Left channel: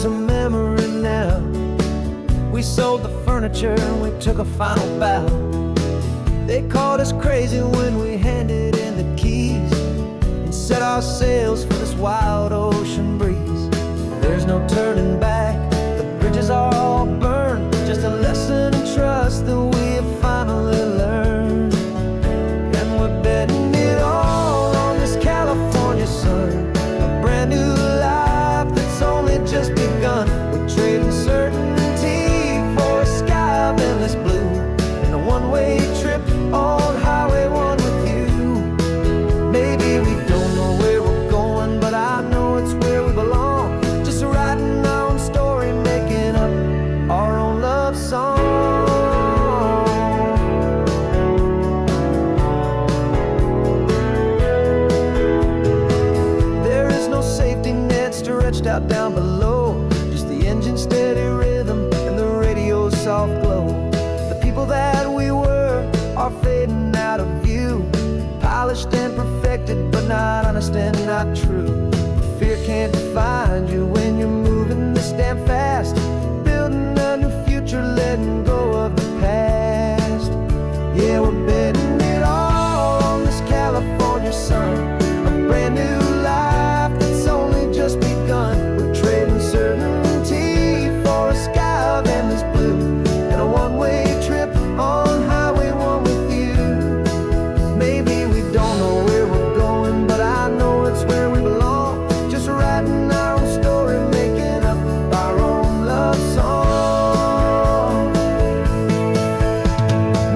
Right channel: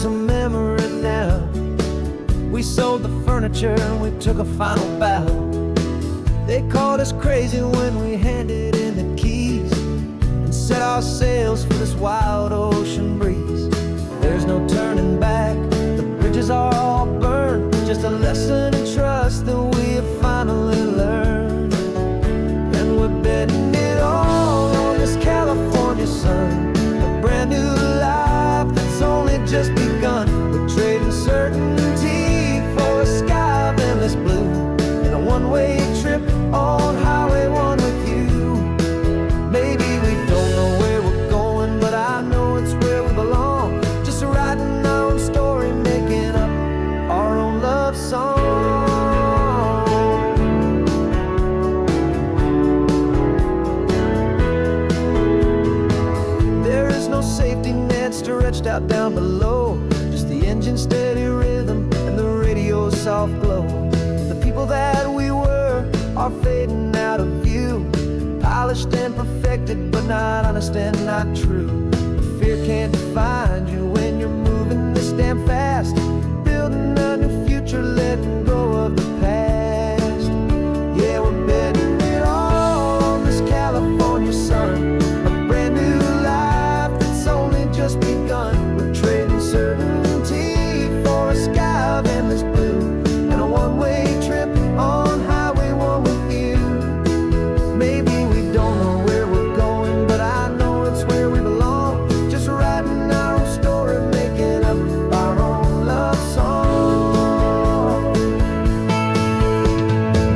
is a memory now. We sold the furniture and we took a final bow. They called us crazy when we handed in the keys and set our sails for this wild ocean breeze. There's no turning back, the bridges are all burned. Just a lesson in trust that we have finally learned. And we're betting it all on this California sun, a brand new life that's only just begun. We're trading certainty for a sky of endless blue, and a one-way trip on Highway 1 with you. Maybe we don't know where we're going, but I know it's where we belong. Just writing our own story, making up our own love song. There is no safety net stretched out down below, just the engine's steady rhythm and the radio's soft glow. The people that we were are fading out of view, polished and perfected, but not honest and not true. Fear can't define you when you're moving this damn fast, building a new future, letting go of the past. Yeah, we're betting it all on this California sun, a brand new life that's only just begun. We're trading certainty for a sky of endless blue, and a one-way trip on Highway 1 with you. Maybe we don't know where we're going, but I know it's where we belong. Just writing our own story, making up our own love song.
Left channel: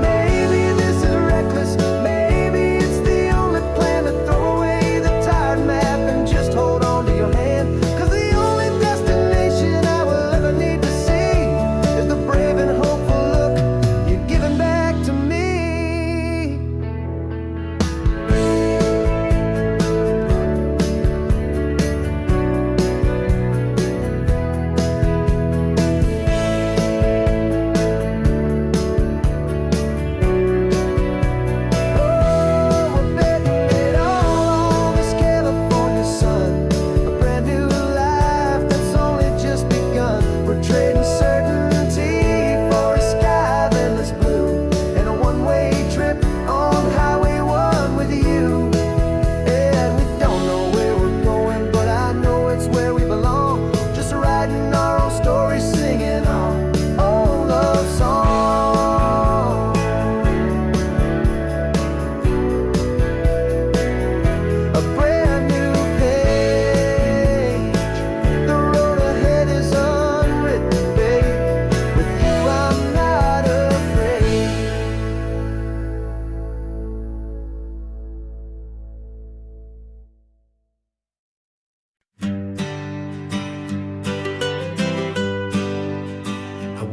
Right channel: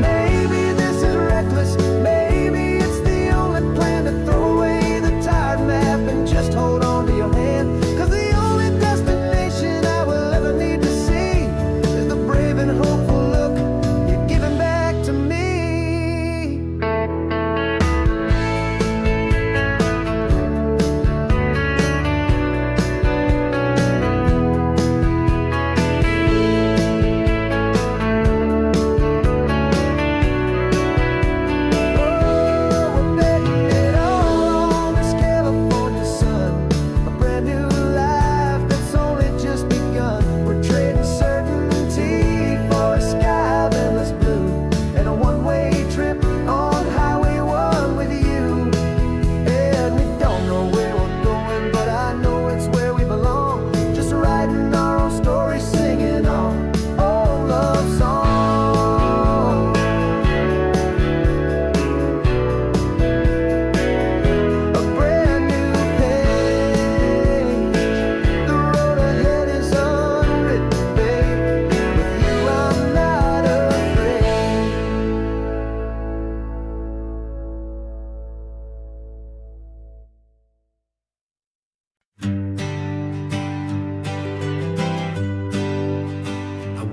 Maybe this is reckless, maybe it's the only plan to throw away the tired map and just hold on to your hand. 'Cause the only destination I will ever need to see is the brave and hopeful look you're giving back to me.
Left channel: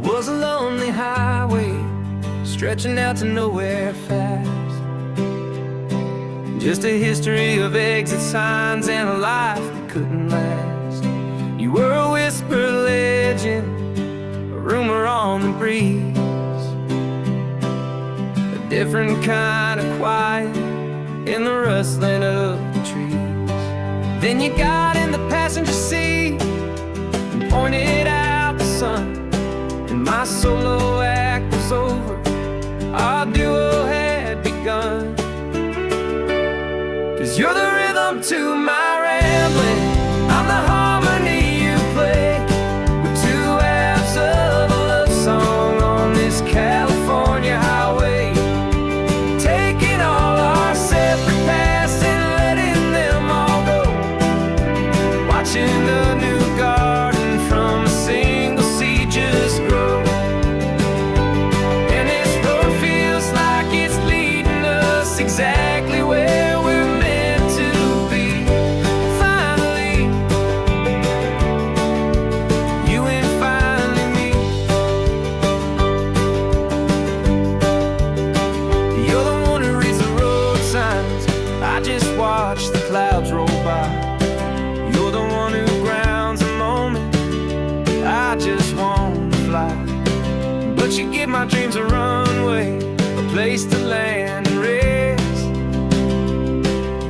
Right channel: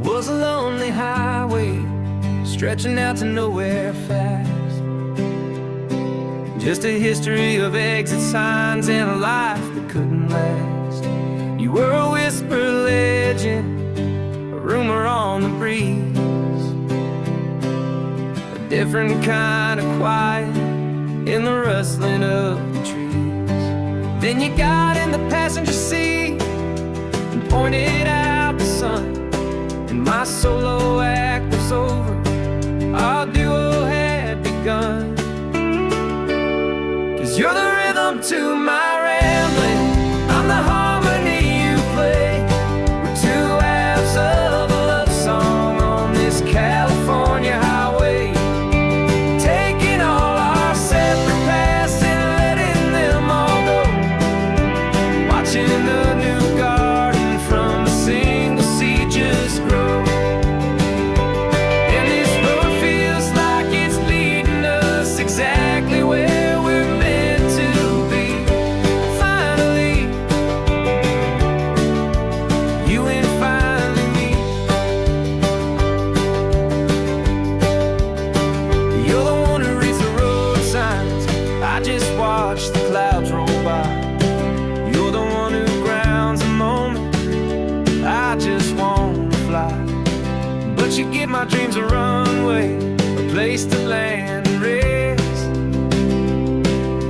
Was a lonely highway stretching out to nowhere fast, just a history of exit signs and a life that couldn't last. You were a whisper legend, a rumor on the breeze, a different kind of quiet in the rustling of the trees. Then you got in the passenger seat and pointed out the sun, and my solo act was over, our duo had begun. 'Cause you're the rhythm to my rambling, I'm the harmony you play. We're two halves of a love song on this California highway, taking all our separate paths and letting them all go, watching a new garden from a single seed just grow. And this road feels like it's leading us exactly where we're meant to be. Finally, you and finally me. You're the one who reads the road signs, I just watch the clouds roll by. You're the one who grounds the moment, I just wanna fly. But you give my dreams a runway, a place to land and rest.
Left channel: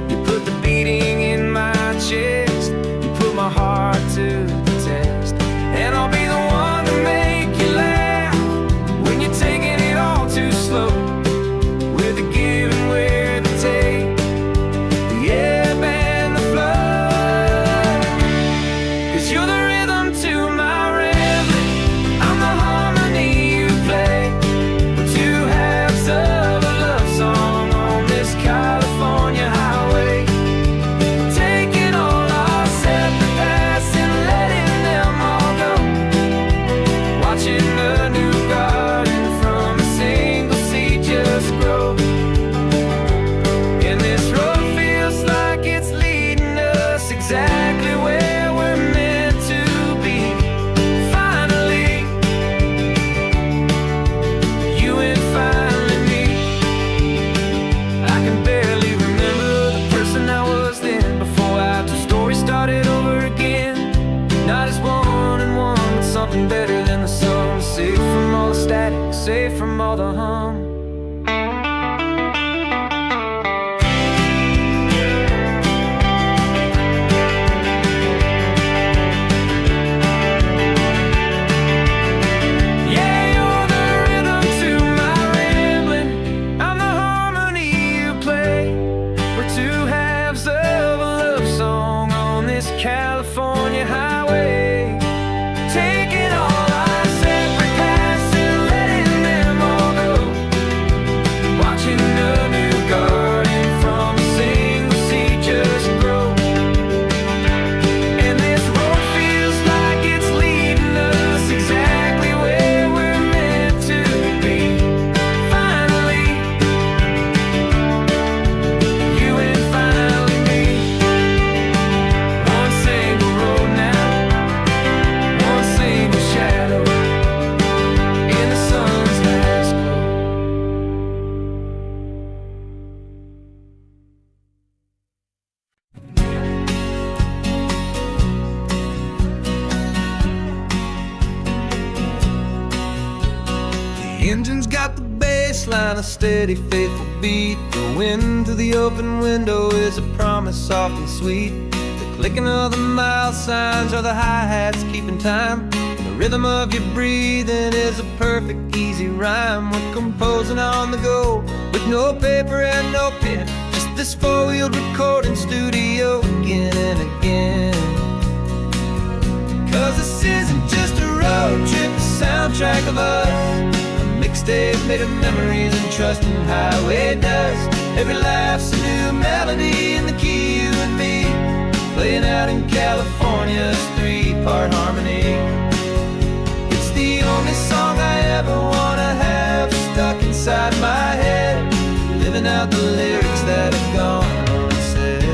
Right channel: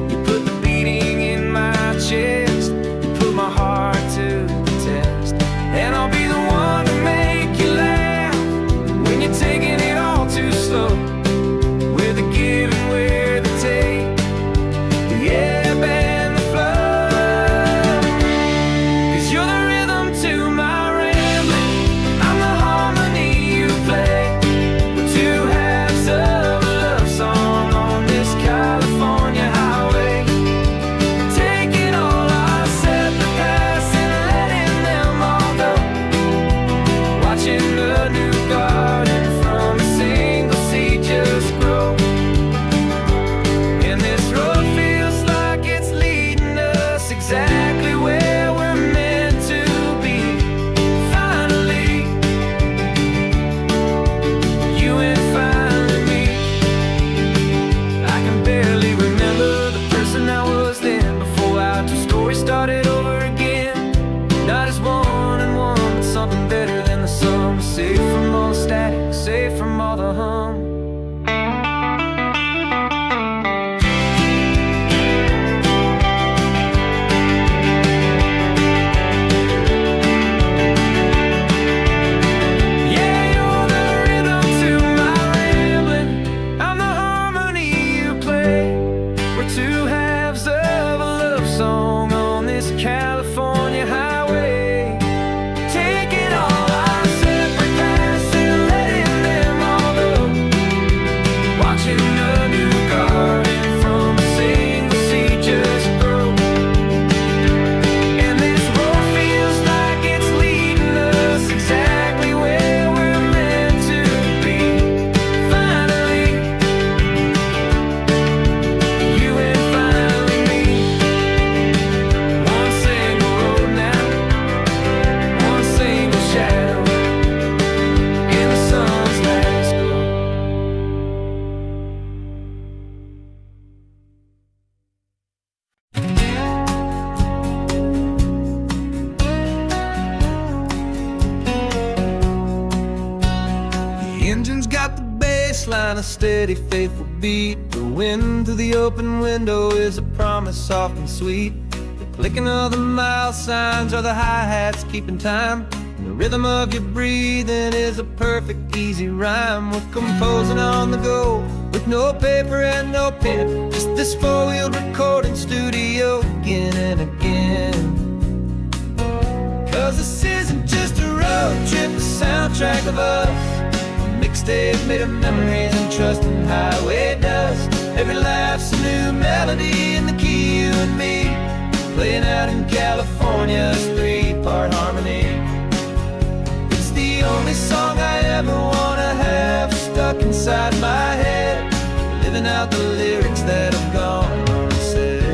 You put the beating in my chest, you put my heart to the test. and I'll be the one to make you laugh when you're taking it all too slow. With the give and with the take, the ebb and the flow. 'Cause you're the rhythm to my rambling, I'm the harmony you play. We're two halves of a love song on this California highway, taking all our separate paths and letting them all go. Watching a new garden from a single seed just grow. And this road feels like it's leading us exactly where we're meant to be. Finally, you and finally me. I can barely remember the person I was then, before our two stories started over again. Not as one and one, but something better than the sum. Safe from all the static, safe from all the hum. We're two halves of a love song on this California highway, taking all our separate paths and letting them all go. Watching a new garden from a single seed just grow. And this road feels like it's leading us exactly where we're meant to be. Finally, you and finally me. One single road now, one single shadow in the sun's last glow. The engine's got the bass line, a steady, faithful beat. The wind through the open window is a promise soft and sweet. The clicking of the mile signs are the hi-hats keeping time, and the rhythm of your breathing is a perfect, easy rhyme. We're composing on the go with no paper and no pen, just this four-wheeled recording studio again and again. 'Cause this isn't just a road trip, the soundtrack of us. Mixtape made of memories and trust in highway dust. Every laugh's a new melody in the key, you and me, playing out in California's three-part harmony. It's the only song I ever wanna have stuck inside my head, living out the lyrics that have gone unsaid.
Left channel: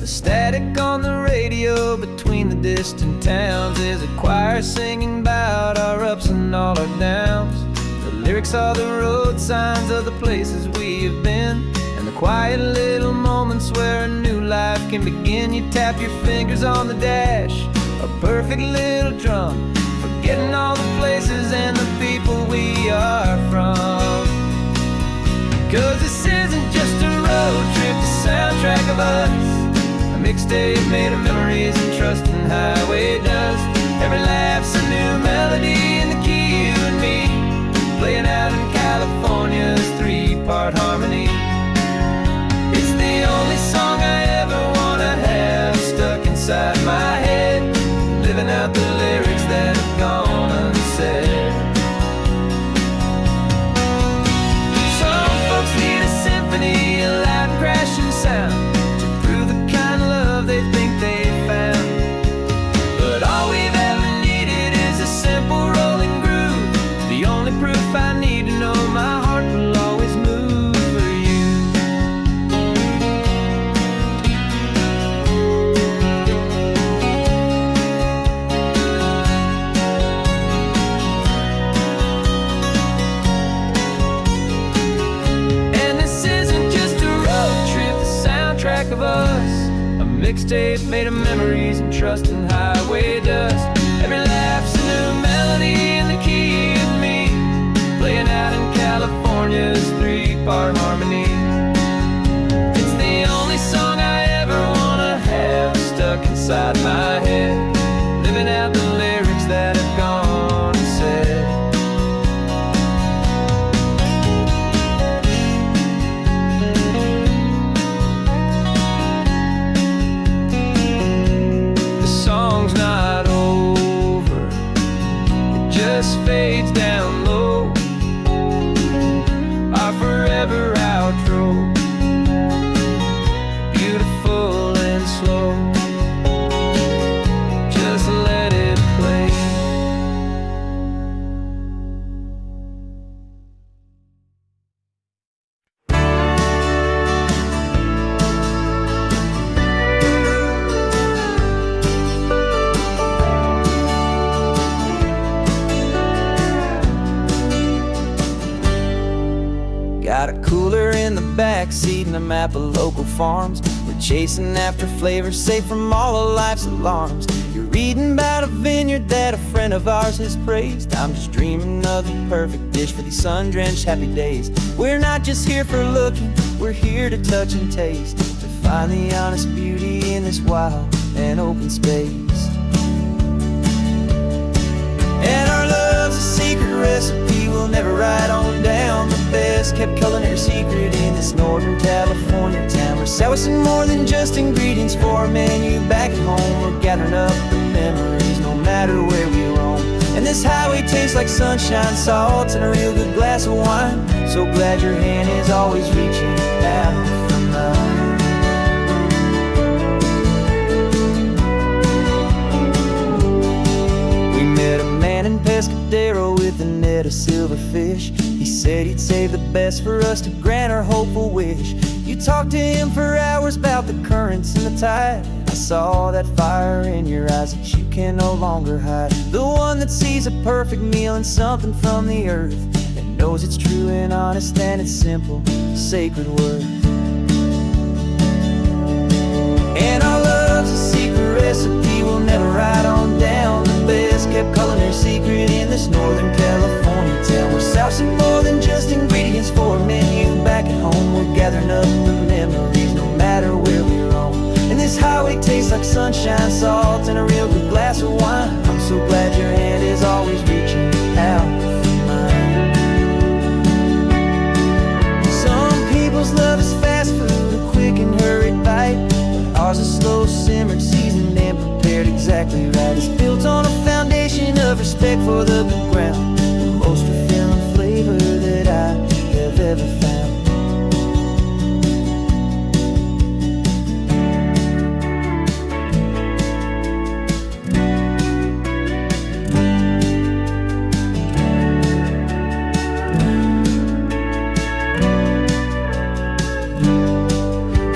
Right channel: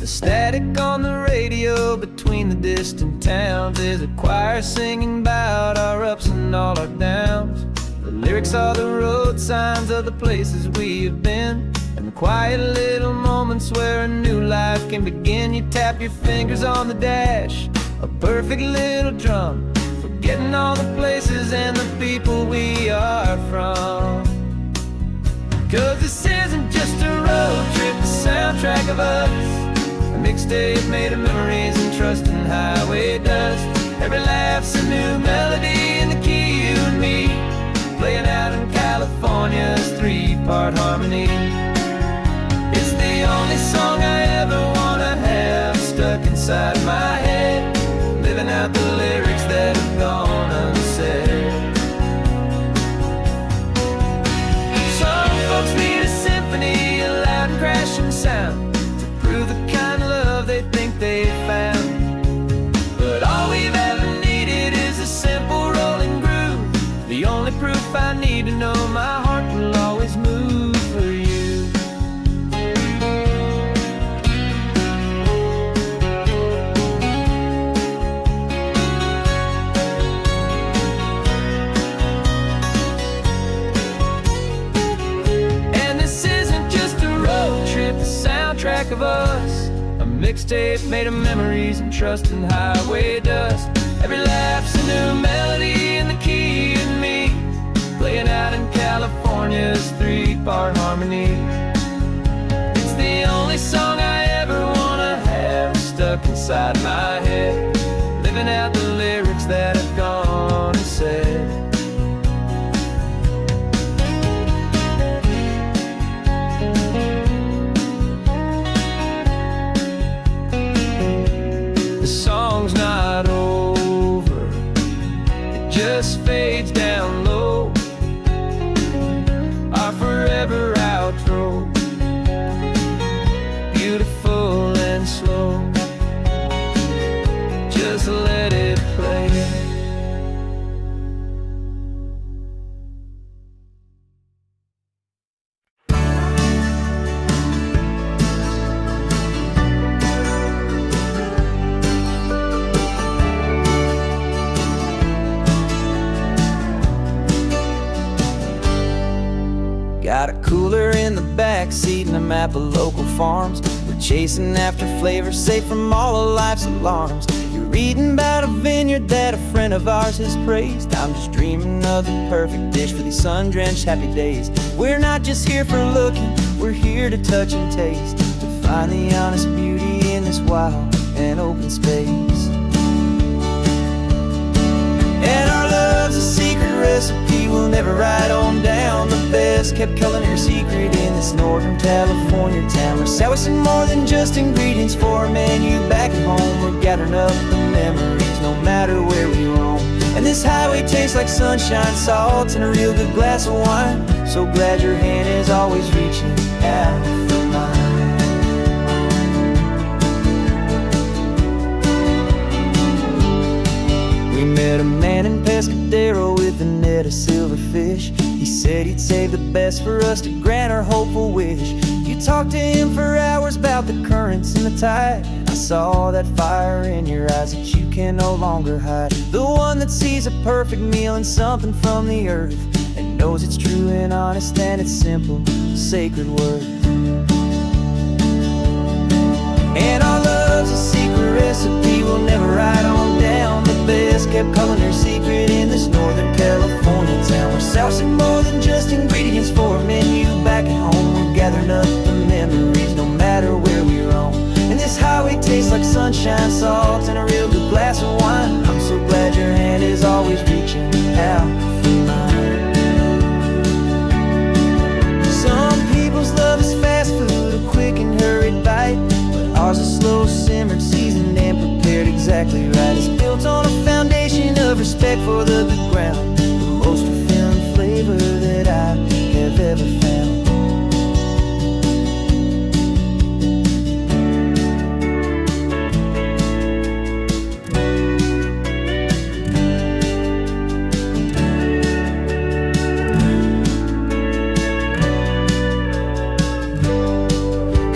The static on the radio between the distant towns is a choir singing about our ups and all our downs. The lyrics are the road signs of the places we have been, and the quiet little moments where a new life can begin. You tap your fingers on the dash, a perfect little drum, forgetting all the places and the people we are from. 'Cause this isn't just a road trip, the soundtrack of us. A mixtape made of memories and trust in highway dust. Every laugh's a new melody in the key, you and me, playing out in California's three-part harmony. It's the only song I ever wanna have stuck inside my head, living out the lyrics that have gone unsaid. Some folks need a symphony, a loud and crashing sound, to prove the kind of love they think they found. But all we've ever needed is a simple rolling groove, the only proof I need to know my heart will always move for you. And this isn't just a road trip, the soundtrack of us. A mixtape made of memories and trust in highway dust. Every laugh's a new melody in the key, you and me, playing out in California's three-part harmony. It's the only song I ever wanna have stuck inside inside my head, living out the lyrics that have gone and said. The song's not over, it just fades down low. Our forever outro, beautiful and slow. Just let it play. Got a cooler in the back seat and a map of local farms. We're chasing after flavors safe from all of life's alarms. You're reading about a vineyard that a friend of ours has praised. I'm just dreaming of the perfect dish for these sun-drenched happy days. We're not just here for looking, we're here to touch and taste, to find the honest beauty in this wild and open space. And our love's a secret recipe we'll never write on down. The best kept culinary secret in this Northern California town. We're salvaging more than just ingredients for a menu back at home. We're gathering up the memories no matter where we roam. And this highway tastes like sunshine, salt, and a real good glass of wine. So glad your hand is always reaching out for mine. We met a man in Pescadero with a net of silverfish. He said he'd save the best for us to grant our hopeful wish. You talked to him for hours about the currents and the tide. I saw that fire in your eyes that you can no longer hide. The one that sees a perfect meal in something from the earth, and knows it's true and honest and it's simple, sacred worth. And our love's a secret recipe we'll never write on down. The best kept culinary secret in this Northern California town. We're sourcing more than just ingredients for a menu back at home. We're gathering up the memories no matter where we roam. And this highway tastes like sunshine, salt, and a real good glass of wine. I'm so glad your hand is always reaching out for mine. Some people's love is fast food, a quick and hurried bite. Ours is slow simmered, seasoned and prepared exactly right. It's built on a foundation of respect for the good ground, the most fulfilling flavor that I have ever found.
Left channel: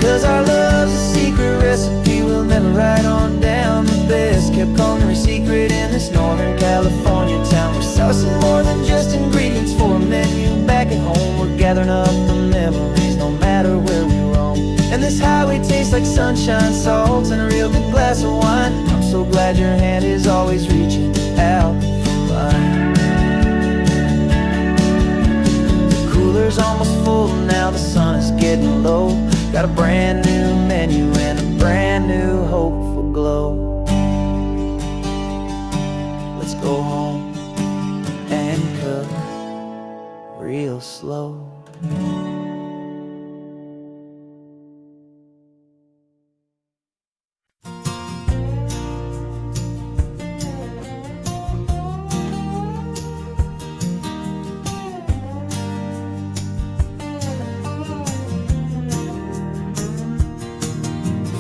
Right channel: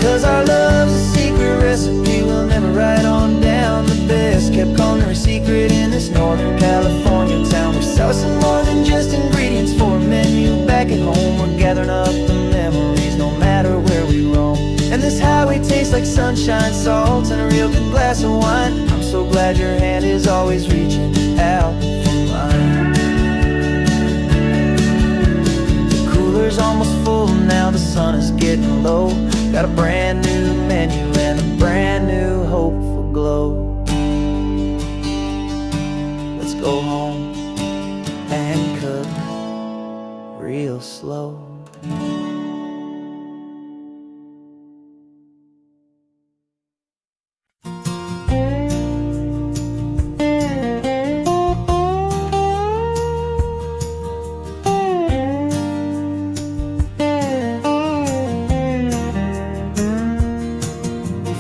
'Cause our love's a secret recipe we'll never write on down. The best kept culinary secret in this Northern California town. We're sourcing more than just ingredients for a menu back at home. We're gathering up the memories no matter where we roam. And this highway tastes like sunshine, salt, and a real good glass of wine. I'm so glad your hand is always reaching out for mine. The cooler's almost full now, the sun is getting low. Got a brand new menu and a brand new hopeful glow. Let's go home and cook real slow.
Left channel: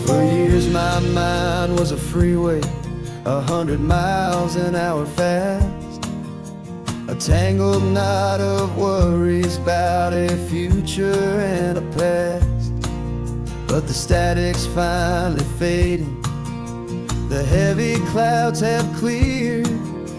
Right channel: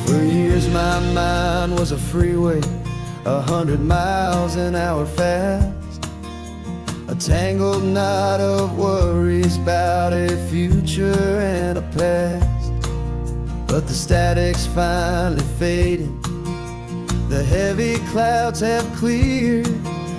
For years my mind was a freeway, 100 miles an hour fast. A tangled knot of worries about a future and a past. But the static's finally fading, the heavy clouds have cleared,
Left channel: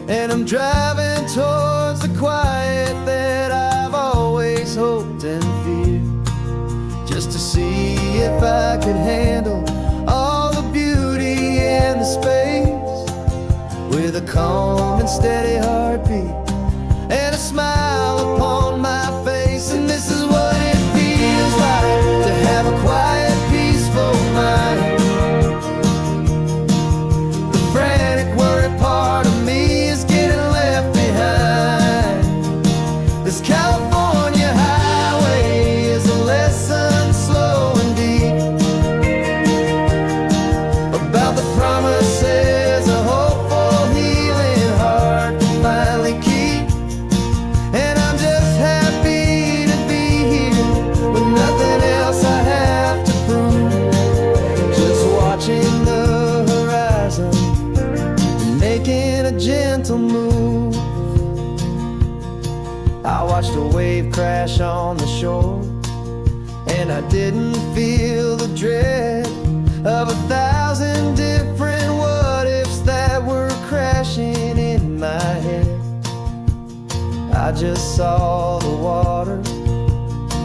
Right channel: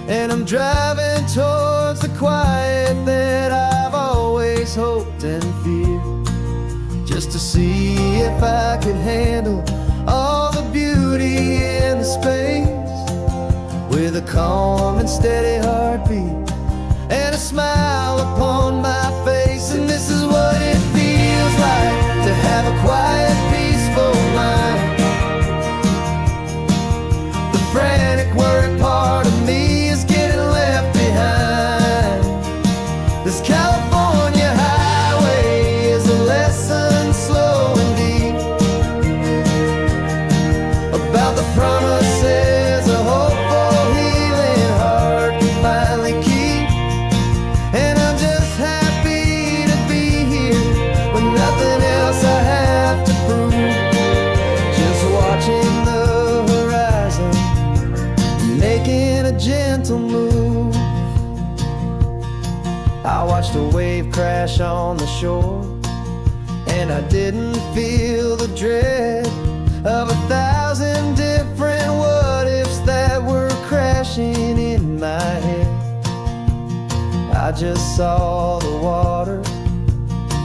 and I'm driving towards the quiet that I've always hoped and feared. Just to see if I could handle all the beauty and the space, with a calm and steady heartbeat and a smile upon my face. And this is what it feels like to have a quiet, peaceful mind. about the promises a hopeful, healing heart can finally keep. And I'm just happy to be here with nothing else I have to prove. Just watching the horizon, making a gentle move. I watched a wave crash on the shore, and I didn't feel the dread of 1,000 different what-ifs that were crashing in my head. I just saw the water,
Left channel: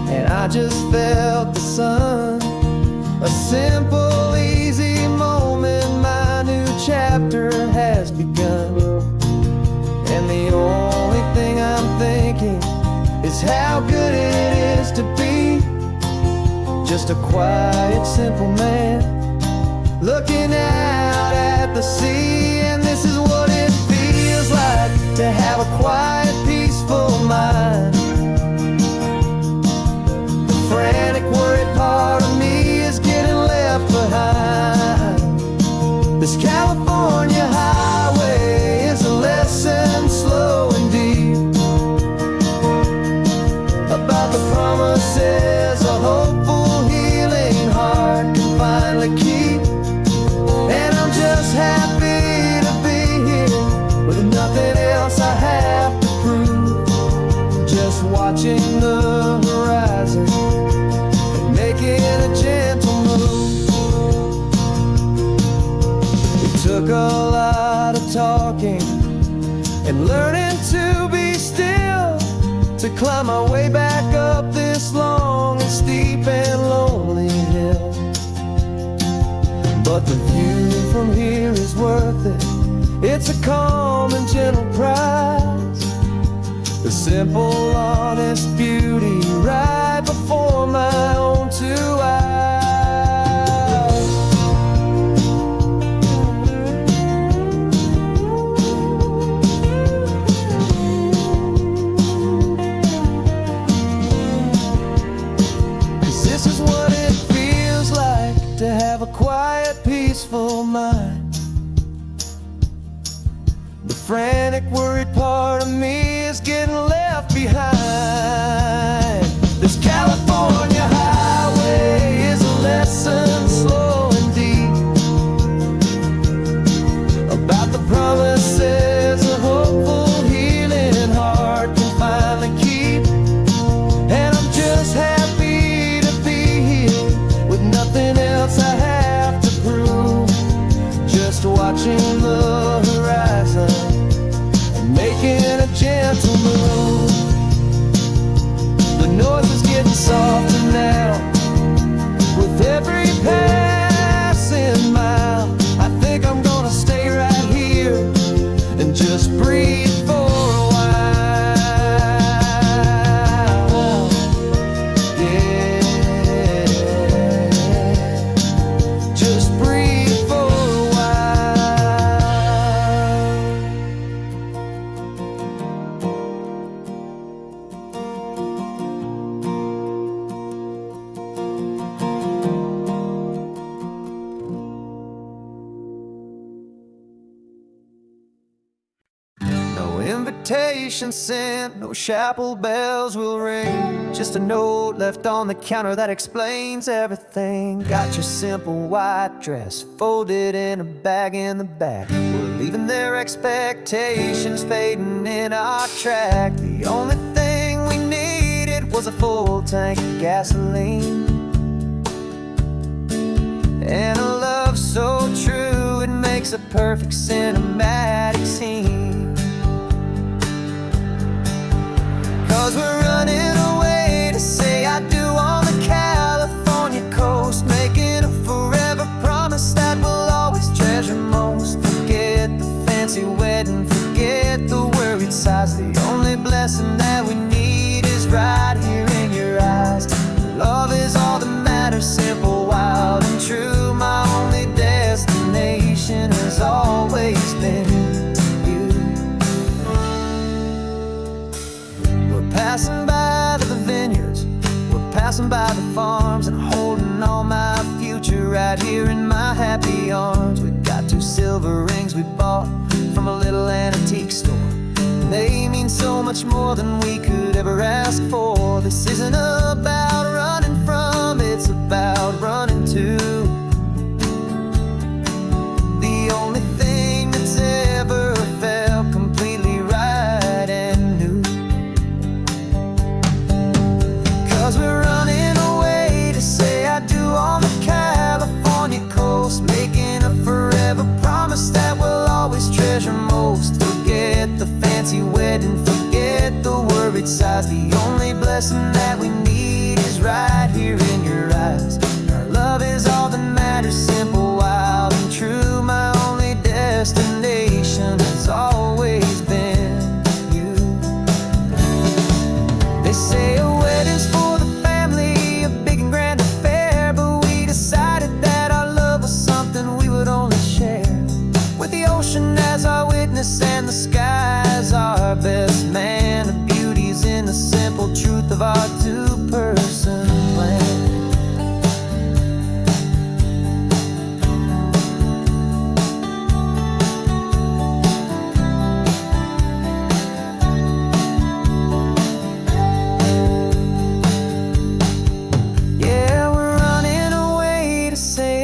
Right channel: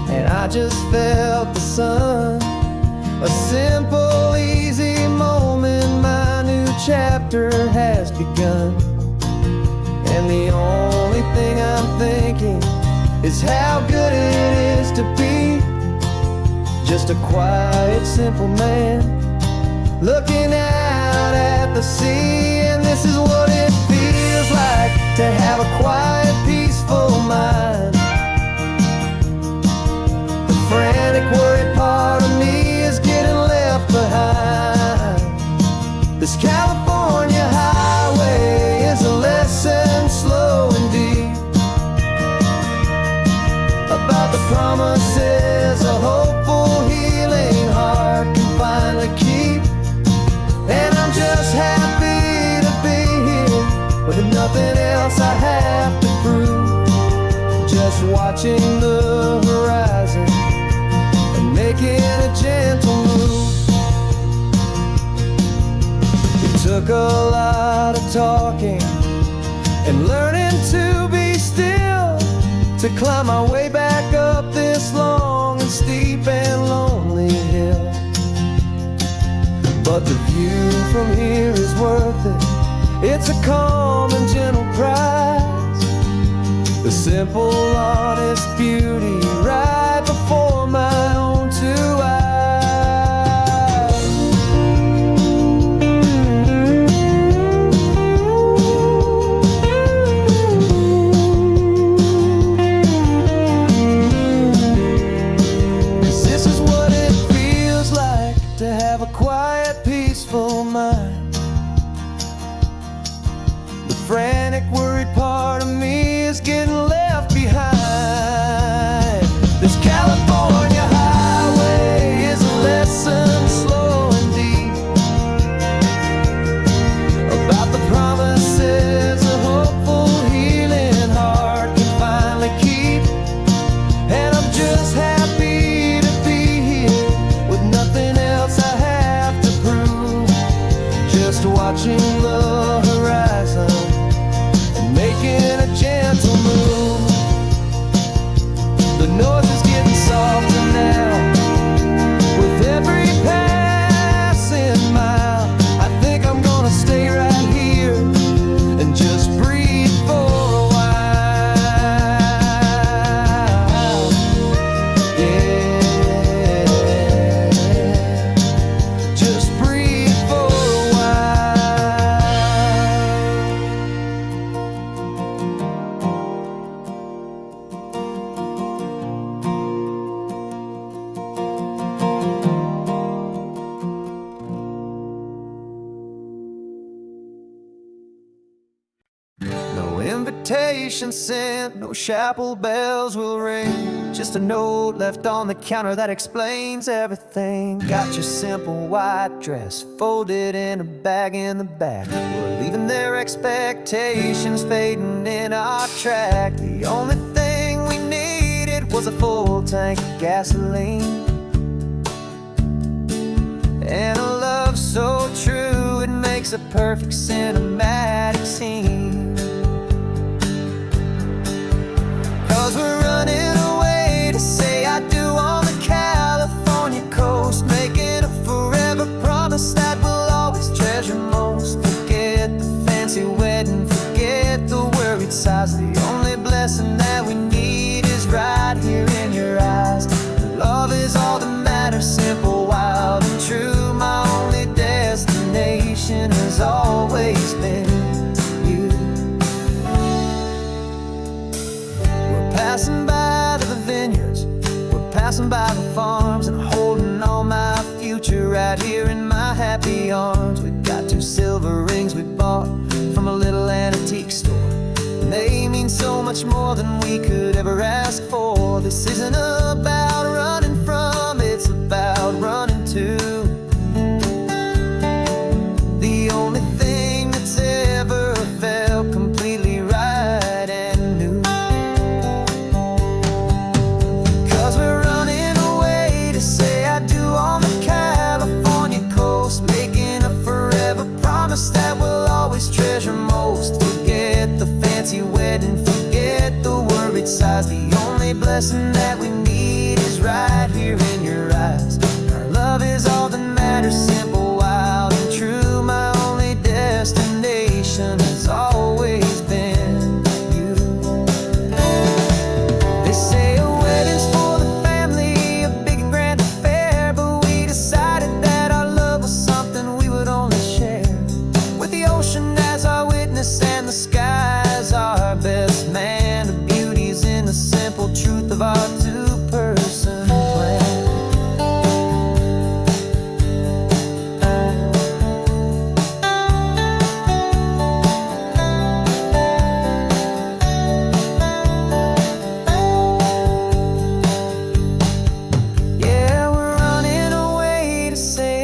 and I just felt the sun. A simple, easy moment, my new chapter has begun. And the only thing I'm thinking is how good it is to be just a quiet, simple man looking out at the sea. And this is what it feels like to have a quiet, peaceful mind. The frantic, worried part of me is getting left behind. This California highway is a lesson slow and deep about the promises a hopeful, healing heart can finally keep. And I'm just happy to be here with nothing else I have to prove. Just watching the horizon and making a gentle move. It took a lot of talking and learning to be still to climb my way back up this long and steep and lonely hill. But the view from here is worth it. It's a calm and gentle prize, the simple, honest beauty right before my own two eyes. This is what it feels like to have a quiet, peaceful mind. The frantic, worried part of me is getting left behind. This California highway is a lesson slow and deep about the promises a hopeful, healing heart can finally keep. And I'm just happy to be here with nothing else I have to prove. Just watching the horizon and making a gentle move. The noise is getting softer now with every passing mile. I think I'm gonna stay right here and just breathe for a while. Yeah, just breathe for a no invitation sent, no chapel bells will ring. Just a note left on the counter that explains everything. Got your simple white dress folded in a bag in the back. We're leaving their expectations fading in our track. The only thing we needed was a full tank of gasoline and a love so true it makes a perfect cinematic scene. 'Cause we're running away to say I do on the California coast, making a forever promise that we'll always treasure most. Forget the fancy wedding, forget the worried sighs. The only blessing that we need is right here in your eyes. Love is all that matters, simple, wild and true. My only destination has always been you. We're passing by the vineyards, we're passing by the farms, and holding all my future future right here in my happy arms. We've got 2 silver rings we bought from a little antique store, and they mean so much more than we could ever ask for. This isn't about running from, it's about running to the only thing that's ever felt completely right and new. 'Cause we're running away to say I do on the California coast, making a forever promise that we'll always treasure most. Forget the fancy wedding, forget the worried sighs. The only blessing that we need is right here in your eyes. Our love is all that matters, simple, wild, and true. My only destination has always been you. They say a wedding's for the family, a big and grand affair, but we decided that our love was something we would only share with the ocean as our witness and the sky as our best man. The beauty's in the simple truth of our 2-person plan.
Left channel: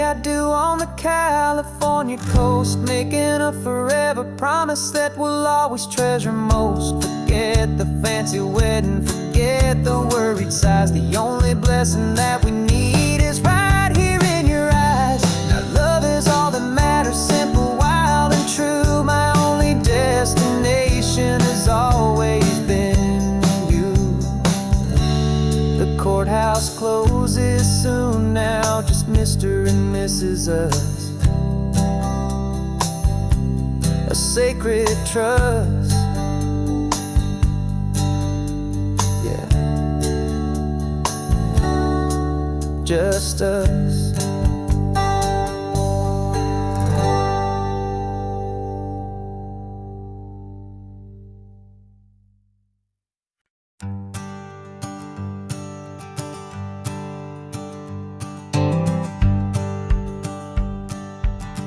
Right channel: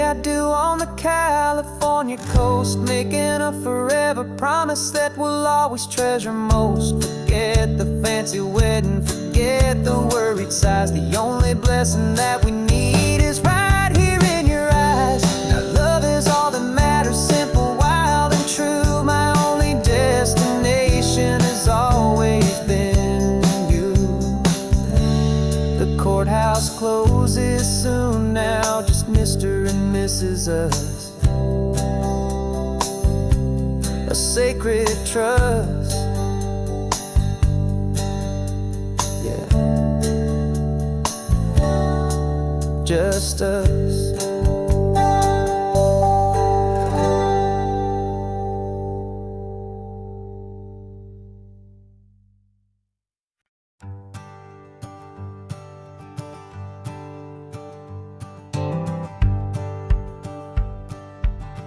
I do on the California coast, making a forever promise that we'll always treasure most. Forget the fancy wedding, forget the worried sighs. The only blessing that we need is right here in your eyes. Now love is all that matters, simple, wild, and true. My only destination has always been you. The courthouse closes soon now, just Mr. and Mrs. Us, a sacred trust. Yeah, just us.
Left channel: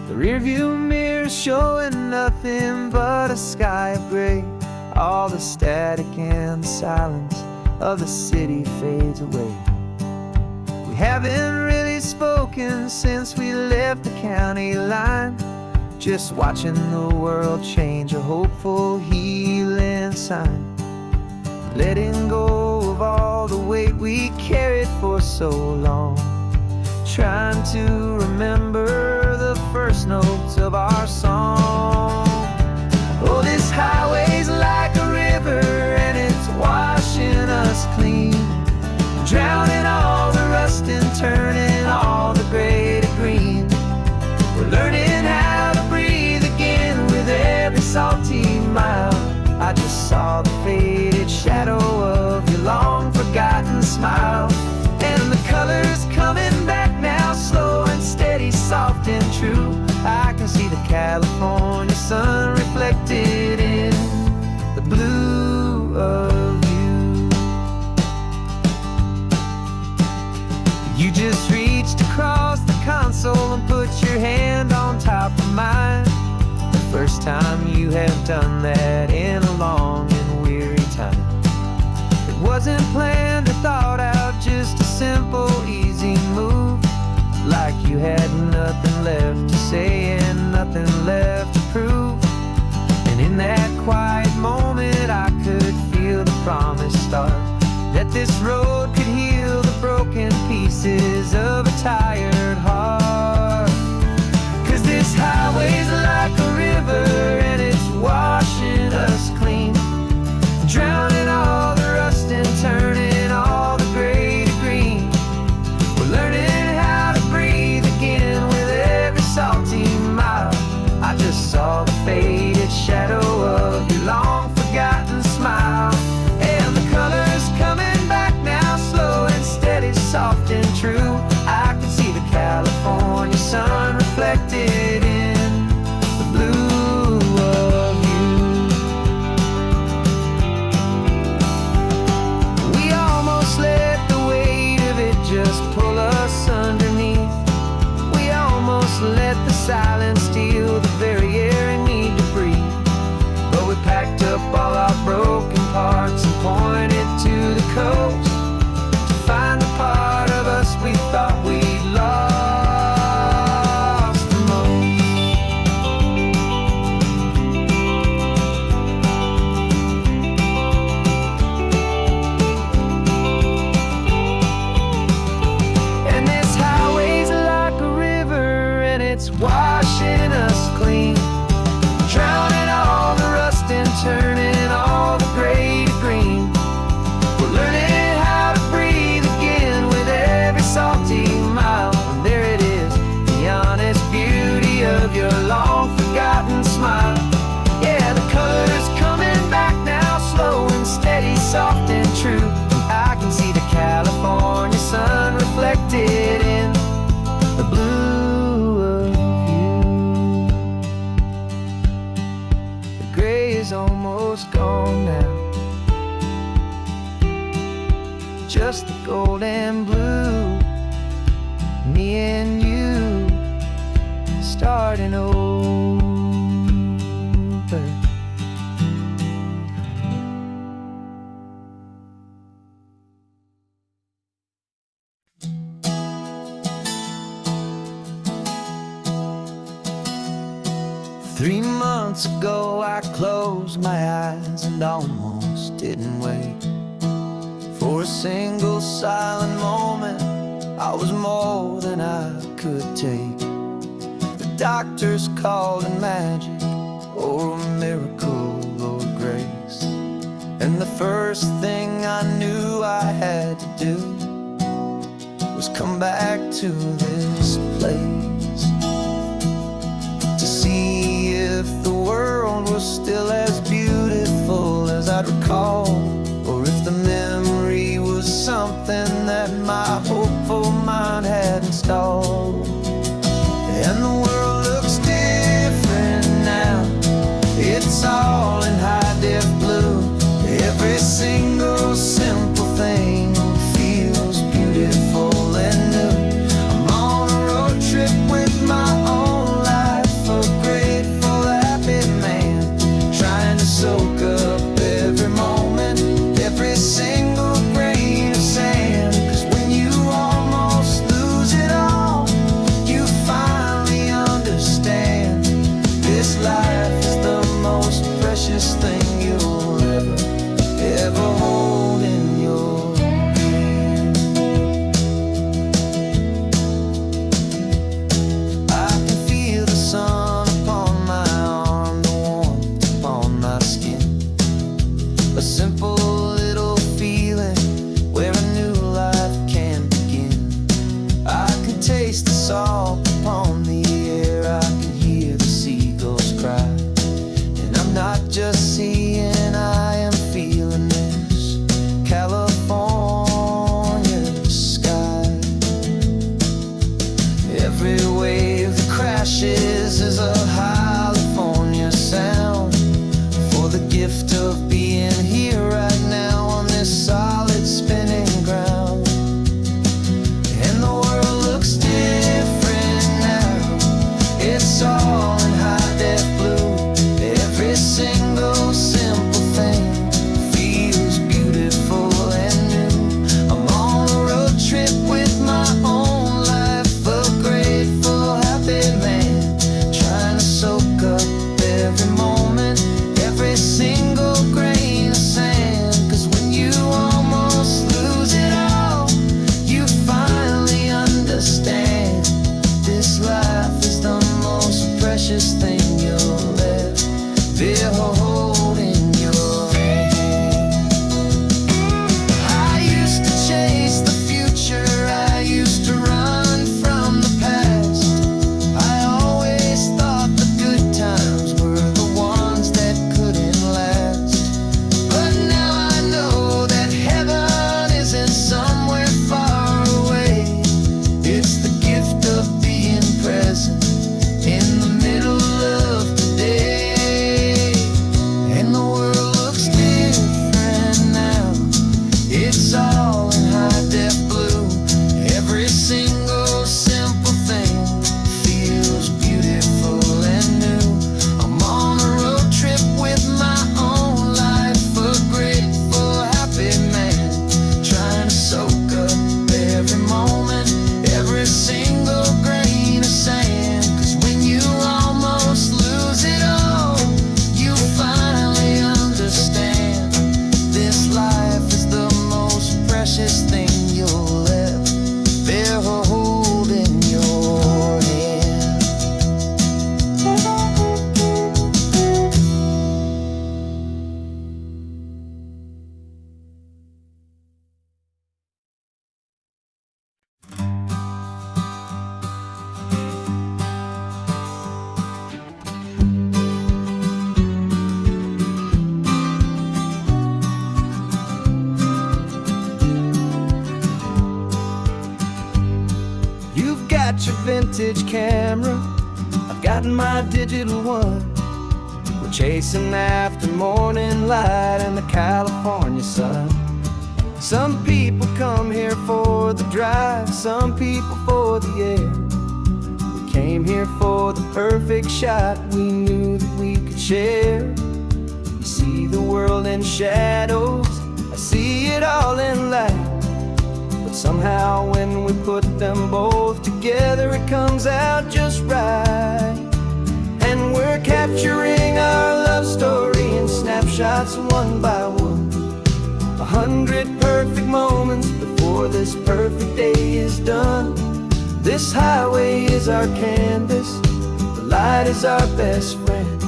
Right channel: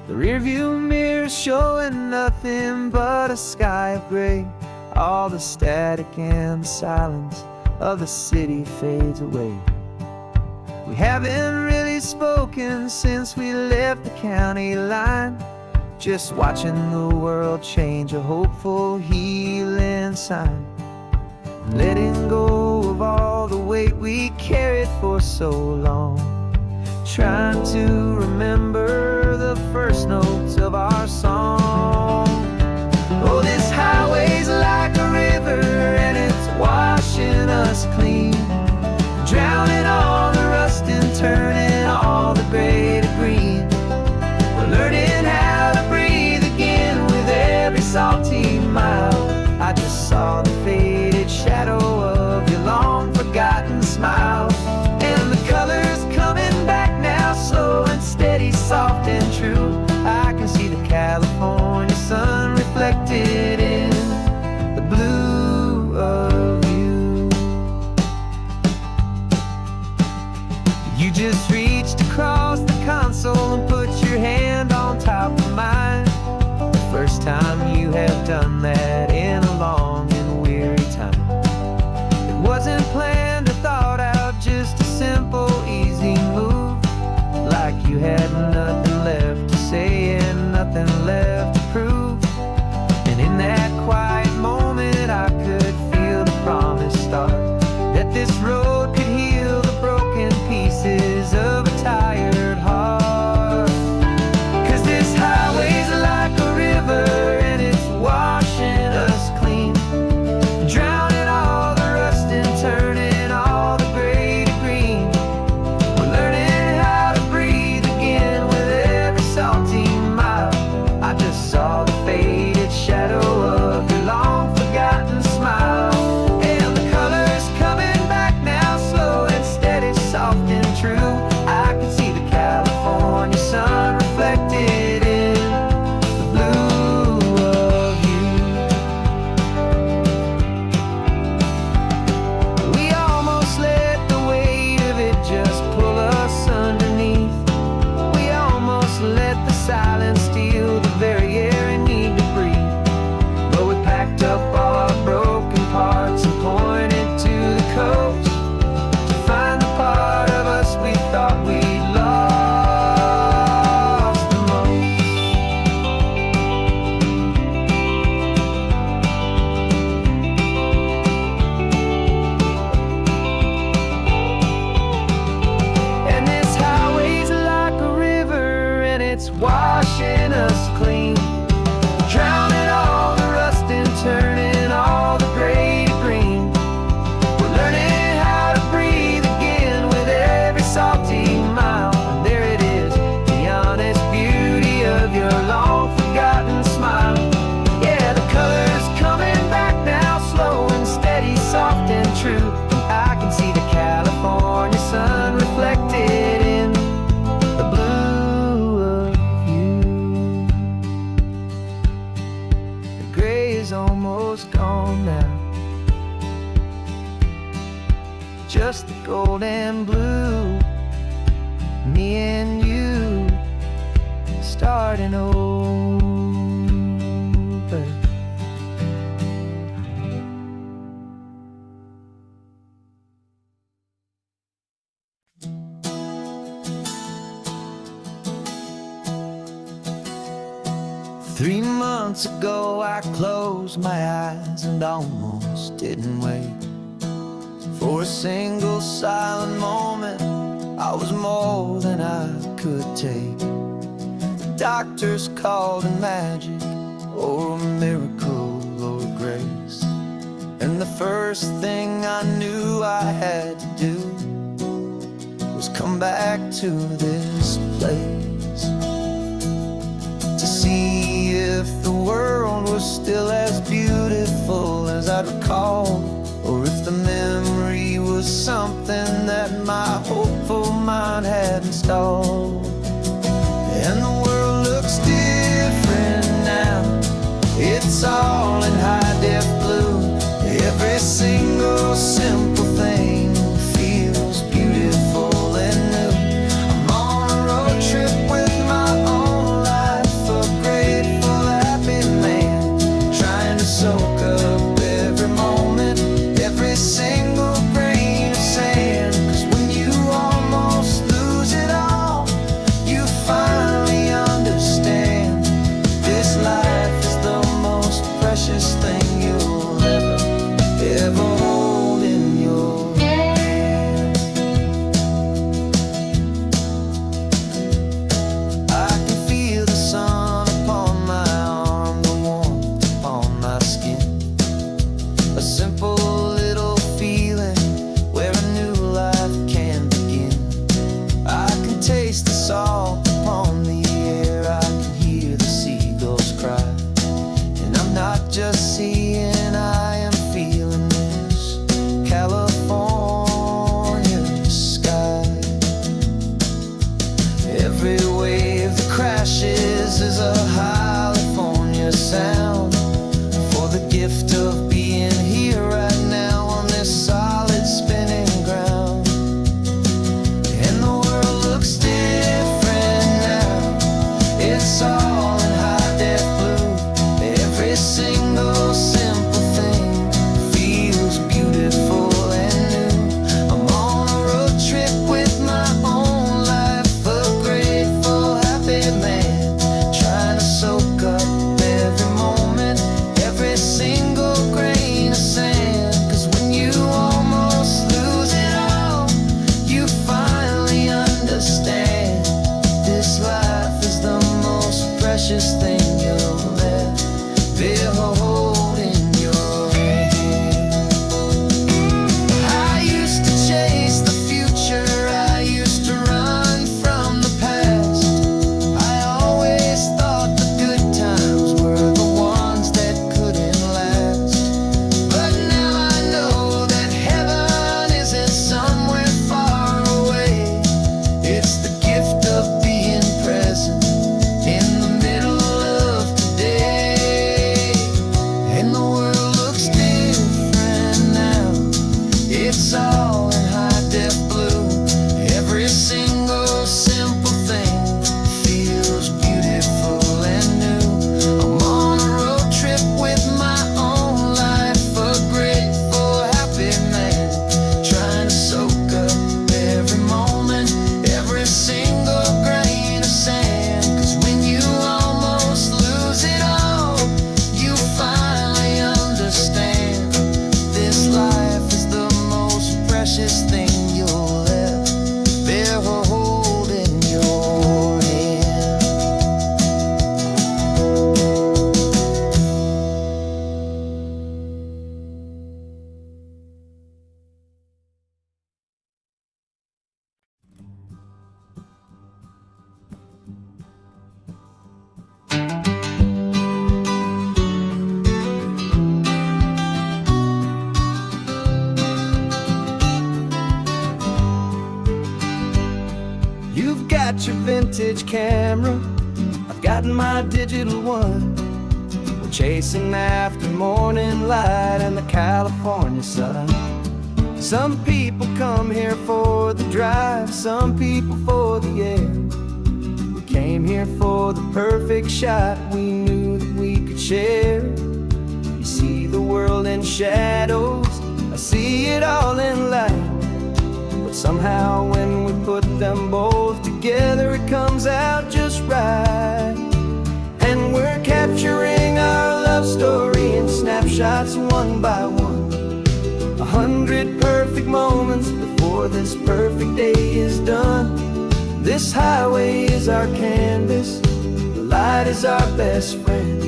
The rearview mirror's showing nothing but a sky of gray. All the static and the silence of the city fades away. We haven't really spoken since we left the county line, just watching the world change, a hopeful healing sign. Letting go of all the weight we carried for so long, trying to remember the first notes of our song. Oh, this highway's like a river and it's washing us clean, drowning all the rust and turning all the gray to green. We're learning how to breathe again with every salty mile. I just saw the faded shadow of your long forgotten smile, and the colors coming back now, slow and steady, soft and true. I can see the California sun reflected in the blue of you. You just reached across the console and put your hand on top of mine. The first time you have done that in a long and weary time. It wasn't planned or thought out, just a simple, easy move. Like you had nothing left to say and nothing left to prove. And in that quiet moment I could feel the promise start, that this road could heal the broken pieces of a tired heart. 'Cause this highway's like a river and it's washing us clean, drowning all the rust and turning all the gray to green. We're learning how to breathe again with every salty mile. I just saw the faded shadow of your long forgotten smile, and the colors coming back now, slow and steady, soft and true. I can see the California silence steal the very air I need to breathe. But we packed up all our broken parts and pointed to the coast to find the part of us we thought we'd lost the most. And this highway's like a river, and it's washing us clean, drowning all the rust and turning all the gray to green. We're learning how to breathe again with every salty mile. And there it is, the honest beauty of your long-forgotten smile. Yeah, the color's coming back now, slow and steady, soft and true. And I can see the California sun reflected in the blue of you. The gray is almost gone now, just the gold and blue. Me and you starting over. 3 months ago I closed my eyes and almost didn't wait for a single silent moment. I was more than I could take. The doctors called it magic, or a miracle, or grace. And the first thing I knew I had to do was come back to this place, to see if the world was still as beautiful as I'd recall, or if the memory was something that my hopeful mind had installed. And the world looks different now, it's all in high-def blue. Every single simple thing feels beautiful and new. I'm on a road trip with my own life, a grateful, happy man, trying to soak up every moment, every single grain of sand. 'Cause when you almost lose it all, you finally understand this life is the most precious thing you'll ever hold in your hand. I can feel the sun upon my arm, the warmth upon my skin, a simple little feeling where a new life can begin. I can taste the salt upon the air, I can hear the seagulls cry, and I'm not just seeing, I am feeling this California sky. Every wave that crashes is a California sound, for the gift of being here right now on this solid spinning ground. And the world looks different now, it's all in high-def blue. Every single simple thing feels beautiful and new. I'm on a road trip with my own life, a grateful, happy man, trying to soak up every moment, every single grain of sand. 'Cause when you almost lose it all, you finally understand this life is the most precious thing you'll ever hold in your hand. I used to chase the future, I used to run from the past. I always thought the good times were the ones that couldn't last. But now I know that heaven isn't somewhere far away. It's the gift of being present in the middle got your vintage camera, I've got my digital one. We're chasing after morning light and the California sun. Some people come here for the drive, some people for the air. We came here for the perfect shot we knew that we could share. You see the world in shadows, I see it all in light. But somehow when we put them both together, it comes out just right. And we're capturing our love story in snapshots one by one. 100 perfect moments before this perfect day is done. This highway is our canvas, the light is our best friend,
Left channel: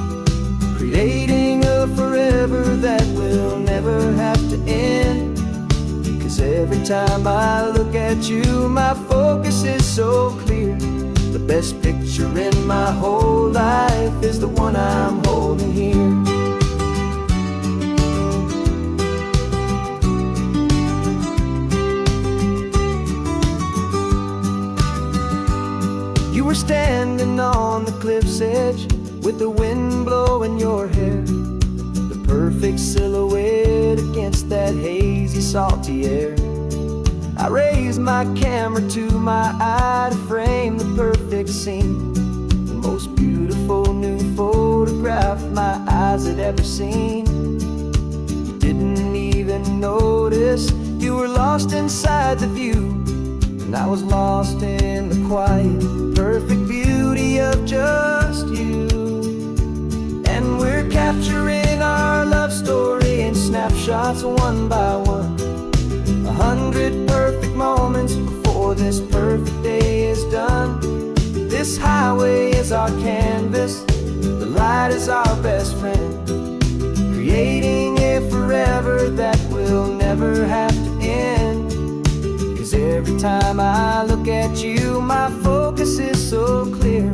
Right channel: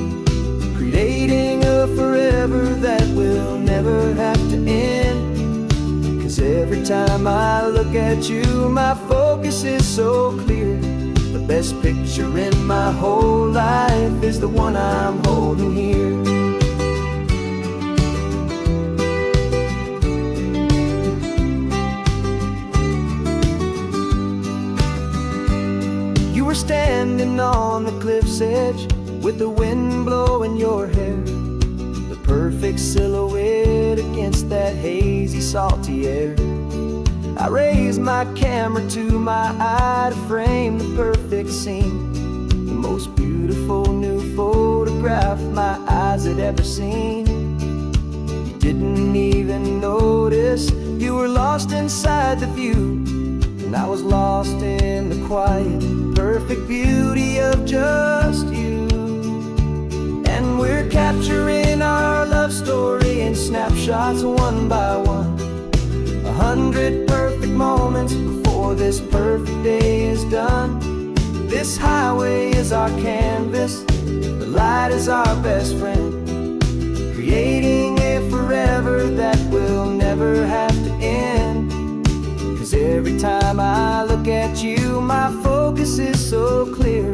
creating a forever that will never have to end. 'Cause every time I look at you, my focus is so clear. The best picture in my whole life is the one I'm holding here. You were standing on the cliff's edge with the wind blowing your hair, the perfect silhouette against that hazy, salty air. I raised my camera to my eye to frame the perfect scene, the most beautiful new photograph my eyes had ever seen. You didn't even notice you were lost inside the view, and I was lost in the quiet, perfect beauty of just you. And we're capturing our love story in snapshots one by one. 100 perfect moments before this perfect day is done. This highway is our canvas, the light is our best friend, creating a forever that will never have to end. 'Cause every time I look at you, my focus is so clear.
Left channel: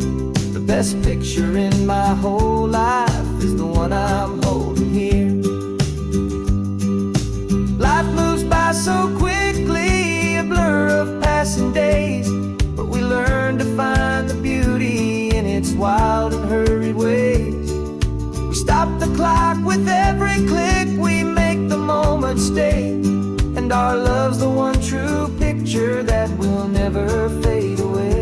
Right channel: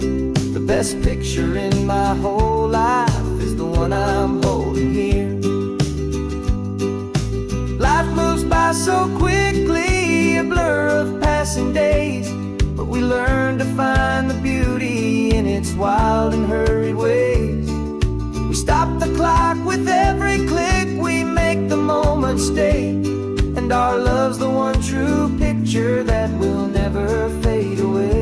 The best picture in my whole life is the one I'm holding here. Life moves by so quickly, a blur of passing days, but we learn to find the beauty in its wild and hurried ways. We stop the clock with every click, we make the moment stay, and our love's the one true picture that will never fade away.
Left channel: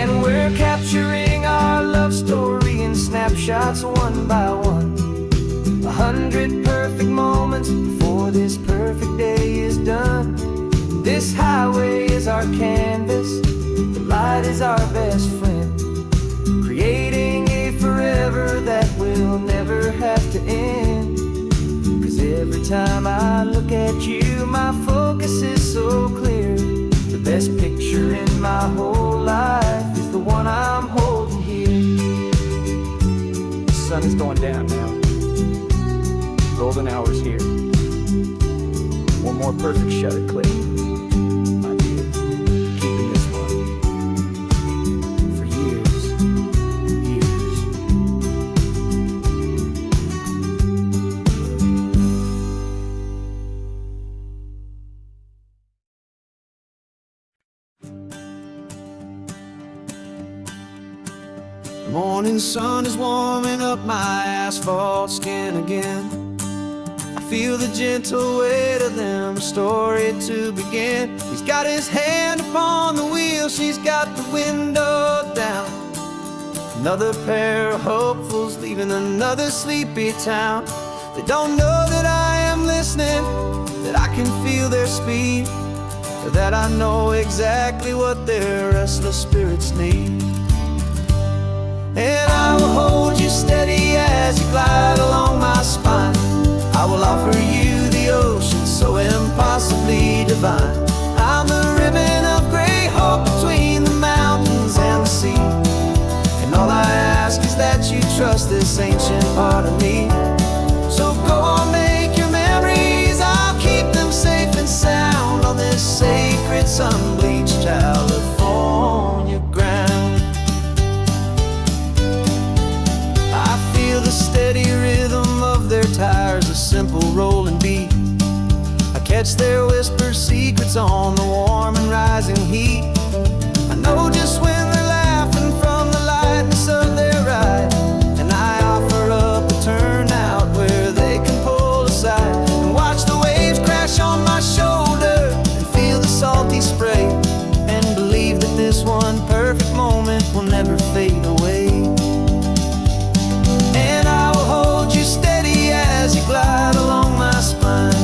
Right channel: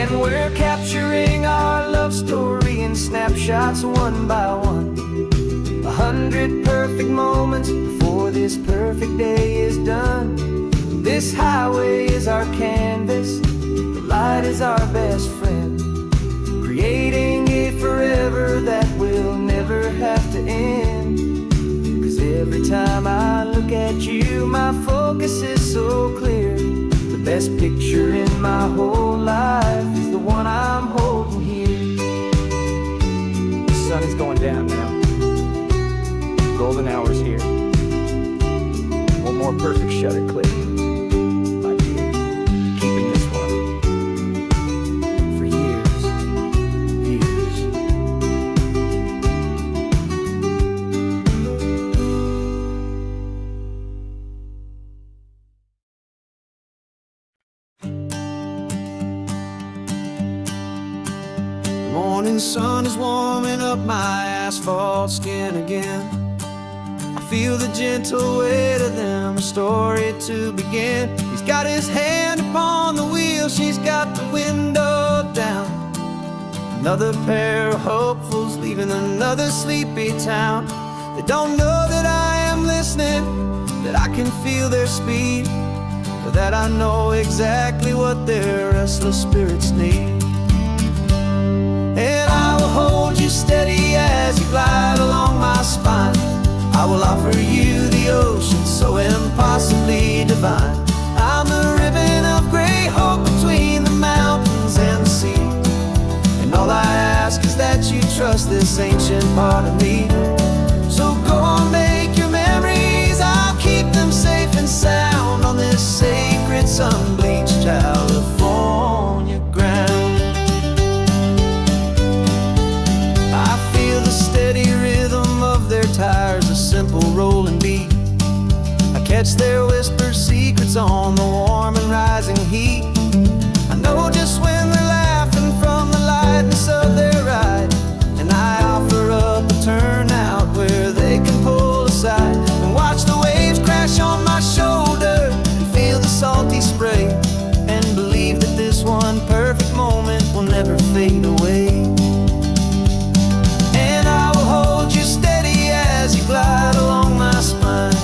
And we're capturing our love story in snapshots one by one. 100 perfect moments before this perfect day is done. This highway is our canvas, the light is our best friend, creating a forever that will never have to end. 'Cause every time I look at you, my focus is so clear. The best picture in my whole life is the one I'm holding here. The sun is going down now. Golden hour's here. One more perfect shutter click. Keeping this one for years, years. The morning sun is warming up my asphalt skin again. I feel the gentle weight of them, a story to begin. He's got his hand upon the wheel, she's got the window down. Another pair of hopefuls leaving another sleepy town. They don't know that I am listening, that I can feel their speed, or that I know exactly what their restless spirits need. And I will hold you steady as you glide along my spine. I will offer you the ocean so impossibly divine. I'm the ribbon of gray hope between the mountains and the sea, and all I ask is that you trust this ancient part of me. So go on, make your memories, I'll keep them safe and sound on this sacred sun-bleached California ground. simple rolling beat. I catch their whispered secrets on the warm and rising heat. I know just when they're laughing from the lightness of their ride, and I offer up a turnout where they can pull aside and watch the waves crash on my shoulder and feel the salty spray, and believe that this one perfect moment will never fade away. And I will hold you steady as you glide along my spine.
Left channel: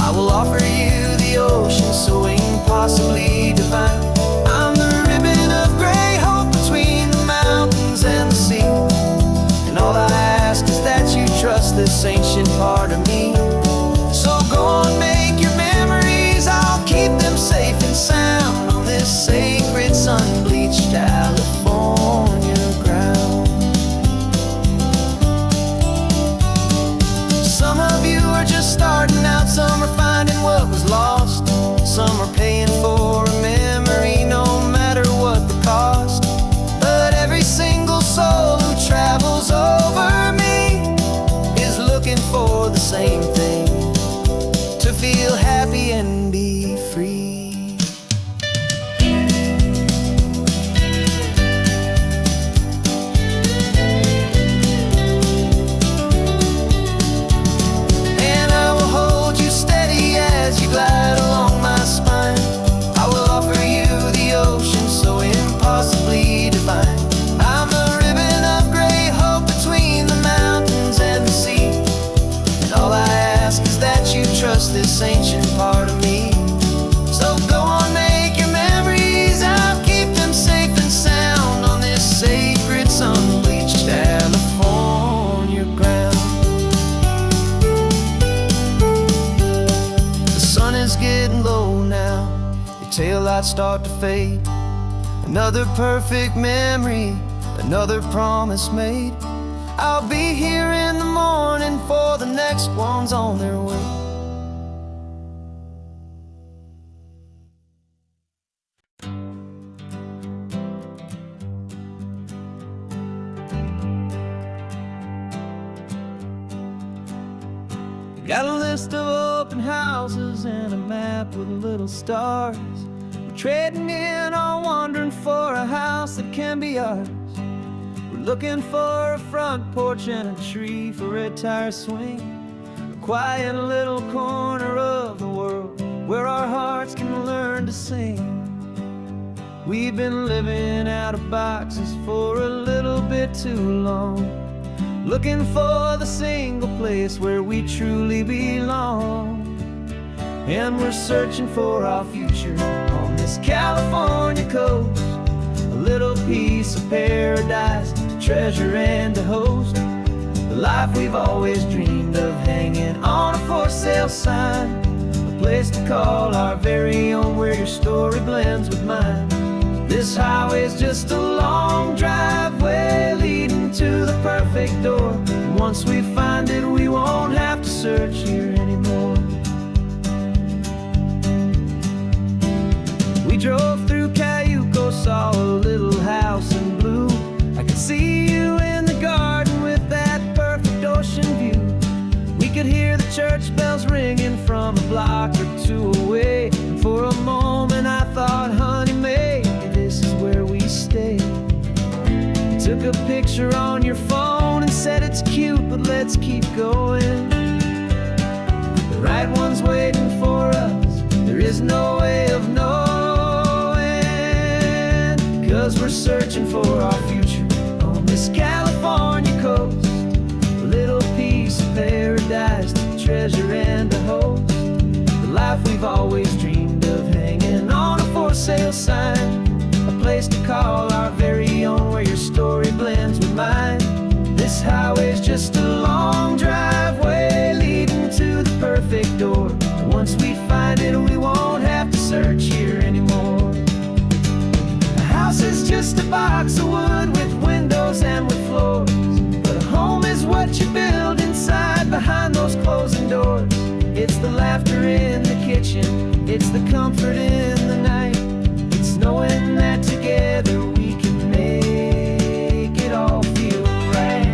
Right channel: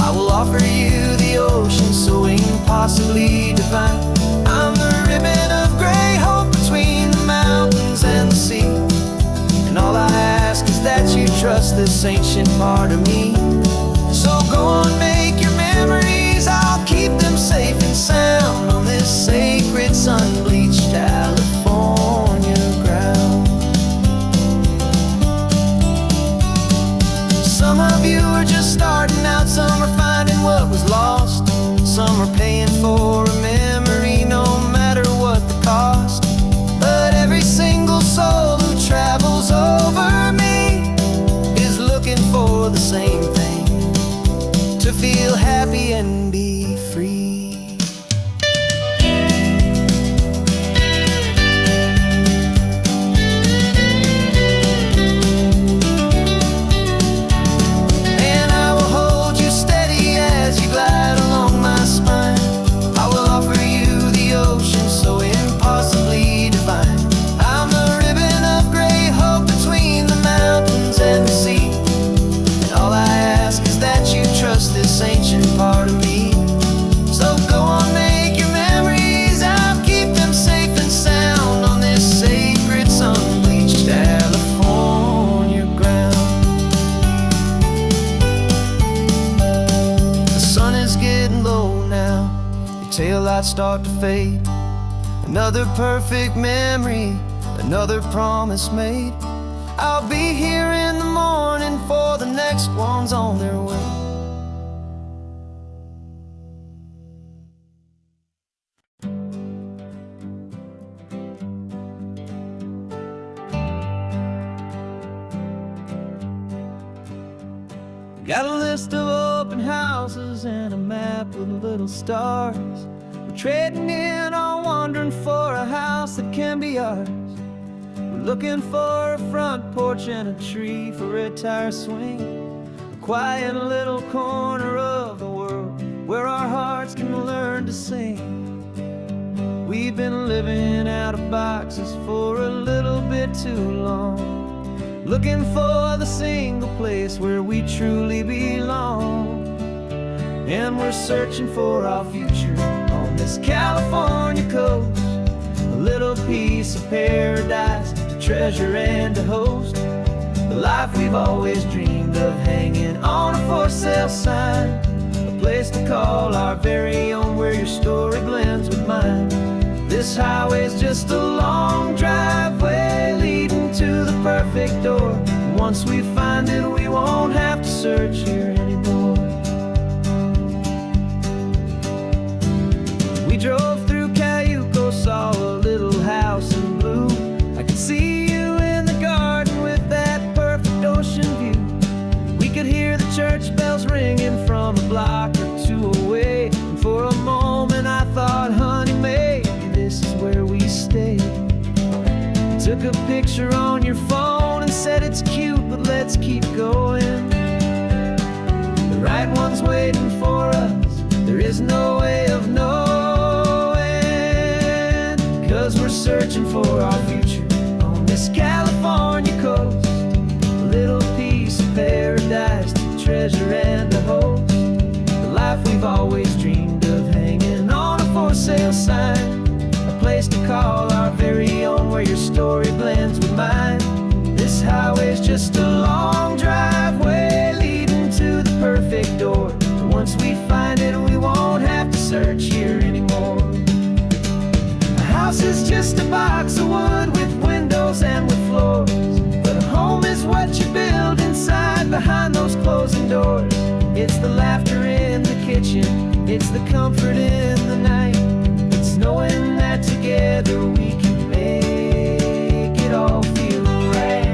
I will offer you the ocean so impossibly divine. I'm the ribbon of gray hope between the mountains and the sea, and all I ask is that you trust this ancient part of me. So go on, make your memories, I'll keep them safe and sound on this sacred sun-bleached California ground. Some of you are just starting out, some are finding what was lost, some are paying for a memory no matter what the cost. But every single soul who travels over me is looking for the same thing: to feel happy and be free. And I will hold you steady as you glide along my spine. I will offer you the ocean so impossibly divine. I'm the ribbon of gray hope between the mountains and the sea, and all I ask is that you trust this ancient part of me. So go on, make your memories, I'll keep them safe and sound on this sacred sun-bleached California ground. The sun is getting low now, your taillights start to fade. Another perfect memory, another promise made. I'll be here in the morning for the next ones on their way. Got a list of open houses and a map with little stars. We're trading in or wandering for a house that can be ours. We're looking for a front porch and a tree for a tire swing, a quiet little corner of the world where our hearts can learn to sing. We've been living out of boxes for a little bit too long, looking for the single place where we truly belong. And we're searching for our future on this California coast, a little piece of paradise to treasure and to host, the life we've always dreamed of hanging on a for sale sign, a place to call our very own where your story blends with mine. This highway's just a long driveway leading to the perfect door, and once we find it we won't have to search here anymore. We drove through Cayuco, saw a little house in blue. I could see you in the garden with that perfect ocean view. We could hear the church bells ringing from a block or two away, and for a moment I thought, honey, maybe this is where we stay. You took a picture on your phone and said it's cute, but let's keep going. The right one's waiting for us, there is no way of knowing, 'cause we're searching for our future on this California coast, a little piece of paradise to treasure and to host, the life we've always dreamed of hanging on a for sale sign, a place to call our very own where your story blends with mine. This highway's just a long driveway leading to the perfect door, and once we find it we won't have to search here anymore. A house is just a box of wood with windows and with floors, but a home is what you build inside behind those closing doors. It's the laughter in the kitchen, it's the comfort in the night, it's knowing that together we can make it all feel right.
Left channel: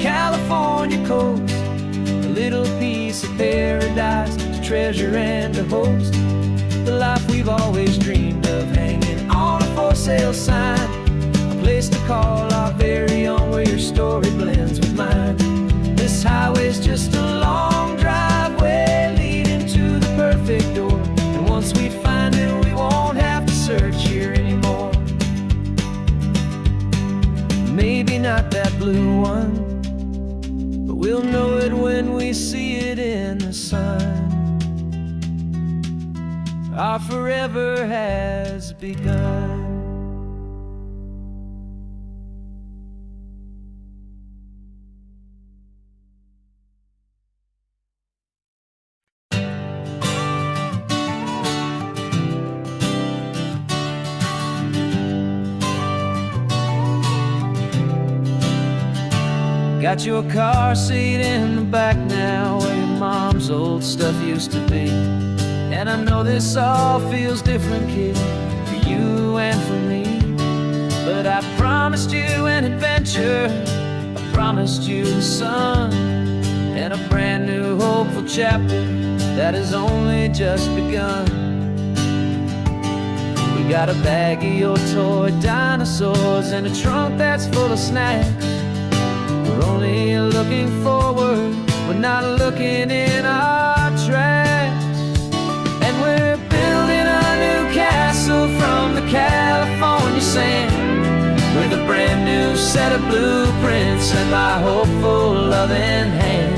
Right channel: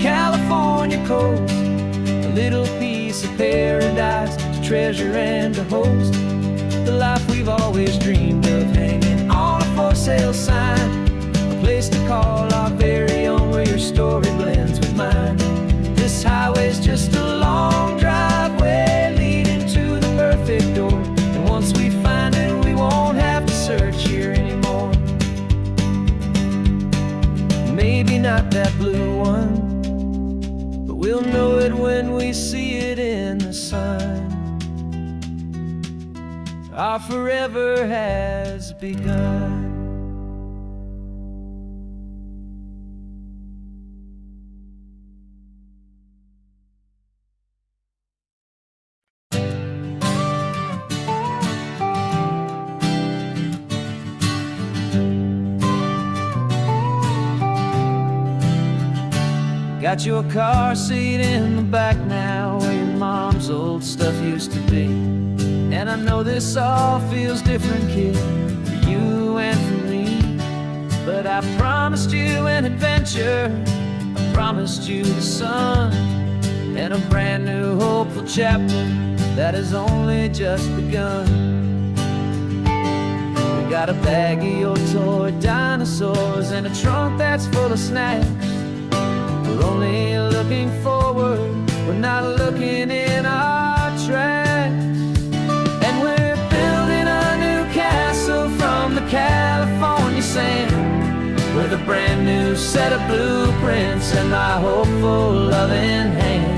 California coast, a little piece of paradise to treasure and to host. The life we've always dreamed of, hanging on a for sale sign, a place to call our very own, where your story blends with mine. This highway's just a long driveway leading to the perfect door, and once we find it, we won't have to search here anymore. Maybe not that blue one, but we'll know it when we see it in the sun. Our forever has begun. Got your car seat in the back now, where your mom's old stuff used to be. And I know this all feels different, kid, for you and for me. But I promised you an adventure, I promised you the sun, and a brand new hopeful chapter that has only just begun. We got a bag of your toy dinosaurs and a trunk that's full of snacks. We're only looking forward, we're not looking in our tracks. And we're building a new castle from the California sand, with a brand new set of blueprints and my hopeful loving hand.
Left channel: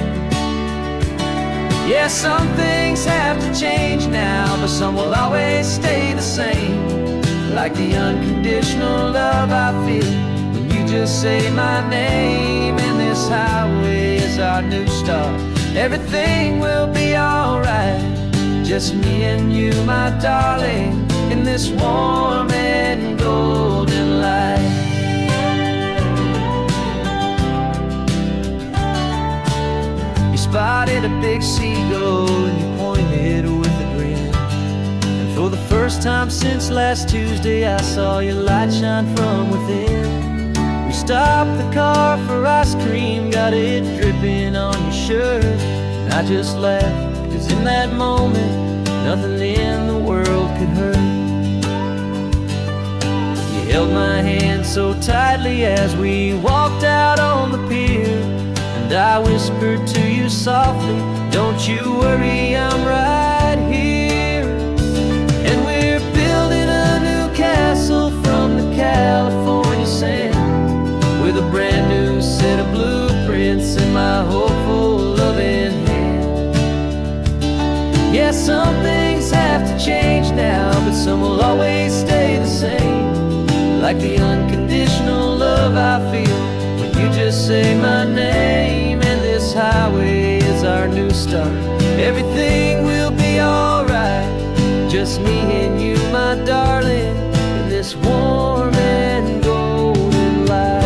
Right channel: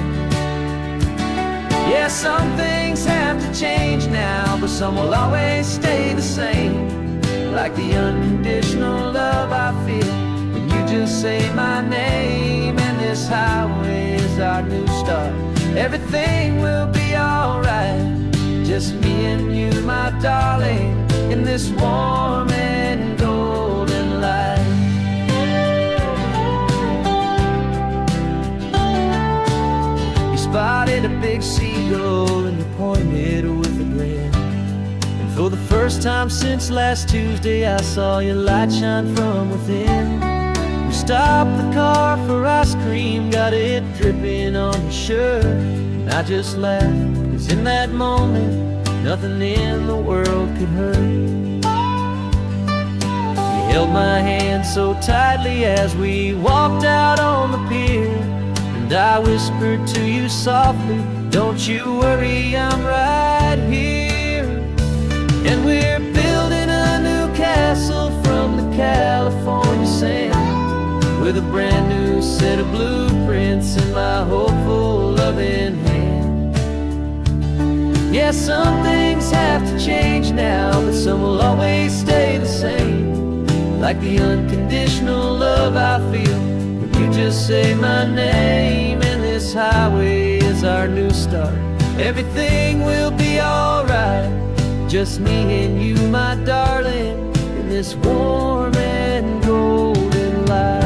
Yeah, some things have to change now, but some will always stay the same, like the unconditional love I feel when you just say my name. And this highway is our new start, everything will be alright. Just me and you, my darling, in this warm and golden light. You spotted a big seagull and you pointed with a grin. And for the first time since last Tuesday, I saw your light shine from within. We stopped the car for ice cream, got it dripping on your shirt, and I just laughed, 'cause in that moment, nothing in the world could hurt. You held my hand so tightly as we walked out on the pier, and I whispered to you softly, don't you worry, I'm right here. And we're building a new castle from the California sand, with a brand new set of blueprints in my hopeful loving hand. Yeah, some things have to change now, but some will always stay the same, like the unconditional love I feel when you just say my name. And this highway is our new start, everything will be alright. Just me and you, my darling, in this warm and golden light.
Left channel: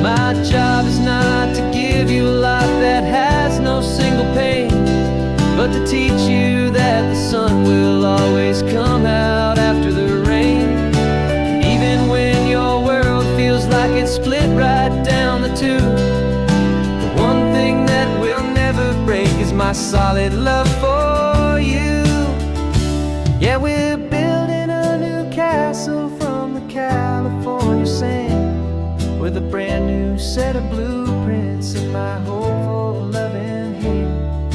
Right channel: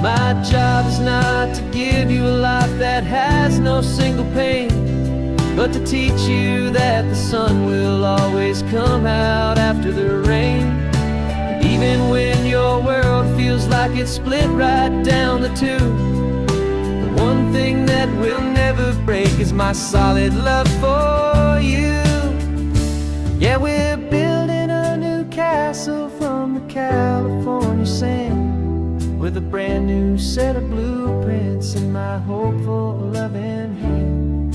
My job is not to give you a life that has no single pain, but to teach you that the sun will always come out after the rain. And even when your world feels like it's split right down the tube, the one thing that will never break is my solid love for you. Yeah, we're building a new castle from the California sand, with a brand new set of blueprints in my hopeful loving hand.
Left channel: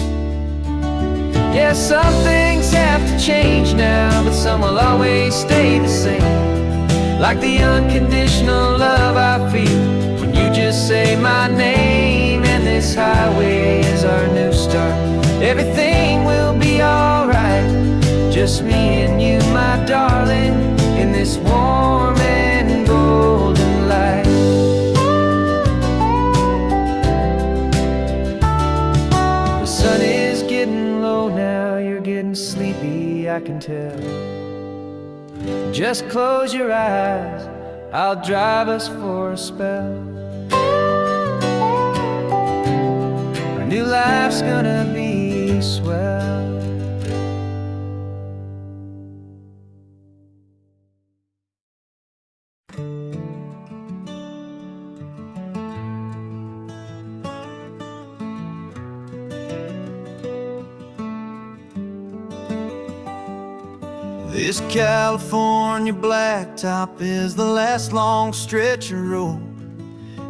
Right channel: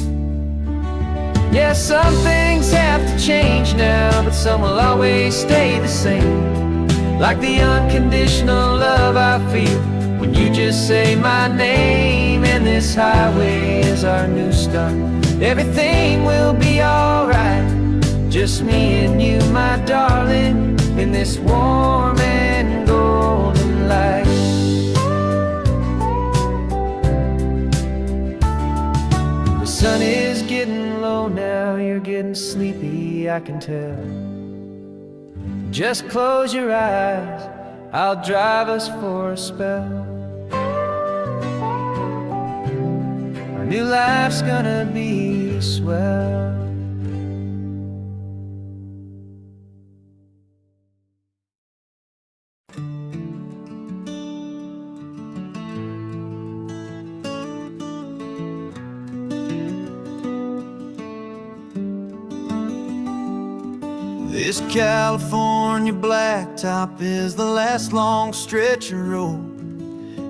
Yeah, some things have to change now, but some will always stay the same, like the unconditional love I feel when you just say my name. And this highway is our new start, everything will be alright. Just me and you, my darling, in this warm and golden light. The sun is getting low now, you're getting sleepy, I can tell. Just close your eyes, I'll drive us for a spell. Our new life's gonna be swell. This California blacktop is the last long stretch of road,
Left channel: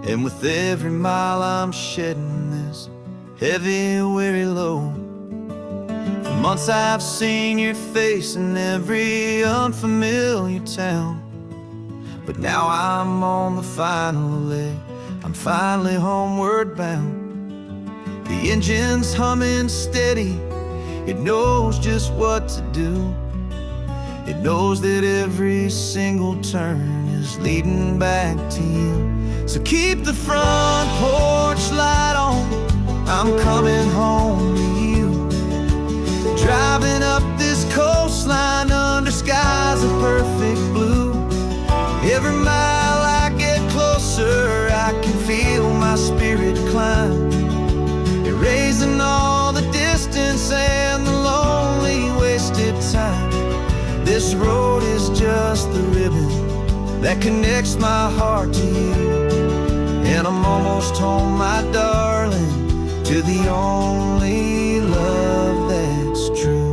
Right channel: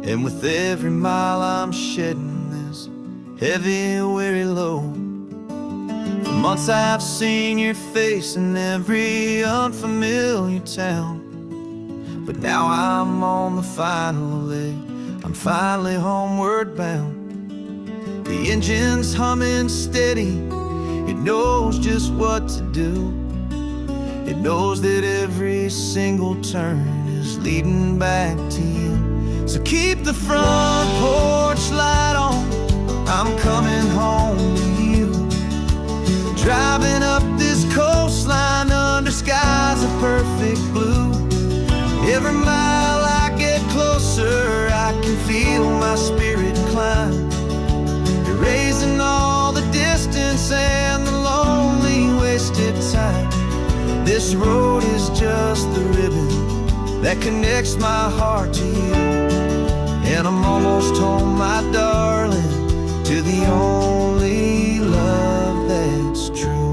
and with every mile I'm shedding this heavy, weary load. For months I've seen your face in every unfamiliar town, but now I'm on the final leg, I'm finally homeward bound. The engine's humming steady, it knows just what to do. It knows that every single turn is leading back to you. So keep the front porch light on, I'm coming home to you. Driving up this coastline under skies of perfect blue. Every mile I get closer, I can feel my spirit climb, erasing all the distance and the lonely wasted time. This road is just the ribbon that connects my heart to you, and I'm almost home, my darling, to the only love that's true.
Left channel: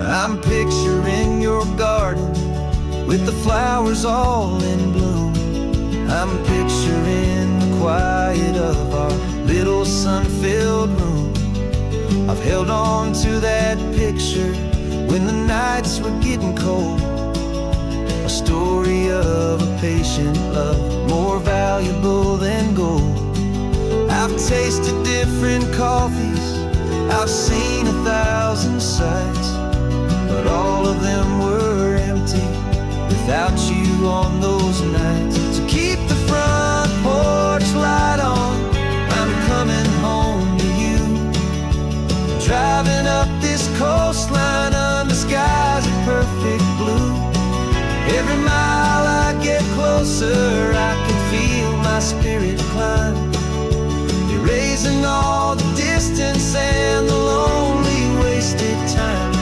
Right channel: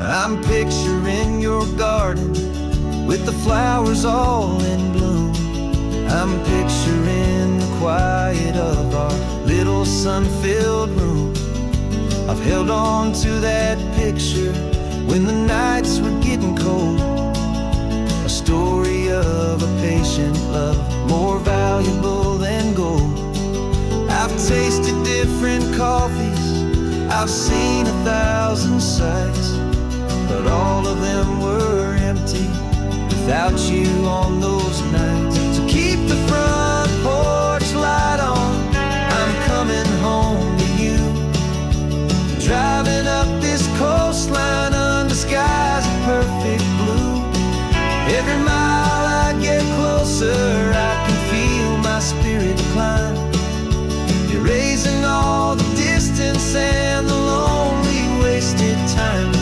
I'm picturing your garden with the flowers all in bloom. I'm picturing the quiet of our little sun-filled room. I've held on to that picture when the nights were getting cold, a story of a patient love more valuable than gold. I've tasted different coffees, I've seen 1,000 sights, but all of them were empty without you on those nights. So keep the front porch light on, I'm coming home to you. Driving up this coastline under skies of perfect blue. Every mile I get closer, I can feel my spirit climb, erasing all the distance and the lonely wasted time.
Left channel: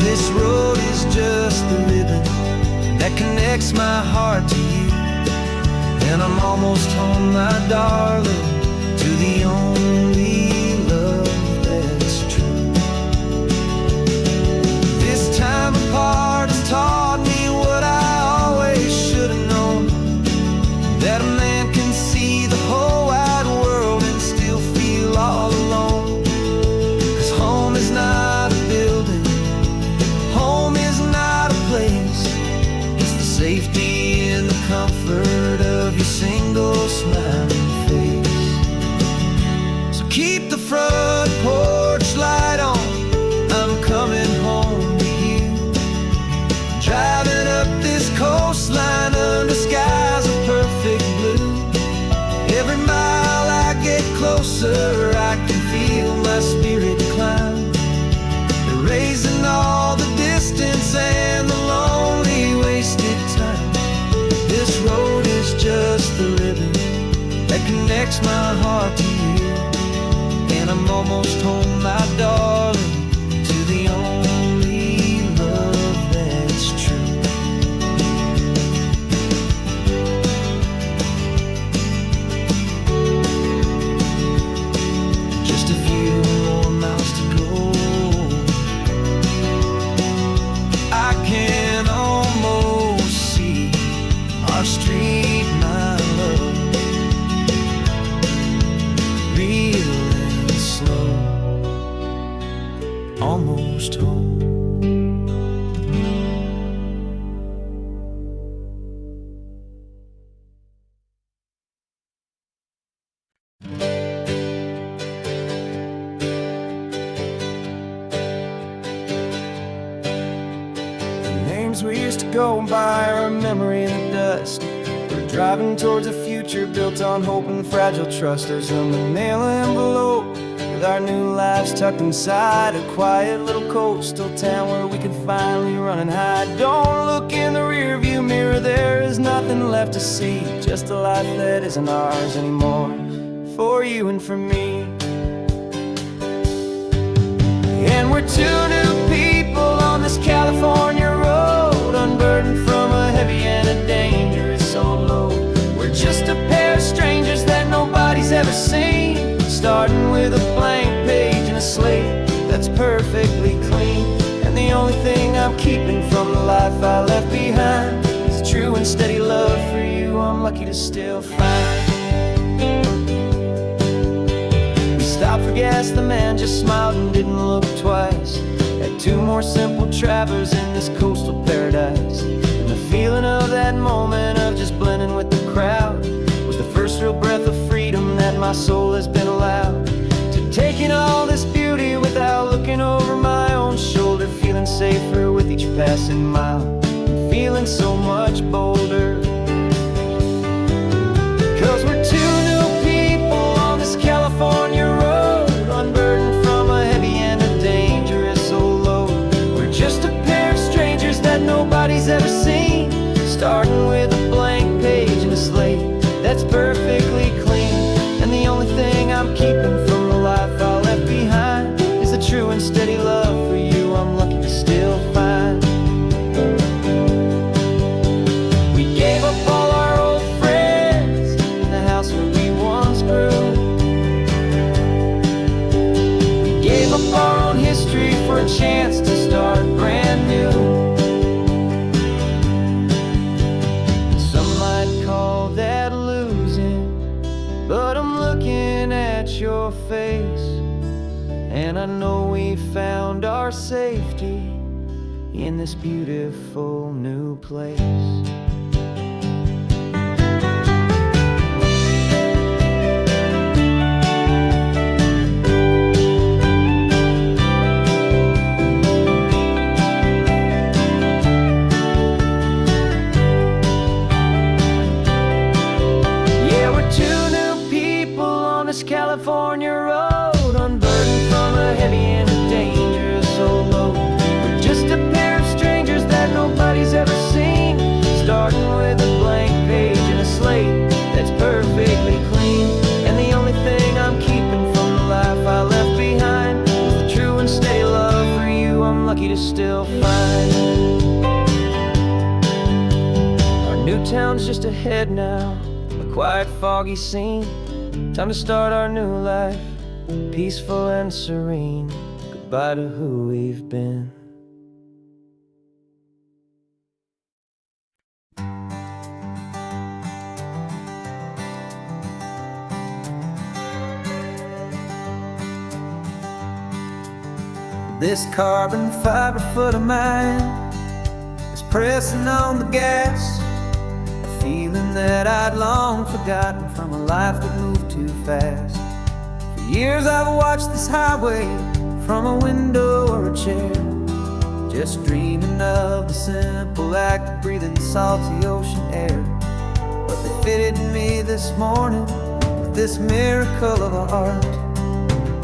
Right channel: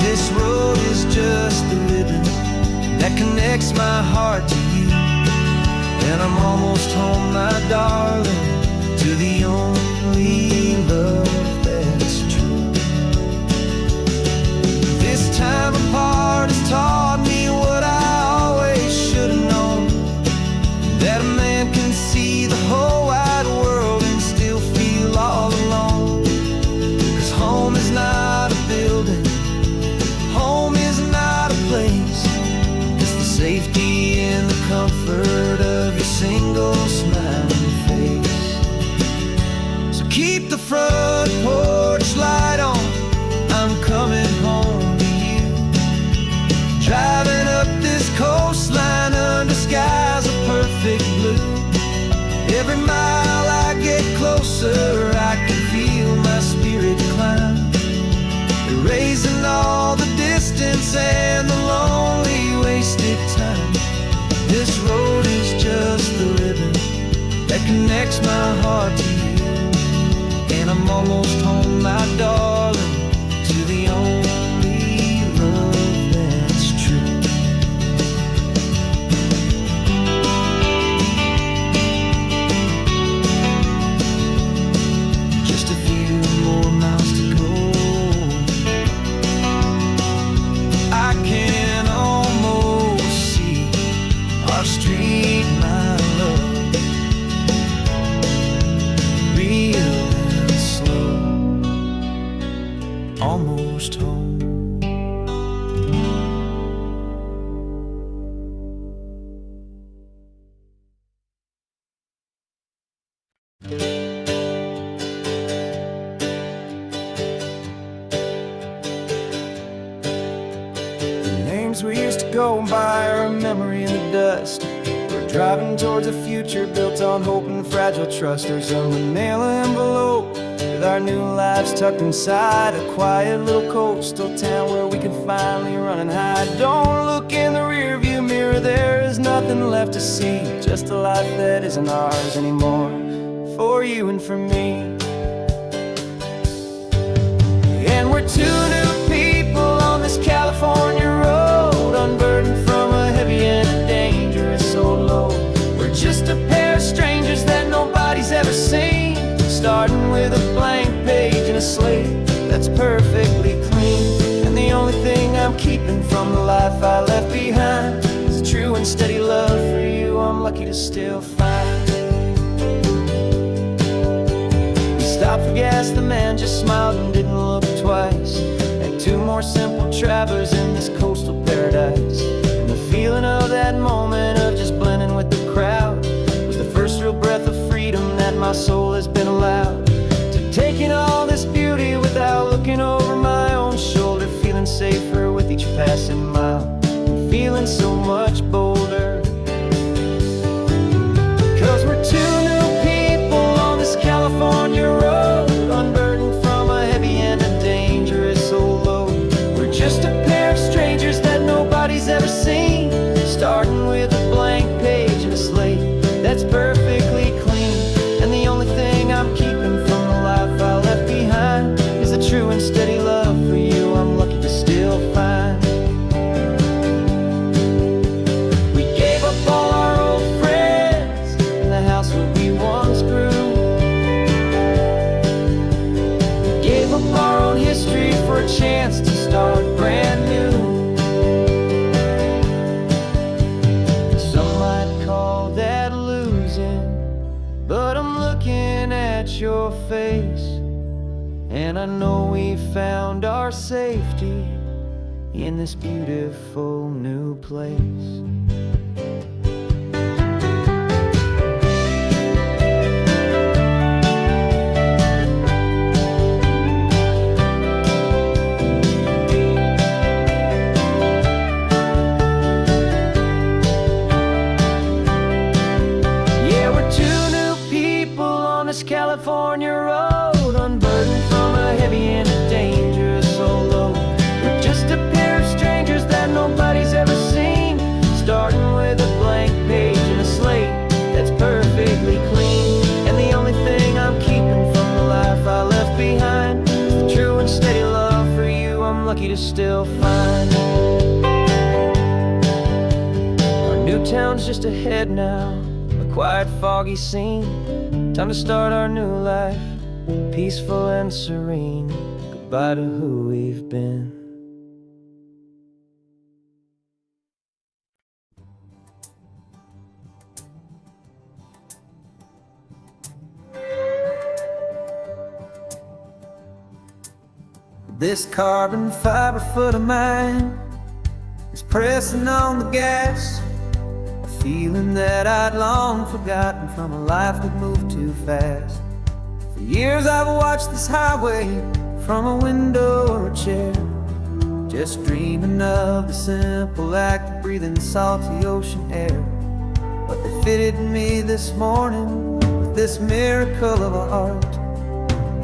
This road is just the ribbon that connects my heart to you, and I'm almost home, my darling, to the only love that's true. This time apart has taught me what I always should have known, that a man can see the whole wide world and still feel all alone. 'Cause home is not a building, home is not a place, it's the safety and the comfort of your single smiling face. So keep the front porch light on, I'm coming home to you. Driving up this coastline under skies of perfect blue. Every mile I get closer, I can feel my spirit climb, erasing all the distance and the lonely wasted time. This road is just the ribbon that connects my heart to you, and I'm almost home, my darling, to the only love that's true. Just a few more miles to go, I can almost see our street, my love, real and slow, almost home. Names we used to go by are a memory in the dust. We're driving towards a future built on hope and fragile trust. There's a manila envelope with our new lives tucked inside, a quiet little coastal town where we can finally run and hide. Don't look in the rearview mirror, there is nothing left to see, just a life that isn't ours anymore, for you and for me. And we're two new people on this California road, unburdened from a heavy and a dangerous old load. We're just a pair of strangers that nobody's ever seen, starting with a blank page and a slate that's perfectly clean. And And the only thing I'm keeping from the life I left behind is a true and steady love for you I'm lucky to still find. We stopped for gas, the man just smiled and didn't look twice. Had two more simple travelers in this coastal paradise. And the feeling of that moment of just blending with the crowd was the first real breath of freedom that my soul has been allowed to take in all this beauty without looking over my own shoulder, feeling safer with each passing mile and feeling so much bolder. 'Cause we're two new people on this California road, unburdened from a heavy and a dangerous old load. We're just a pair of strangers that nobody's ever seen, starting with a blank page and a slate that's perfectly clean. And the only thing I'm keeping from the life I left behind is a true and steady love for you I'm lucky to still find. We gave up all our old friends in the house where we once grew. We gave up our own history for a chance to start brand new. Some might call that losing, but I'm looking at your face, and I know we found our safety in this beautiful new place. Yeah, we're two new people on this California road, unburdened from a heavy and a dangerous old load. We're just a pair of strangers that nobody's ever seen, starting with a blank page and a slate that's perfectly clean. And the only thing I'm keeping from the life I left behind is the true and steady love for you I'm lucky to still find. Our new town's just ahead now, a quiet, foggy scene. Time to start our new life, peaceful and serene. Goodbye to who we've been. This carbon fiber foot of mine is pressing on the gas, a feeling that I'd long forgotten from a life that moved too fast. For years I've watched this highway from a window or a chair, just dreaming of the simple act of breathing salty ocean air. But they fitted me this morning with this miracle of art,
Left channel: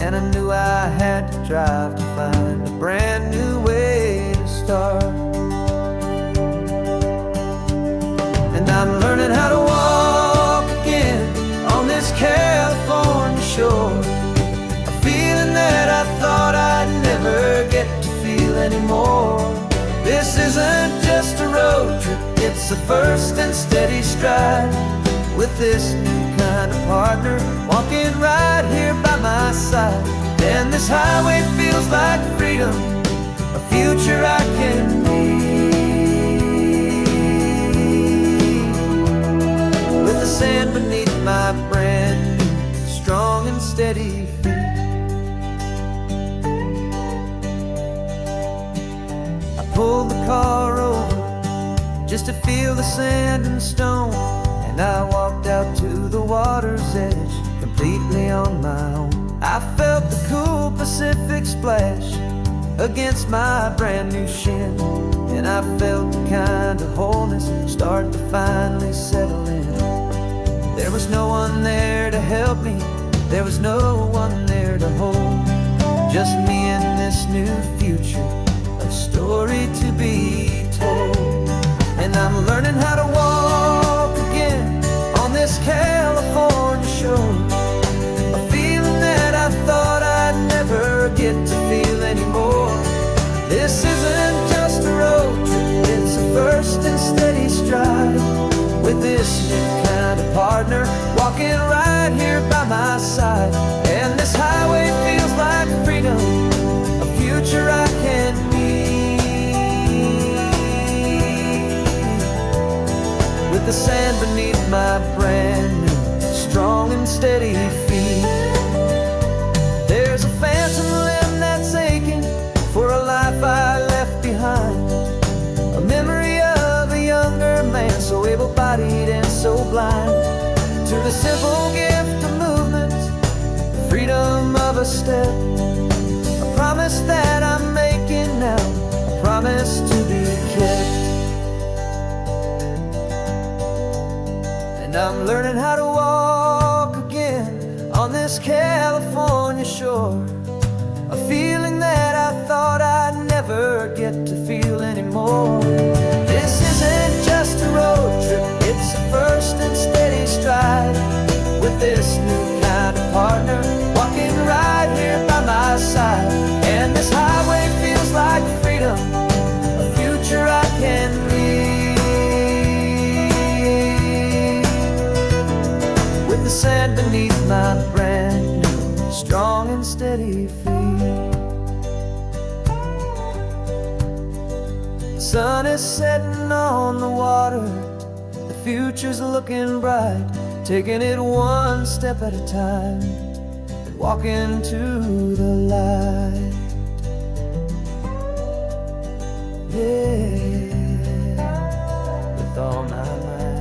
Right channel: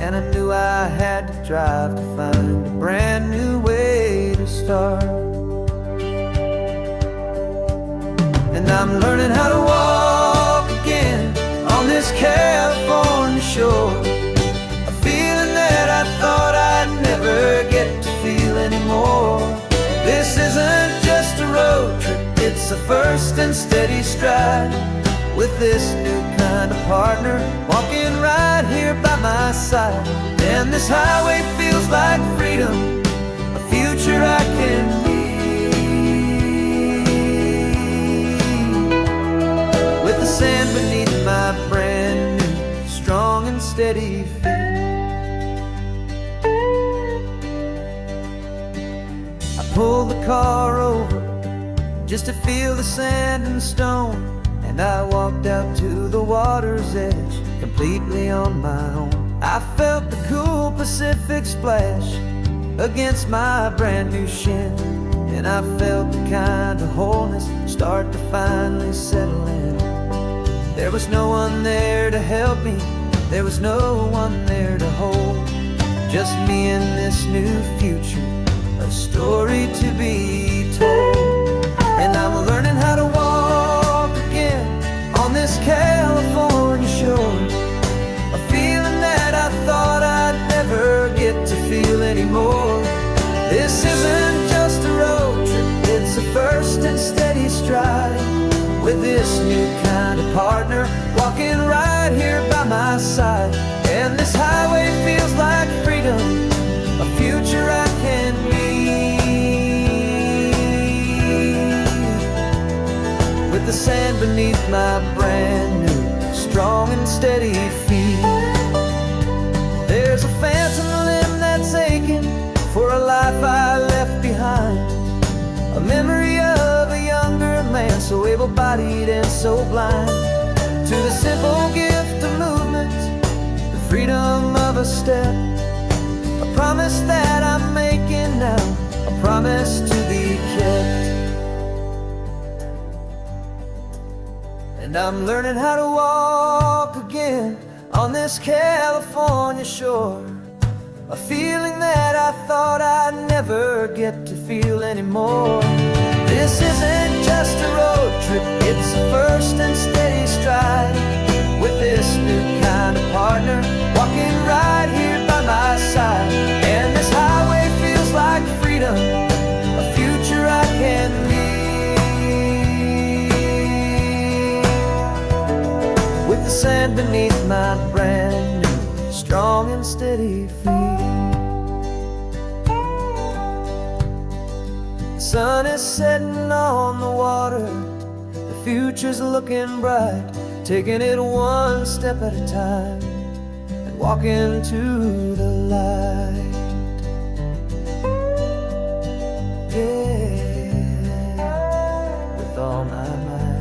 and I knew I had to drive to find a brand new way to start. And I'm learning how to walk again on this California shore, a feeling that I thought I'd never get to feel anymore. This isn't just a road trip, it's a first and steady stride, with this new kind of partner walking right here by my side. And this highway feels like freedom, a future I can need, with the sand beneath my brand new strong and steady feet. I pulled the car over just to feel the sand and stone, and I walked out to the water's edge completely on my own. I felt the cool Pacific splash against my brand new shin, and I felt the kind of wholeness start to finally settle in. There was no one there to help me, there was no one there to hold, just me and this new future, a story to be told. And I'm learning how to walk again on this California shore, a feeling that I thought I'd never get to feel anymore. This isn't just a road trip, it's a first and steady stride, with this new kind of partner walking right here by my side. And this highway feels like freedom, a future I can meet, with the sand beneath my brand new, strong and steady feet. There's a phantom limb that's aching for a life I left behind, a memory of a younger man, so able-bodied and so blind, to the simple gift of movement, the freedom of a step, a promise that I'm making now, a promise to be kept. And I'm learning how to walk again on this California shore, a feeling that I thought I'd never get to feel anymore. This isn't just a road trip, it's a first and steady stride, with this new kind of partner walking right here by my side. And this highway feels like freedom, a future I can meet, with the sand beneath my brand new, strong and steady feet. The sun is setting on the water, the future's looking bright, taking it one step at a time and walking to the light. Yeah, with all my might.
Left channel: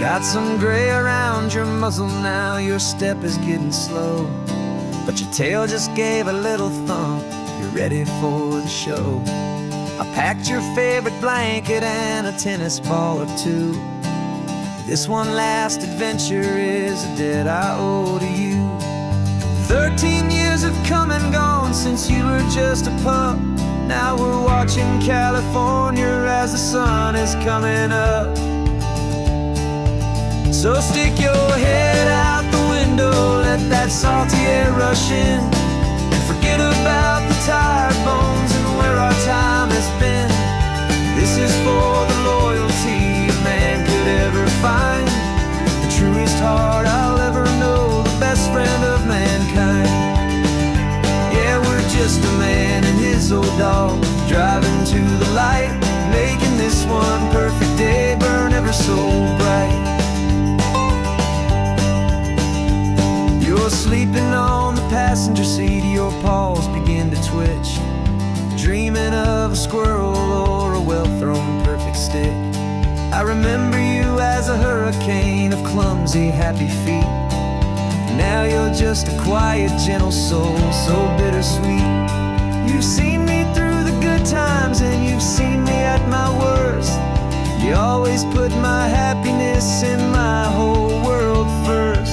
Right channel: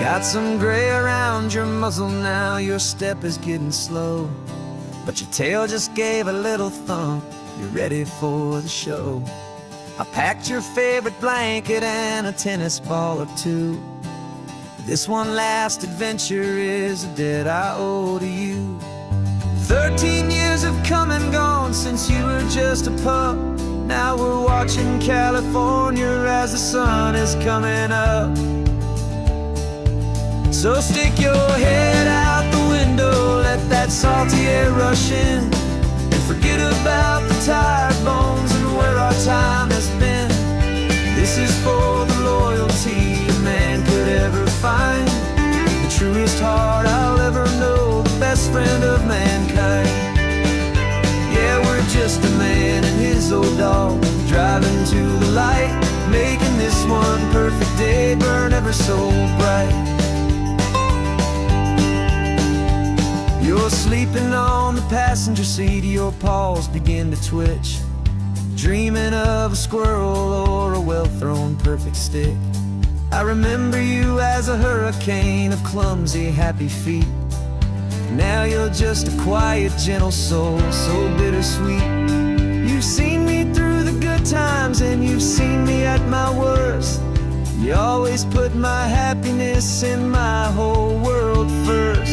Got some gray around your muzzle now, your step is getting slow, but your tail just gave a little thump, you're ready for the show. I packed your favorite blanket and a tennis ball or two. This one last adventure is a debt I owe to you. 13 years have come and gone since you were just a pup. Now we're watching California as the sun is coming up. So stick your head out the window, let that salty air rush in, and forget about the tired bones and where our time has been. This is for the loyalty a man could ever find, the truest heart I'll ever know, the best friend of mankind. Yeah, we're just a man and his old dog, driving to the light, making this one perfect day burn ever so bright. You're sleeping on the passenger seat, your paws begin to twitch, dreaming of a squirrel or a well-thrown perfect stick. I remember you as a hurricane of clumsy, happy feet. Now you're just a quiet, gentle soul, so bittersweet. You've seen me through the good times and you've seen me at my worst. You always put my happiness in my whole world first.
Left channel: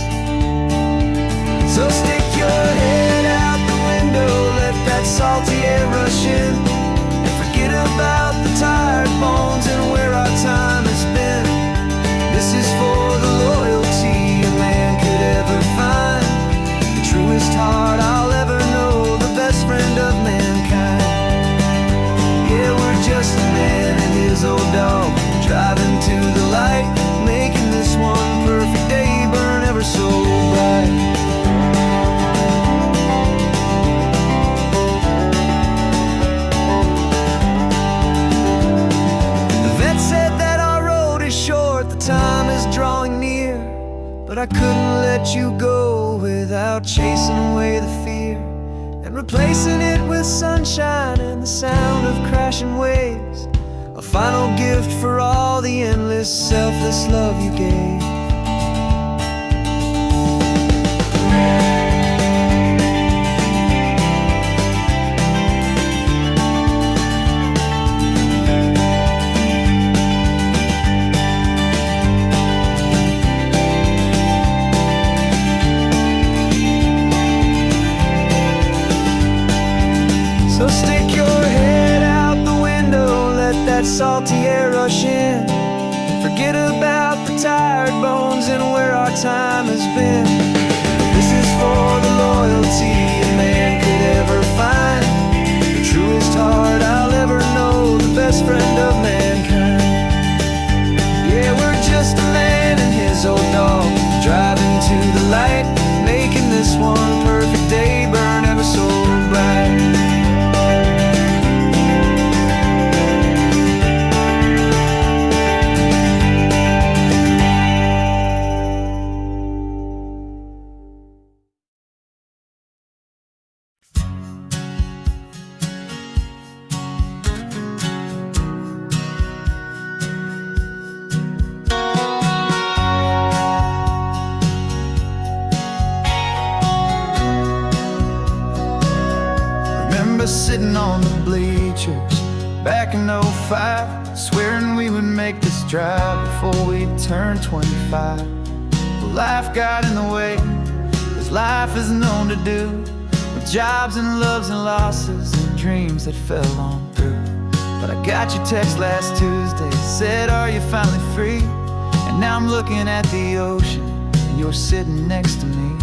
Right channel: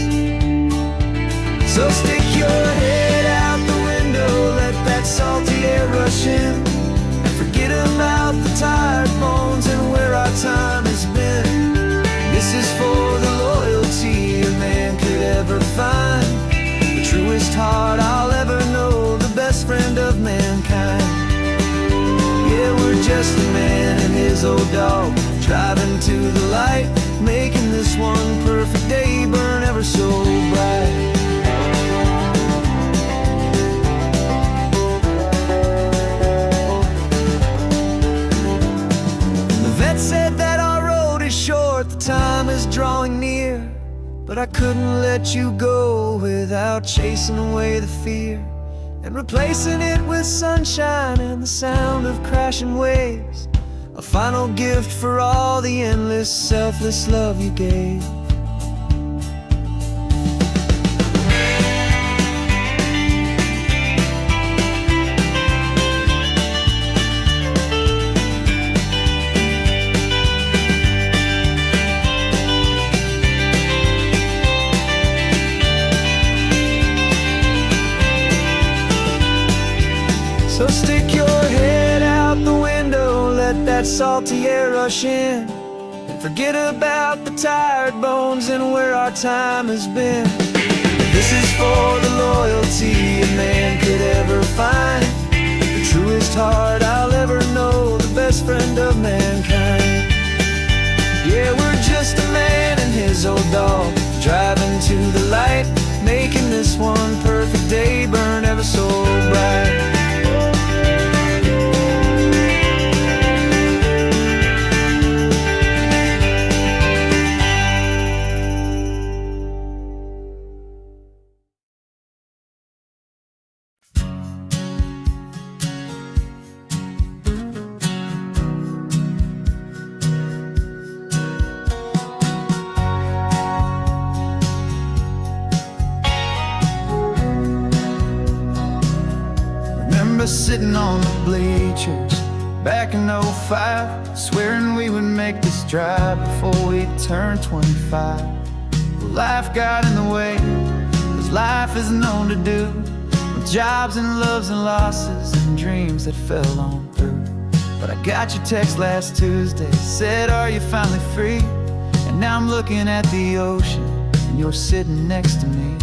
So stick your head out the window, let that salty air rush in, and forget about the tired bones and where our time has been. This is for the loyalty a man could ever find, the truest heart I'll ever know, the best friend of mankind. Yeah, we're just a man and his old dog, driving to the light, making this one perfect day burn ever so bright. Said that our road is short, the time is drawing near, but I couldn't let you go without chasing away the fear and replacing it with sunshine and the sound of crashing waves, a final gift for all the endless, selfless love you gave. So stick your head out the window, let that salty air rush in, and forget about the the tired bones and where our time has been. This is for the loyalty a man could ever find, the truest heart I'll ever know, the best friend of mankind. Yeah, we're just a man and his old dog, driving to the light, making this one perfect day burn ever so bright. Sitting on the bleachers back in '05, swearing we would make this drive before we turned 25. Well, life got in the way, as life is known to do, with jobs and loves and losses and dreams that fell on through. But I got your text last Tuesday, said, are you finally free? And now I'm looking at the ocean and you're sitting next to me.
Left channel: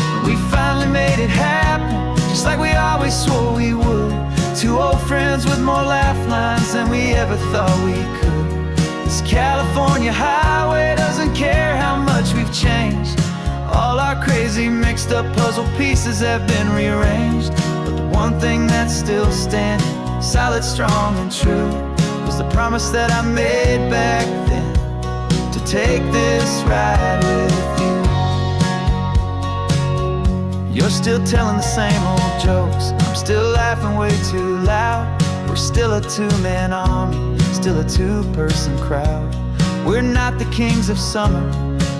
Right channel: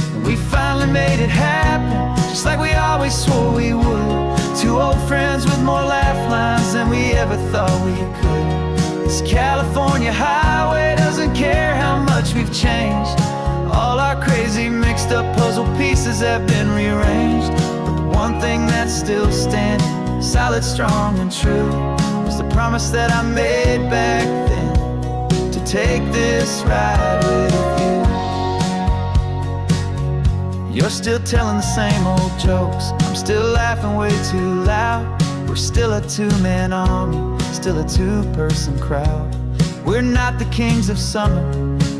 And we finally made it happen, just like we always swore we would. Two old friends with more laugh lines than we ever thought we could. This California highway doesn't care how much we've changed. All our crazy mixed up puzzle pieces have been rearranged. But the one thing that's still standing, solid, strong and true, was the promise that I made back then, to take this ride with you. You're still telling the same old jokes, I'm still laughing way too loud. We're still a two-man army, still a two-person crowd. We're not the kings of summer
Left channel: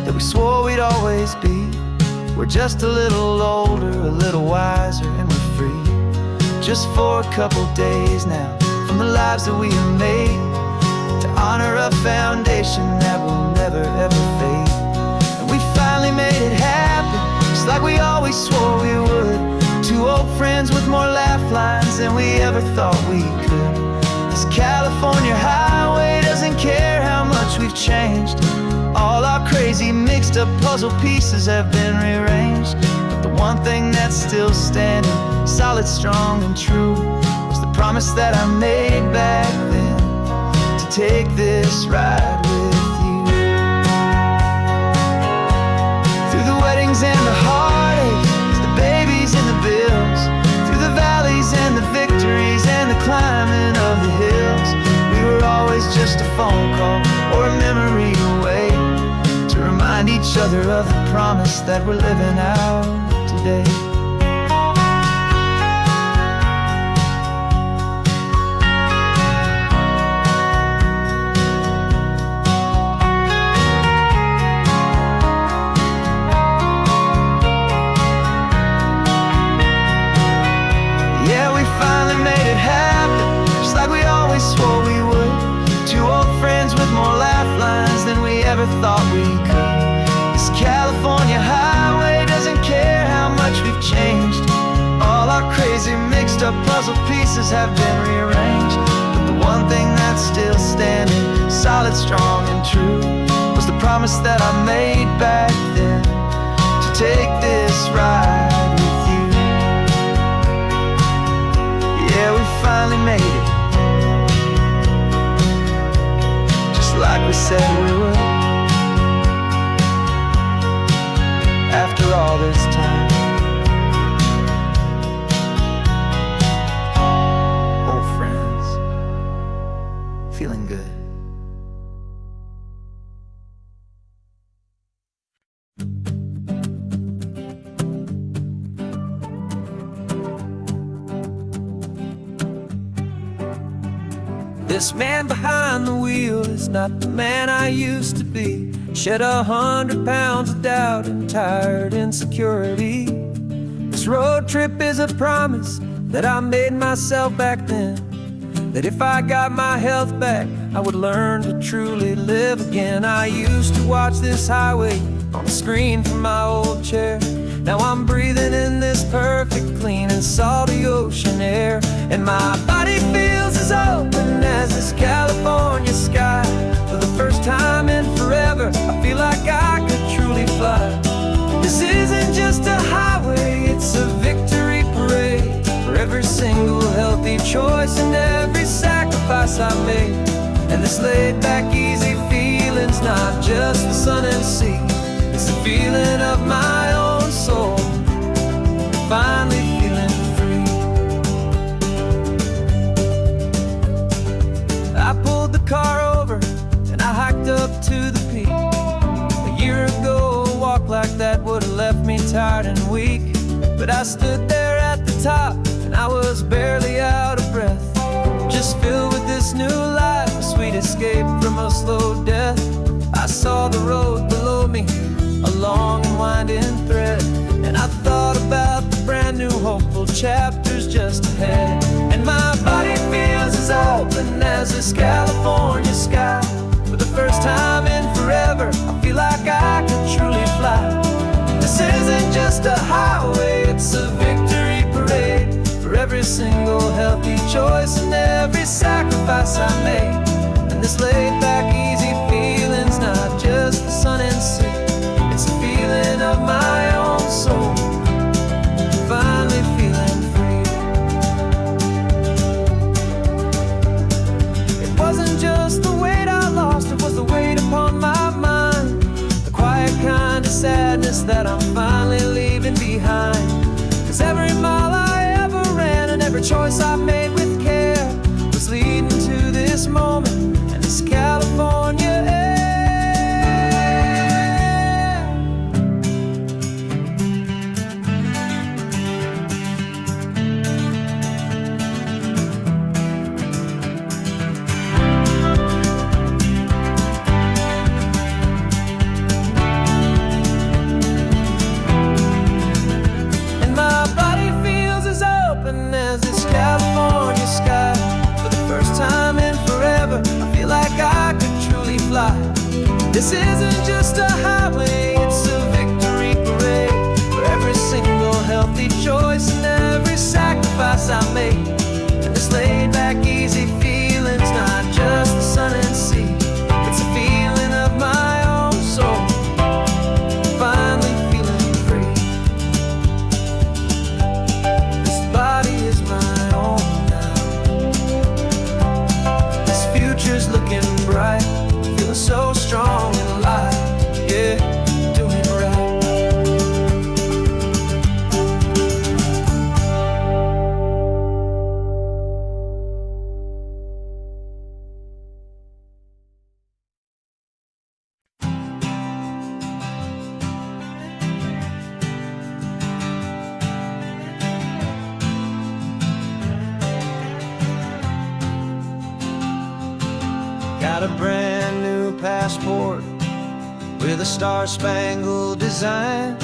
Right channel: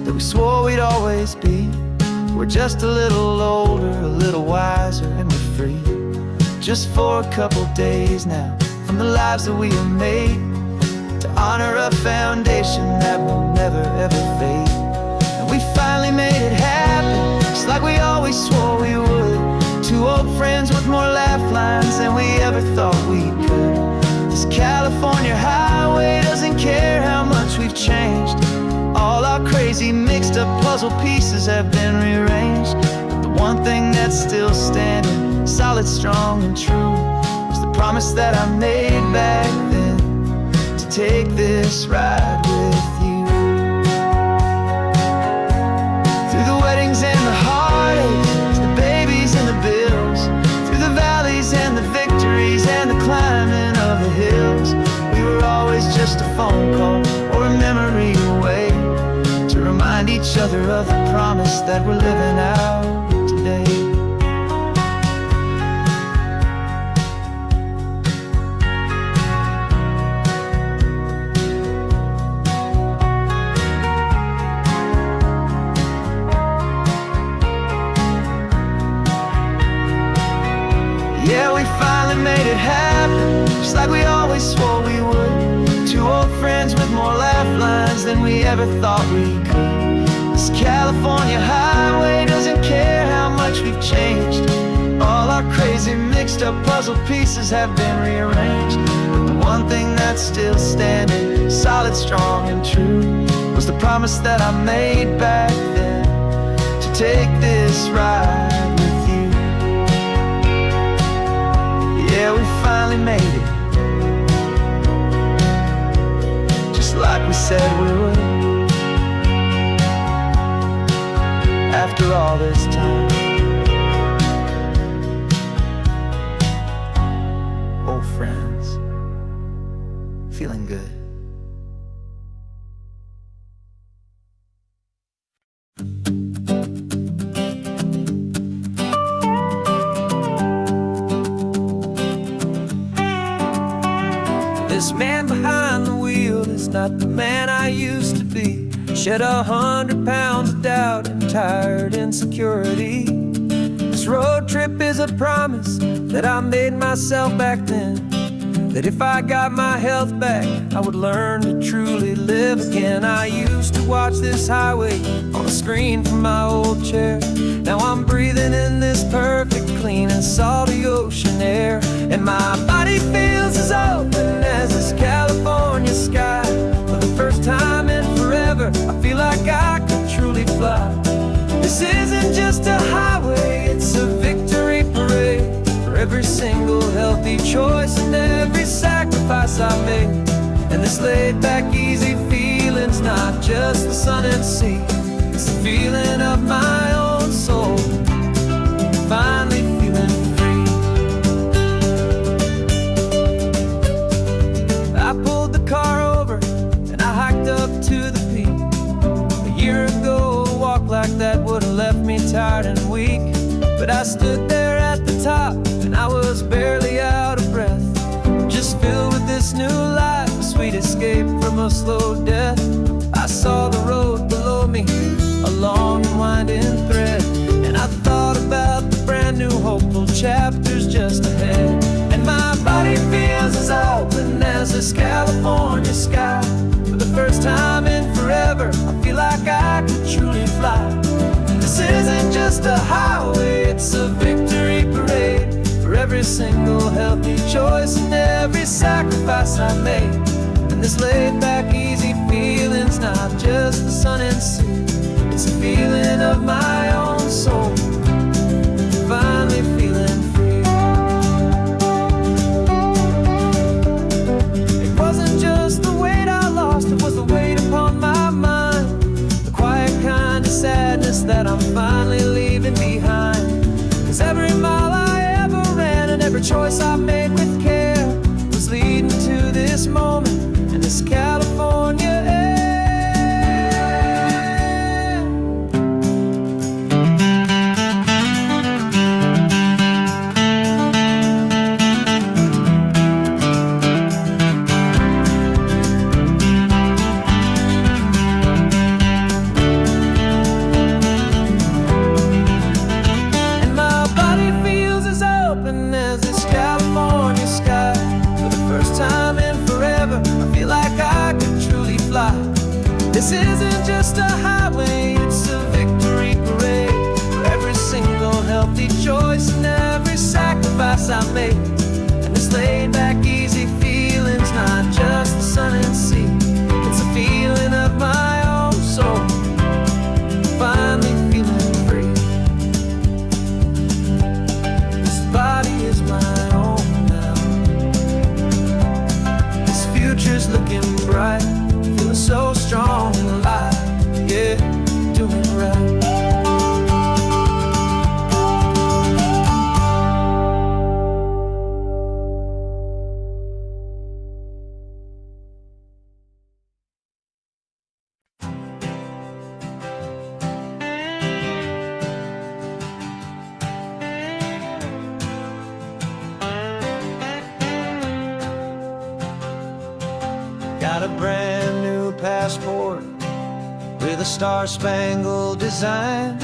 that we swore we'd always be. We're just a little older, a little wiser, and we're free. Just for a couple days now, from the lives that we have made, to honor a foundation that will never ever fade. And we finally made it happen, just like we always swore we would. Two old friends with more laugh lines than we ever thought we could. This California highway doesn't care how much we've changed. All our crazy mixed up puzzle pieces have been rearranged. But the one thing that's still standing, solid, strong and true, was the promise that I made back then, to take this ride with you. Through the weddings and the heartaches, the babies and the bills, through the valleys and the victories and the climbing of the hills, we were always just a phone call or a memory away, to remind each other of the promise that we're living out today. Yeah, we finally made it happen, just like we always swore we would. Two old friends with more laugh lines than we ever thought we could. This California highway doesn't care how much we've changed. All our crazy mixed up puzzle pieces have been rearranged. But the one thing that's still standing, solid, strong and true, was the promise that I made back then, to take this ride with you. Yeah, we finally made it, just like we said we would. After all this time, old friends, feeling good. This man behind the wheel is not the man I used to be. Shed 100 pounds of doubt and tired insecurity. This road trip is a promise that I made myself back then, that if I got my health back, I would learn to truly live again. I used to watch this highway on a screen from my old chair. Now I'm breathing in this perfect, clean and salty ocean air. And my body feels as open as this California sky. For the first time in forever, I fly. This isn't just a highway, it's a victory parade for every single healthy choice and every sacrifice I made. And this laid back easy feeling's not just the sun and sea, it's the feeling of my own soul, finally feeling free. I pulled the car over and I hiked up to the peak. A year ago, a walk like that would've left me tired and weak. But I stood there at the top and I was barely out of breath, just filled with this new life, a sweet escape from a slow death. I saw the road below me, a long and winding thread, and I thought about the brand new hopeful chapters just ahead. And my body feels as open as this California sky. For the first time in forever, I feel like I could truly fly. This isn't just a highway, it's a victory parade for every single healthy choice and every sacrifice I made. And this laid back easy feeling's not just the sun and sea, it's a feeling of my own soul, finally feeling free. It wasn't just the weight I lost, it was the weight upon my mind, the quiet kind of sadness that I'm finally leaving behind. 'Cause every mile I ever ran and every choice I made with care was leading to this moment and this California air. As this California sky, for the first time in forever, I feel like I could truly fly. This isn't just a highway, it's a victory parade for every single healthy choice and every sacrifice I made. And this laid back easy feeling's not just the sun and sea, it's a feeling of my own soul, finally feeling free. Body is my own now. This future's looking bright, feeling so strong and alive. Yeah, doing it right. Got a brand new passport with a star-spangled design,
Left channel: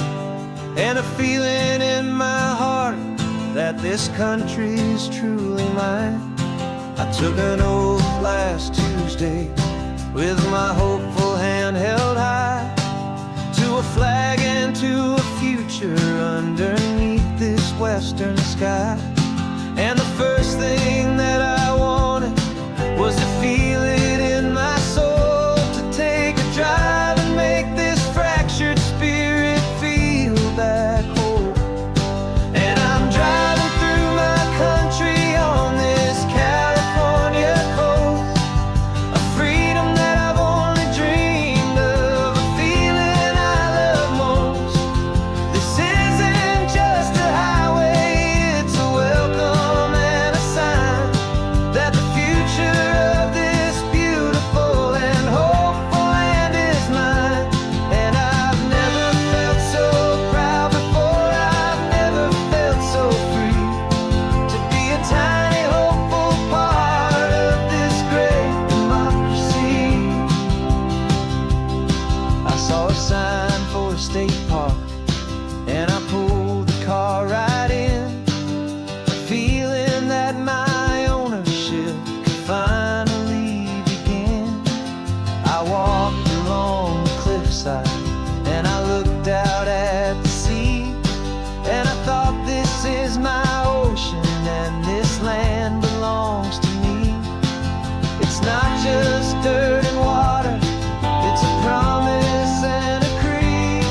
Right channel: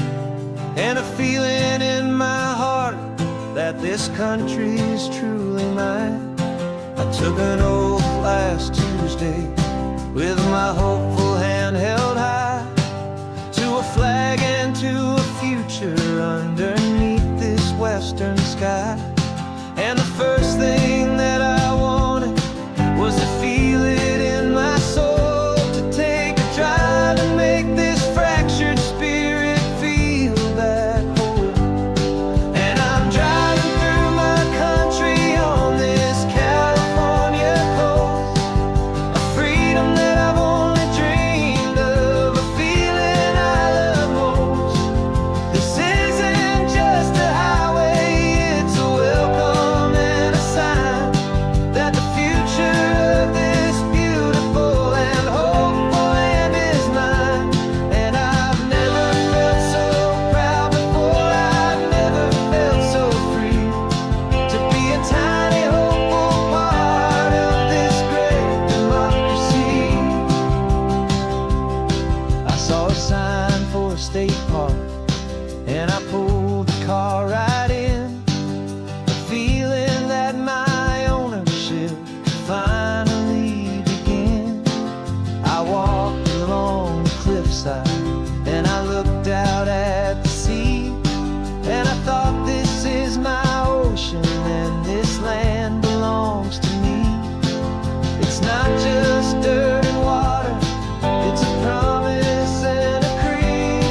and a feeling in my heart that this country's truly mine. I took an oath last Tuesday with my hopeful hand held high, to a flag and to a future underneath this western sky. And the first thing that I wanted was to feel it in my soul, to take a drive and make this fractured spirit feel back home. And I'm driving through my country on this California coast, a freedom that I've only dreamed of, a feeling I love most. This isn't just a highway, it's a welcome and a sign that the future of this beautiful and hopeful land is mine. And I've never felt so proud before, I've never felt so free, to be a tiny hopeful part of this great democracy. I saw a sign for a state park and I pulled the car right in, a feeling that my ownership could finally begin. I walked along the cliffside and I looked out at the sea, and I thought, this is my ocean and this land belongs to me. It's not just dirt and water, it's a promise and a creed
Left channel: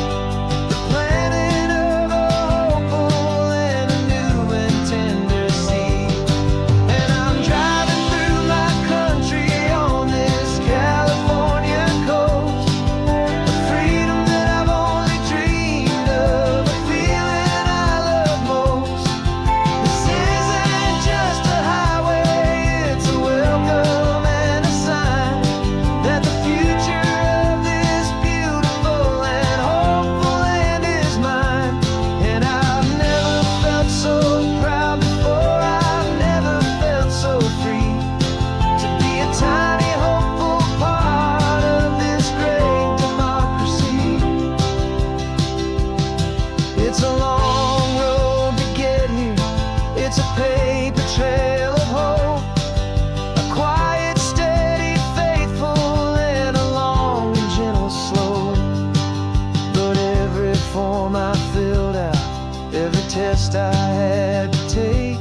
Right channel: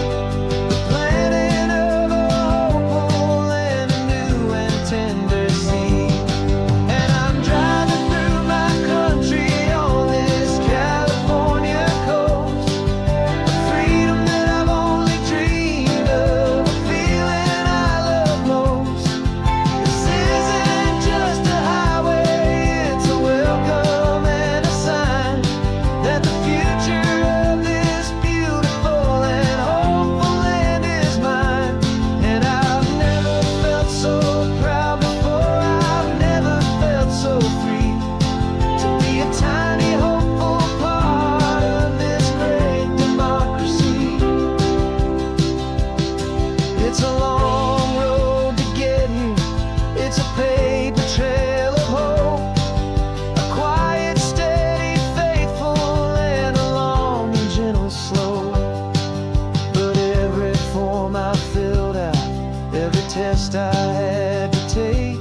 cost I had to take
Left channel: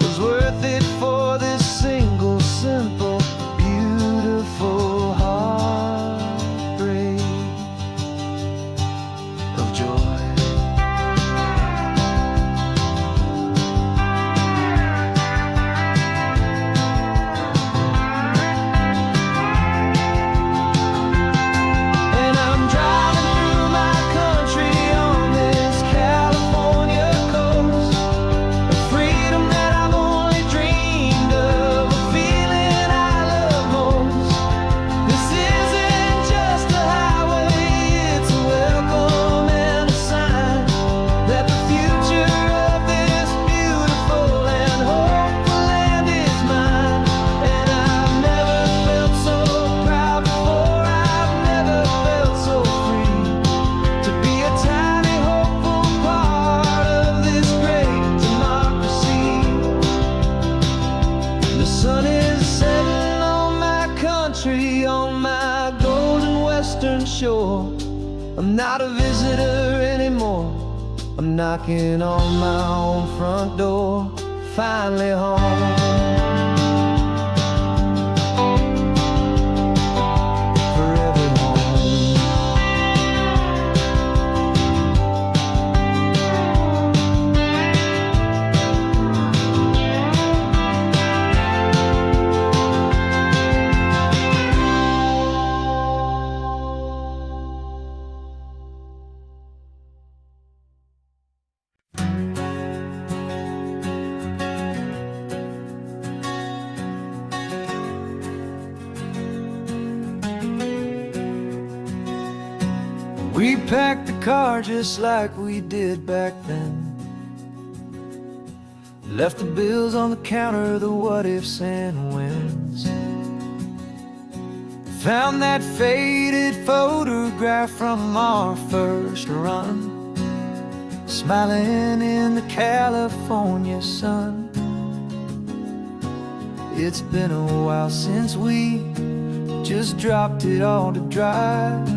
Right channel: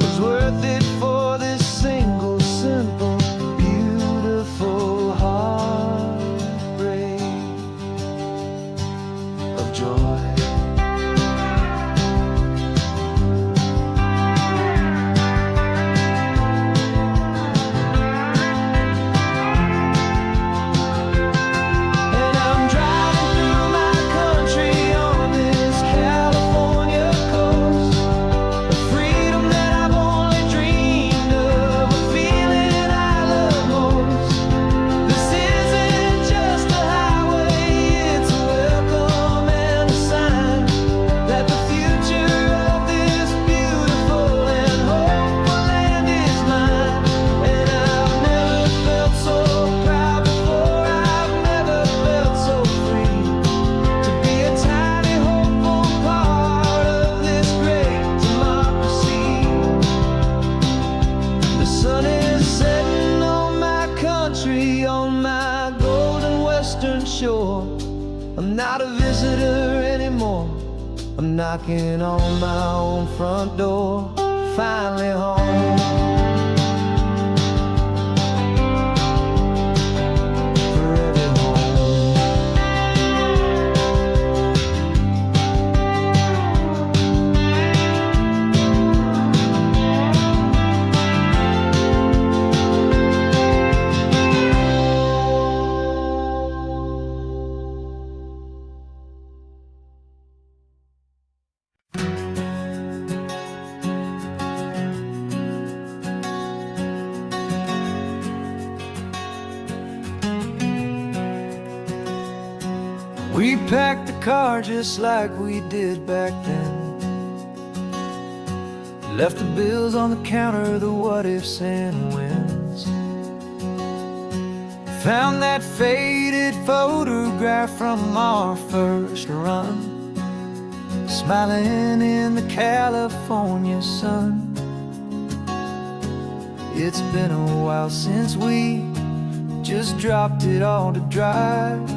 was worth it for this single, simple, beautiful heartbreak of joy. On my golden western shore, I'm not a visitor anymore. I'm knocking on my own front door, finally home. Forever home. We packed the car just like we did back then. Left the bills on the counter, the what ifs and whens. Found that faded photograph from our first run, smiling in the California sun. It's been a while since we just dropped it all to drive.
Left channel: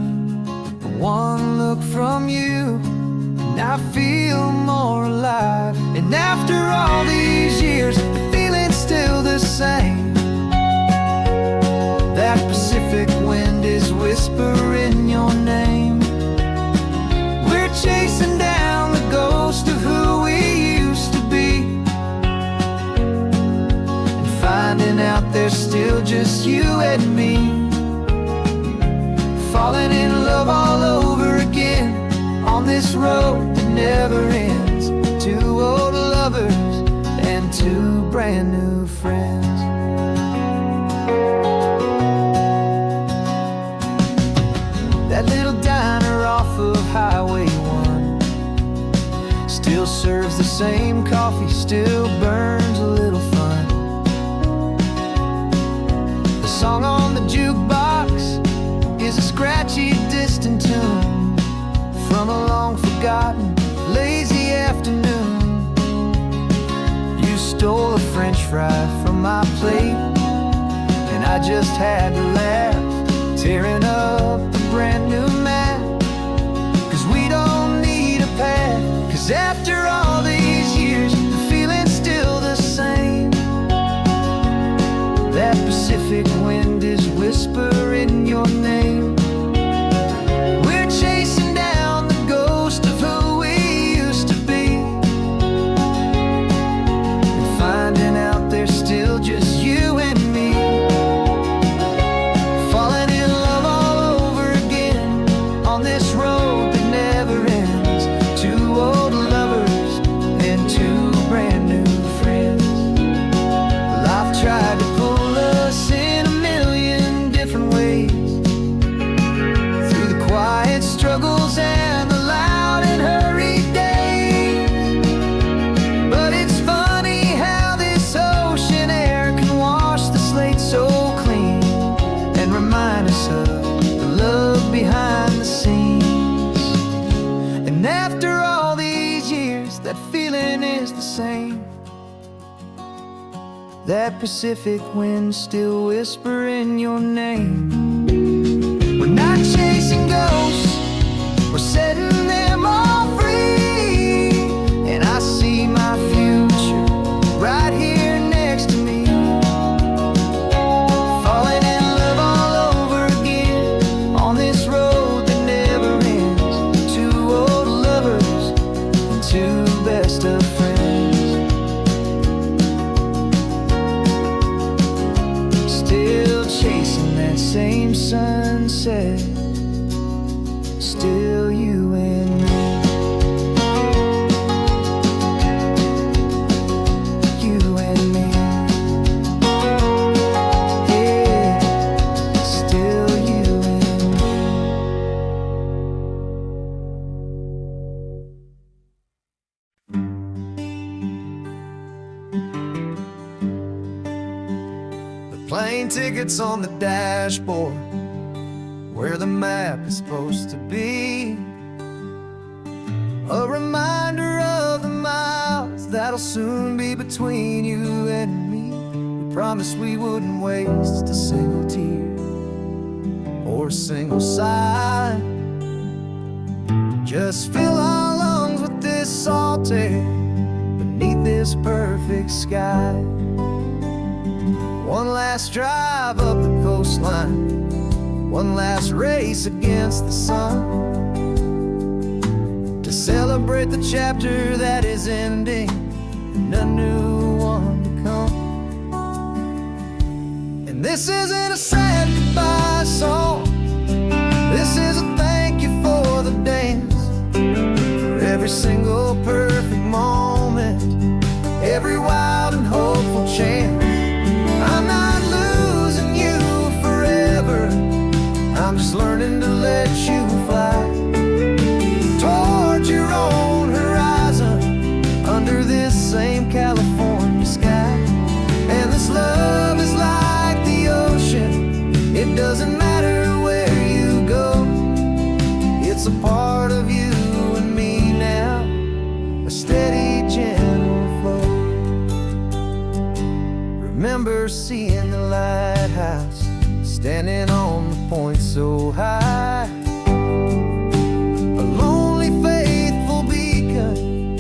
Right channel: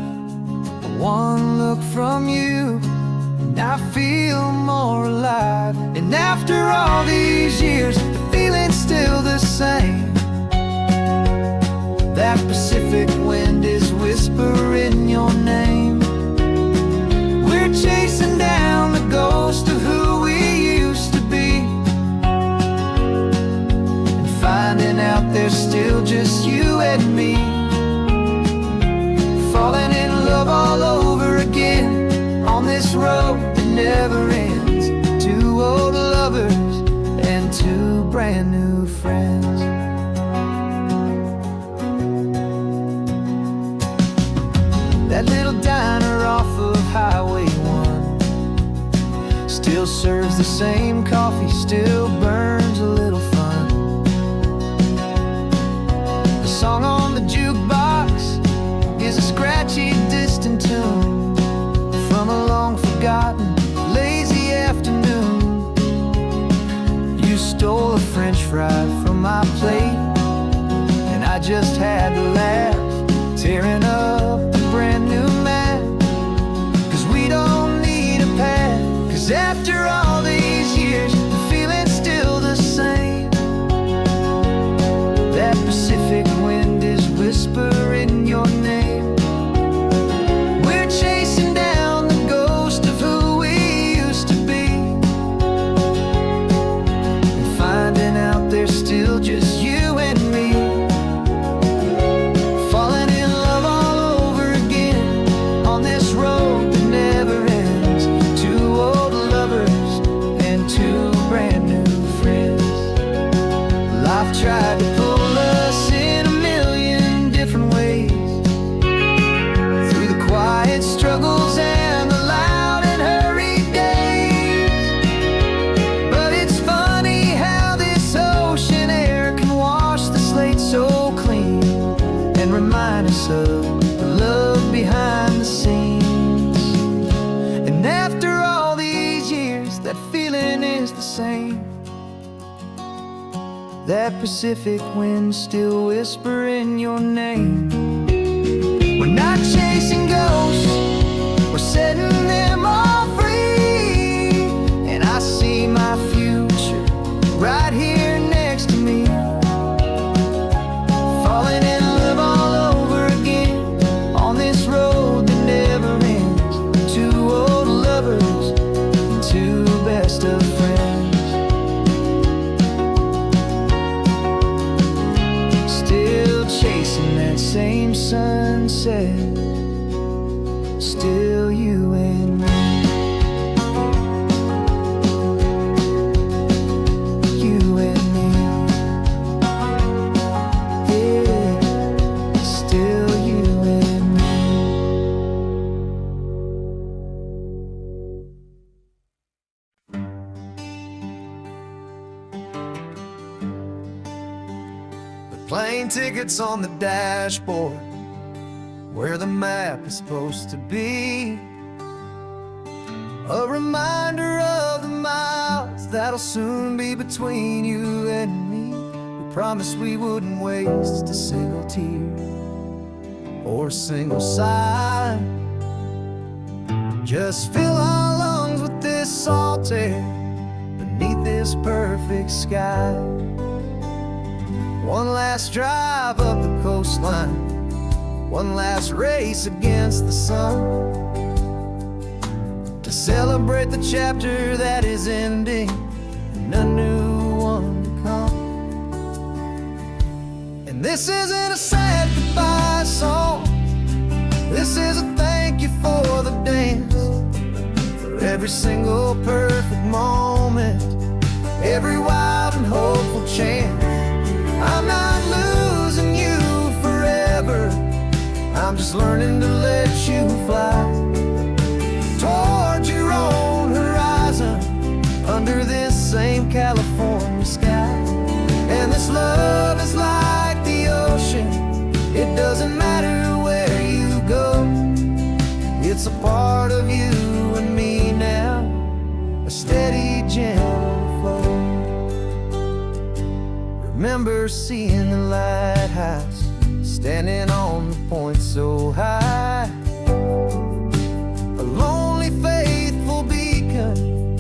One look from you, and I feel more alive. And after all these years, the feeling's still the same. That Pacific wind is whispering your name. We're chasing down the ghost of who we used to be, and finding out there's still just you and me. Falling in love all over again on this road that never ends. Two old lovers and two brand new friends. That little diner off of Highway 1 still serves the same coffee, still burns a little fun. The song on the jukebox is a scratchy, distant tune from a long-forgotten, lazy afternoon. You stole a French fry from my plate, and I just had to laugh, tearing up the brand new map. 'Cause we don't need a path, 'cause after all these years, the feeling's still the same. That Pacific wind is whispering your name. We're chasing down the ghost of who we used to be, and finding out there's still just you and me. Falling in love all over again on this road that never ends. Two old lovers and two brand new friends. Well, I've tried to pull us in a million different ways, through the quiet struggles and the loud and hurried days. But it's funny how this ocean air can wash the slate so clean, and remind us of the love behind the scenes. And after all these years, that feeling is the same. That Pacific wind still whispering your name. We're not chasing ghosts, we're setting them all free. And I chasing that same sunset, still you and me. You and me. Yeah, still you and me. The plane tickets on the dashboard, where the map is supposed to be. A reminder of the miles that'll soon be between you and me. We promised we wouldn't waste a single tear or a single sigh. Just fill our lungs with this salt air beneath this perfect sky. One last drive up the coastline, one last race against the sun, to celebrate the chapter that is ending and a new one to come. And this isn't a sad goodbye song, this is a thank you for the dance, for every single perfect moment, every wild and hopeful chance. I'm not losing you forever, I'm just learning to let you fly toward your own horizon, under this same California sky. And this love is like the ocean, it doesn't matter where you go, it's a part of you and me now, a steady, gentle flow. Remember seeing the lighthouse, standing on the point so high, a lonely, faithful beacon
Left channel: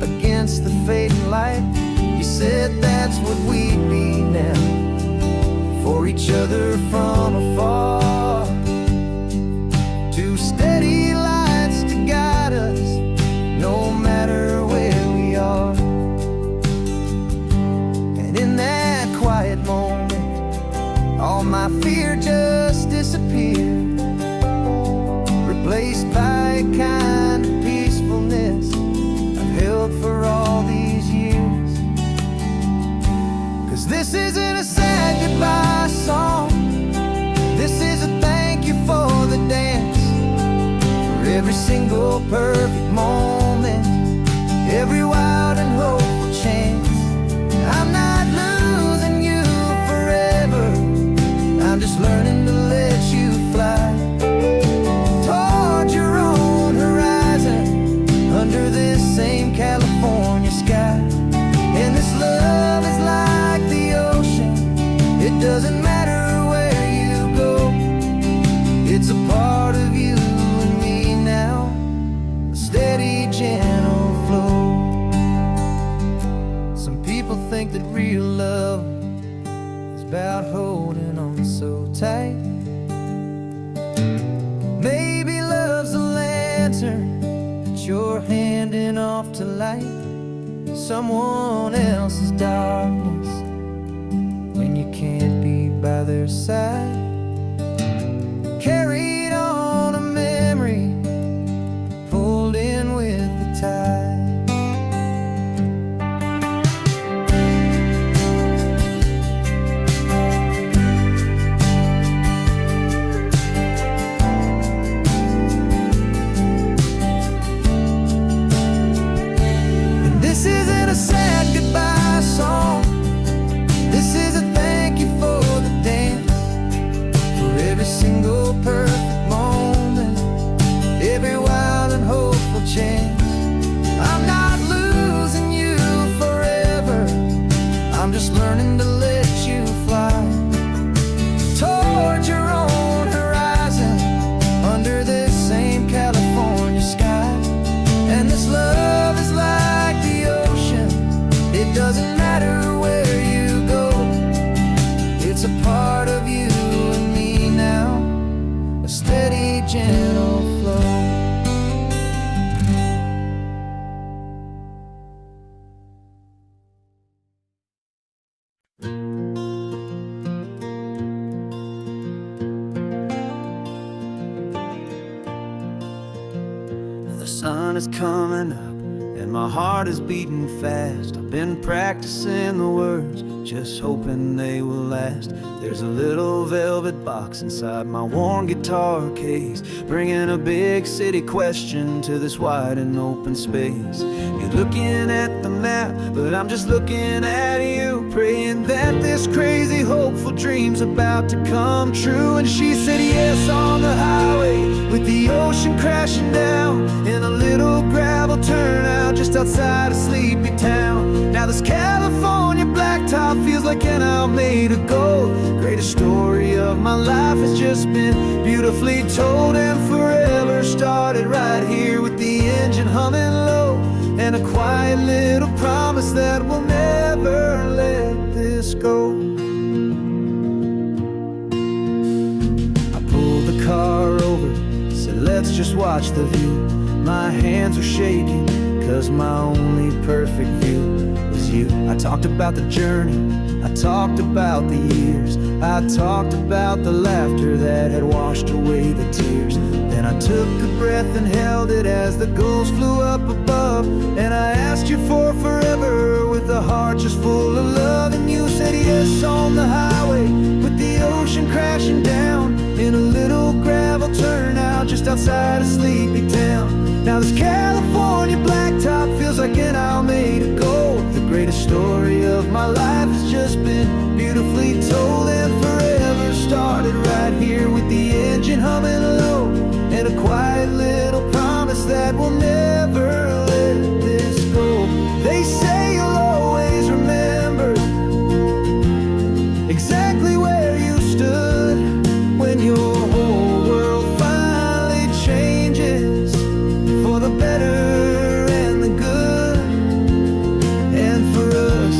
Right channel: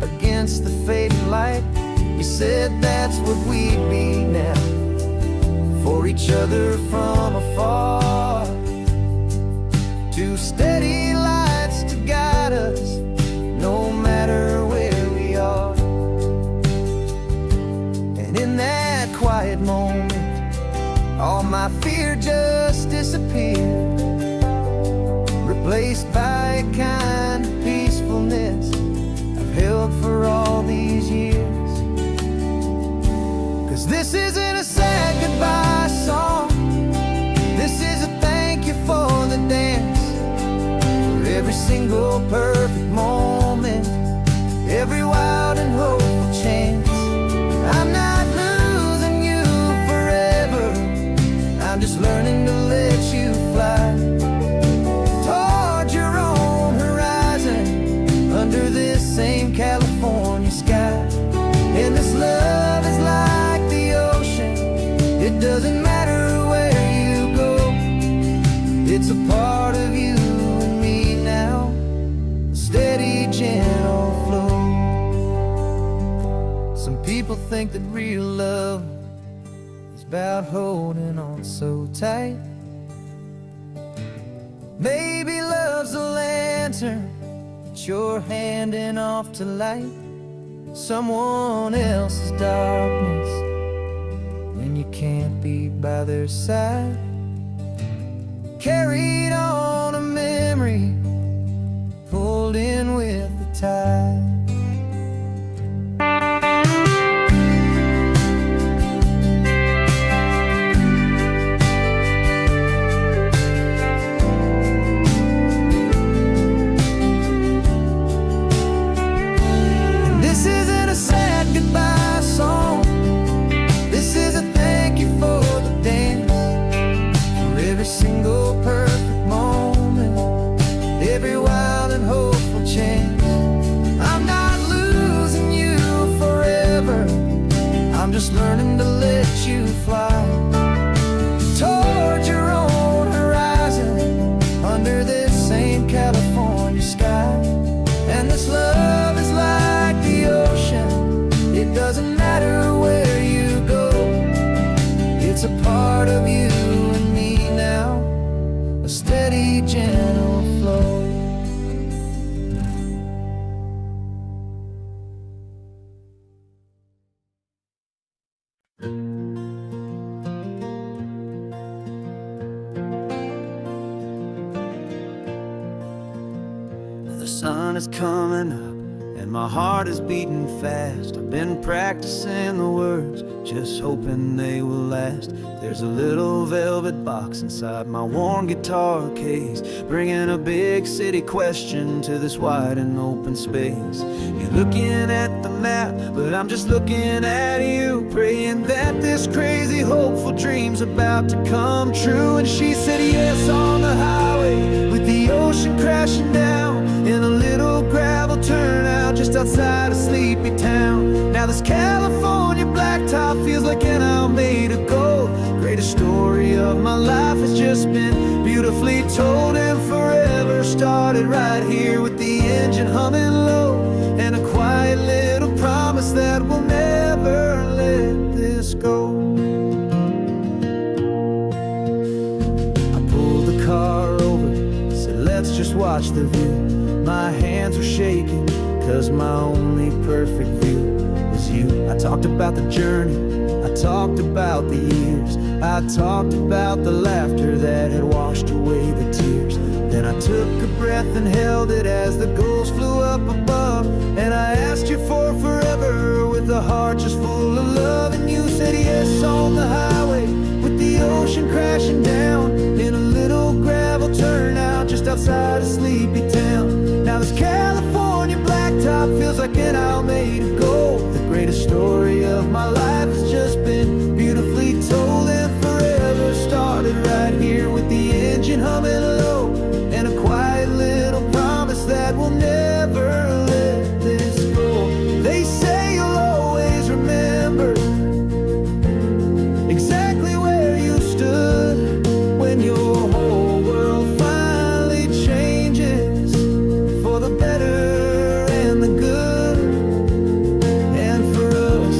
against the fading light. You said that's what we'd be now, for each other from afar. Two steady lights to guide us, no matter where we are. And in that quiet moment, all my fear just disappeared, replaced by a kind of peacefulness I've held for all these years. 'Cause this isn't a sad goodbye song, this is a thank you for the dance, for every single perfect moment, every wild and hopeful chance. I'm not losing you forever, I'm just learning to let you fly toward your own horizon, under this same California sky. And this love is like the ocean, it doesn't matter where you go, it's a part of you and me now, a steady, gentle flow. Some people think that real love is about holding on so tight. Maybe love's a lantern that you're handing off to light someone else's darkness when you can't be by their side. Carried on a memory, pulled in with the tide. This isn't a sad goodbye song, this is a thank you for the dance, for every single perfect moment, every wild and hopeful chance. I'm not losing you forever, I'm just learning to let you fly toward your own horizon, under this same California sky. And this love is like the ocean, it doesn't matter where you go, it's a part of you and me now, a steady, gentle flow. sun is coming up and my heart is beating fast. I've been practicing the words, just hoping they will last. There's a little velvet box inside my worn guitar case, bringing a big city question to this wide and open space. You're looking at the map, but I'm just looking at you, praying that this crazy hopeful dream's about to come true. And she said yes on the highway, with the ocean crashing down in a little gravel turnout just outside a sleepy town. Now this California blacktop feels like an owl made of gold. Greatest story of my life has just been beautifully told, and forever started right here with the engine humming low, and a quiet little promise that we'll never let this go. I pulled the car over, said let's just watch the view. My hands were shaking, cause my only perfect view was you. I talked about the journey, I talked about the years, I talked about the laughter that had washed away the tears. Then I took a breath and held it as the gulls flew up above, and I asked you for forever with a heart just full of love. And you said yes on the highway, with the ocean crashing down in a little gravel turnout just outside a sleepy town. Now this California blacktop feels like an owl made of gold. The greatest story of my life has just been beautifully told, and forever started right here with the engine humming low, and a quiet little promise that we'll never let this go. They say you'll always remember exactly where you stood when your whole world finally changes for the better and the good. And for us,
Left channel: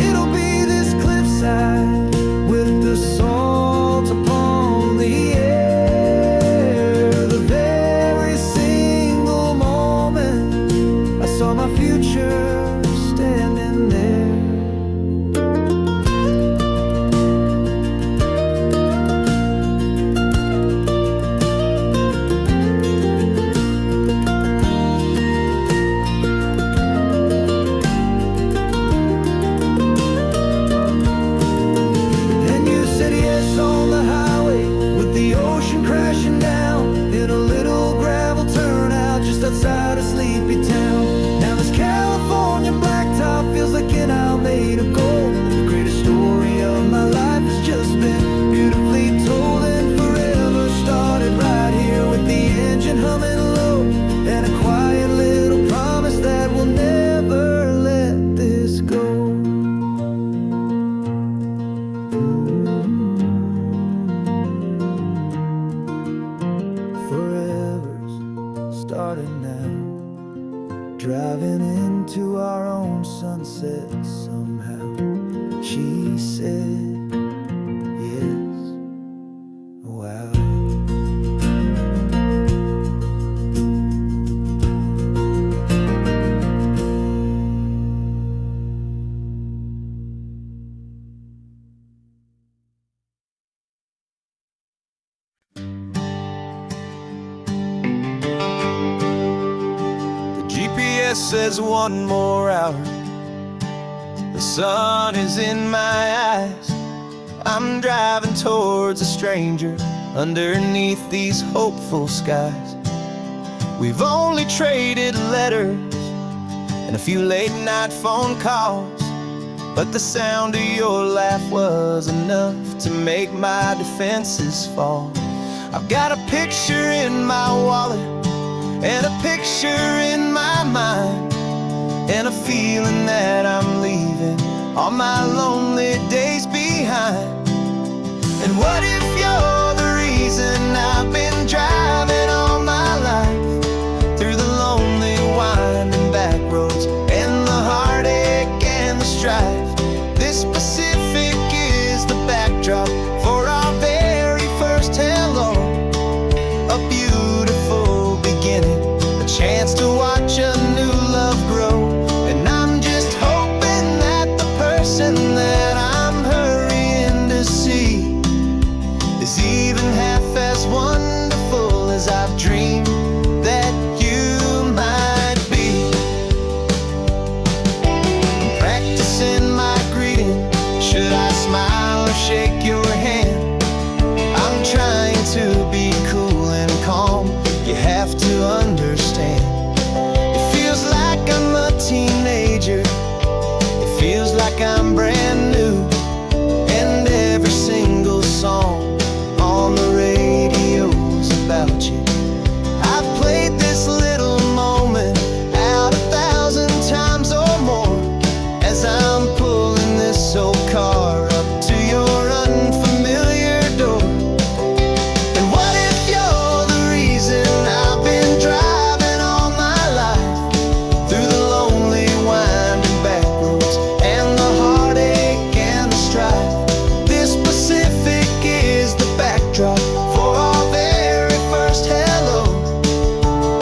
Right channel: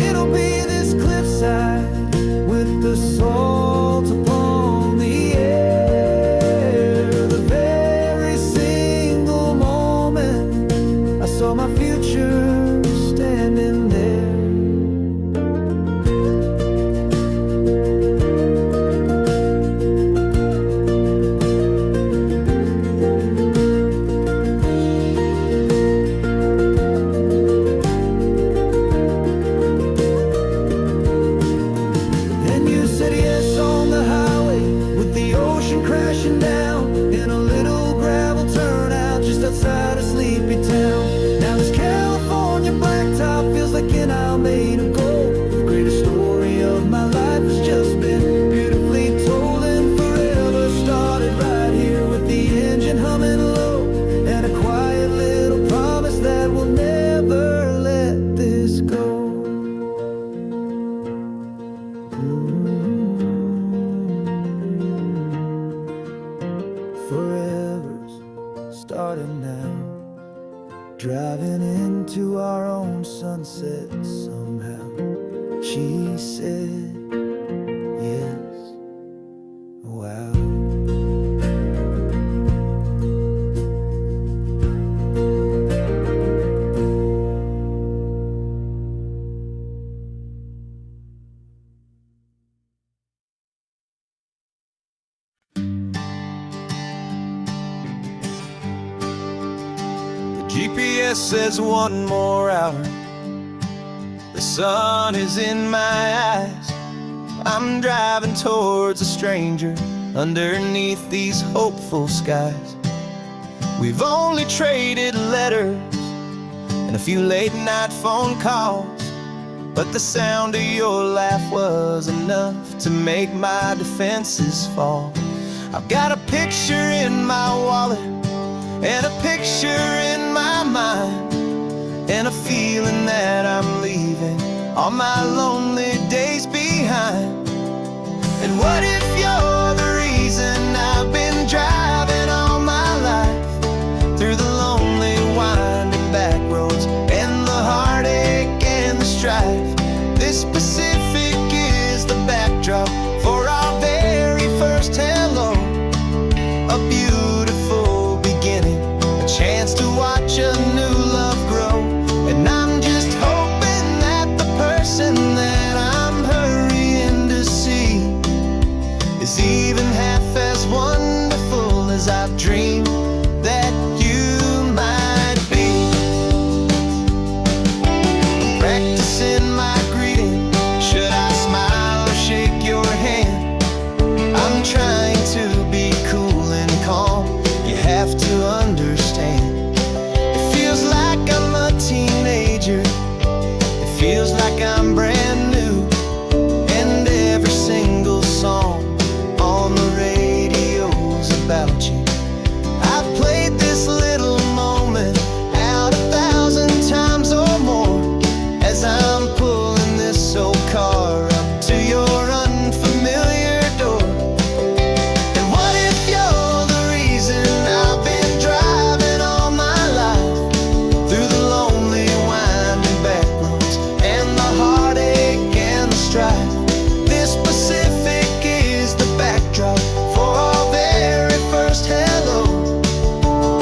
it'll be this cliffside with the salt upon the air. The very single moment I saw my future standing there. The ocean crashing down in a little gravel turnout just outside a sleepy town. Now this California blacktop feels like an owl made of gold. The greatest story of my life has just been beautifully told, and forever started right here with the engine humming low, and a quiet little promise that we'll never let this go. Forever's started now, driving into our own sunset somehow. She said yes, wow. GPS says one more hour. The sun is in my eyes. I'm driving towards a stranger underneath these hopeful skies. We've only traded letters and a few late night phone calls, but the sound of your laugh was enough to make my defenses fall. I've got a picture in my wallet and a picture in my mind, and a feeling that I'm leaving all my lonely days behind. And what if you're the reason I've been driving all my life, through the lonely winding back roads and the heartache and the strife? This Pacific is the backdrop for our very first hello, a beautiful beginning, a chance to watch a new love grow. And I'm just hoping that the person that I'm hurrying to see is even half as wonderful as I've dreamed that you your hand. I'm trying to be cool and calm. You have to understand. It feels like I'm a teenager. It feels like I'm brand new. And every single song on the radio's about you. I've played this little moment out 1,000 times or more as I'm pulling this old car up to your unfamiliar door. And what if you're the reason I've been driving all my life through the lonely winding back roads and the heartache and the strife? This Pacific is the backdrop for our very first hello.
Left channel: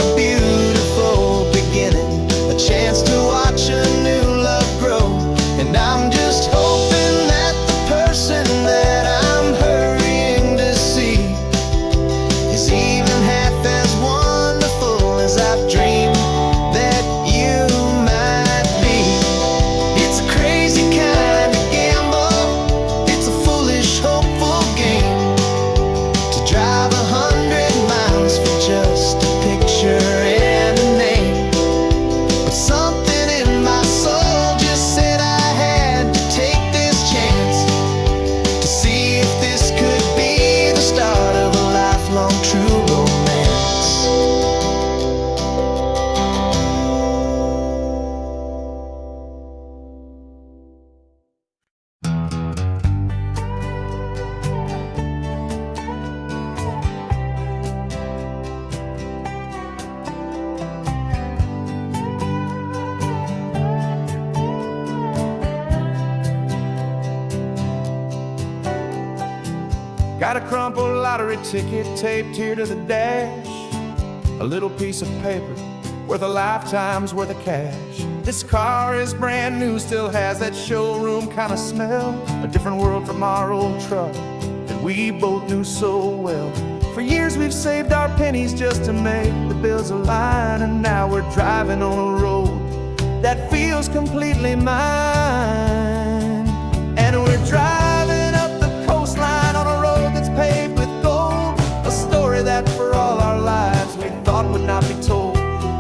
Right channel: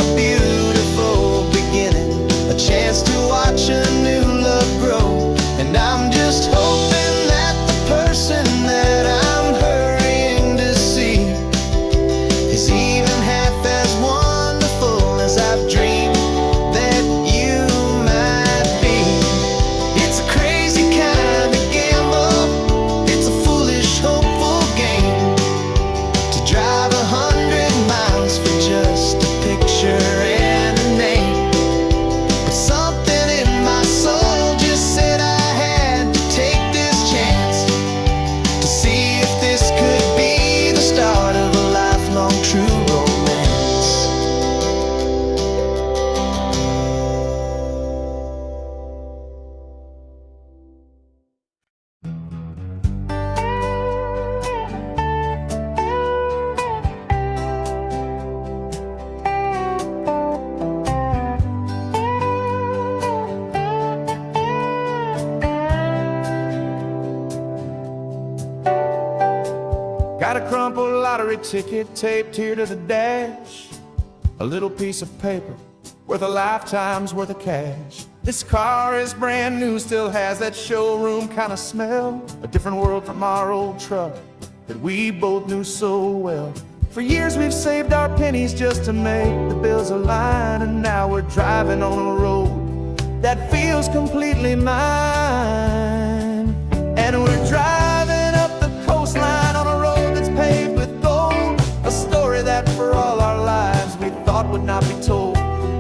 A beautiful beginning, a chance to watch a new love grow. And I'm just hoping that the person that I'm hurrying to see is even half as wonderful as I've dreamed that you might be. It's a crazy kind of gamble. It's a foolish, hopeful game to drive 100 miles for just a picture and a name. But something in my soul just said I had to take this chance to see if this could be the start of a lifelong true romance. Got a crumpled lottery ticket taped here to the dash, a little piece of paper worth a lifetime's worth of cash. This car is brand new, still has that showroom kind of smell, a different world from our old truck that we both knew so well. For years we've saved our pennies just to make the bills align, and now we're driving on a road that feels completely mine. And we're driving up the coastline on a road that's paved with gold, a story that for all our lives we thought would not be told.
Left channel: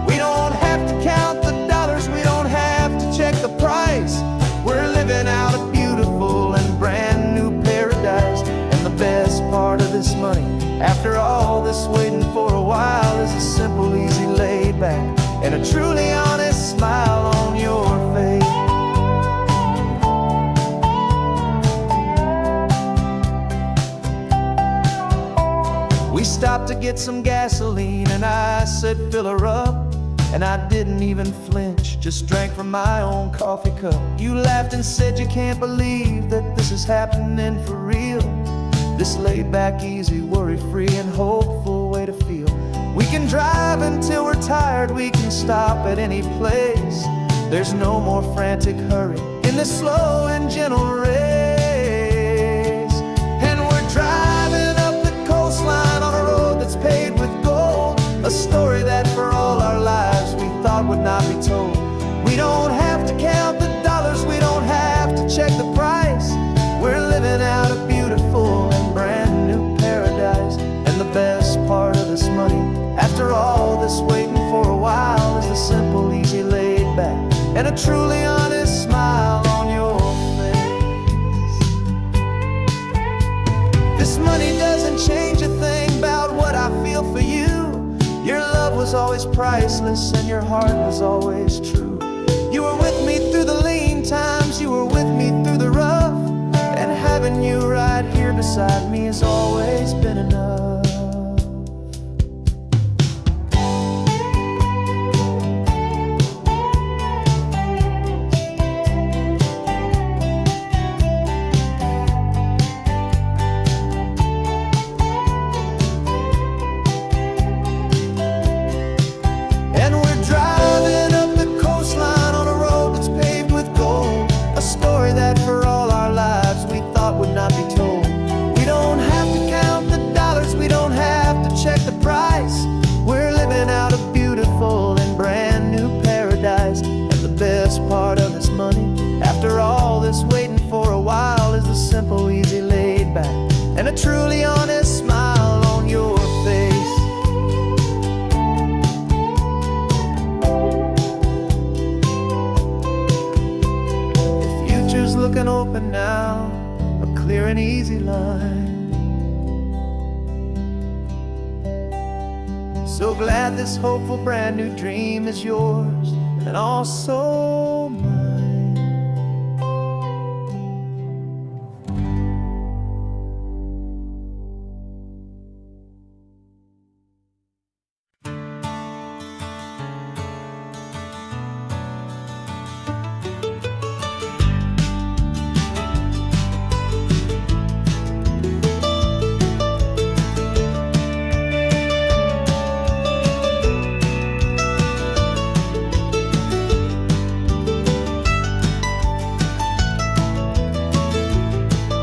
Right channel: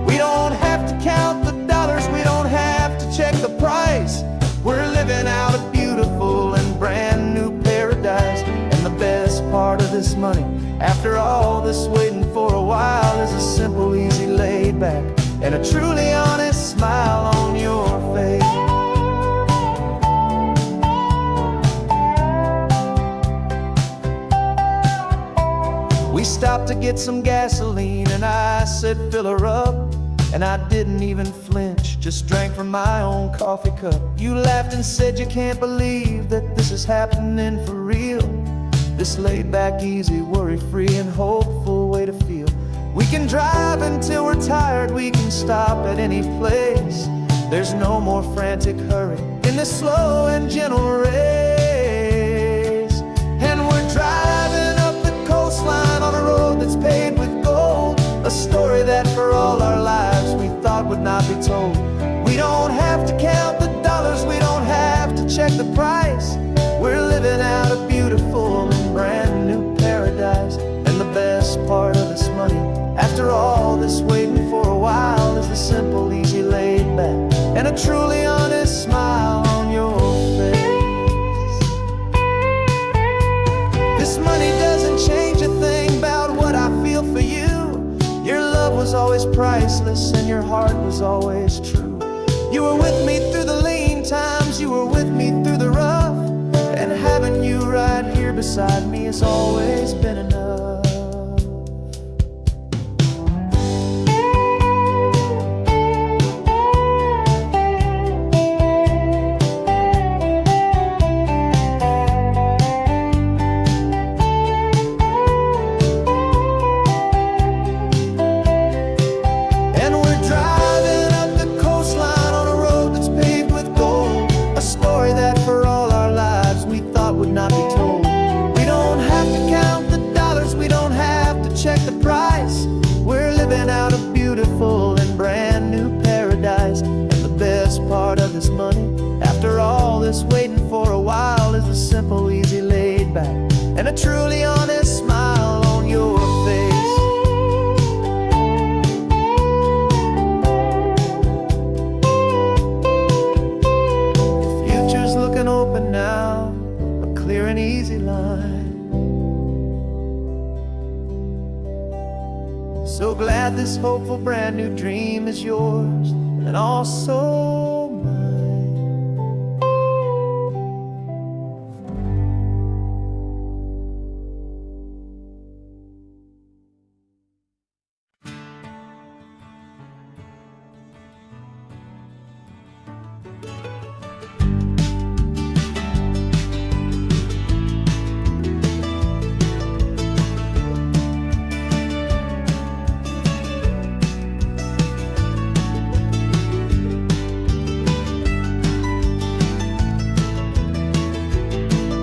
We don't have to count the dollars, we don't have to check the price. We're living out a beautiful and brand new paradise. And the best part of this money, after all this waiting for a while, is a simple, easy, laid back and a truly honest smile on your face. We stopped to get some gasoline and I said fill her up, and I didn't even flinch, just drank from my own coffee cup. You laughed and said you can't believe that this is happening for real. This laid back, easy, worry-free and hopeful way to feel. We can drive until we're tired, we can stop at any place. There's no more frantic hurry in this slow and gentle race. And we're driving up the coastline on a road that's paved with gold, a story that for all our lives we thought would not be told. We don't have to count the dollars, we don't have to check the price. We're living out a beautiful and brand new paradise. And the best part of this money, after all this waiting for a while, is the simple, easy, laid back and a truly honest smile on your face. This money doesn't change a thing about what I feel for you. Your love was always priceless and your heart was always true. You were with me through the lean times, you were with me through the rough, and having you right here beside me has always been enough. And we're driving up the coastline on a road that's paved with gold, a story that for all our lives we thought would not be told. We don't have to count the dollars, we don't have back and a truly honest smile on your face. The future's looking open now, a clear and easy line. So glad this hopeful brand new dream is yours and also mine.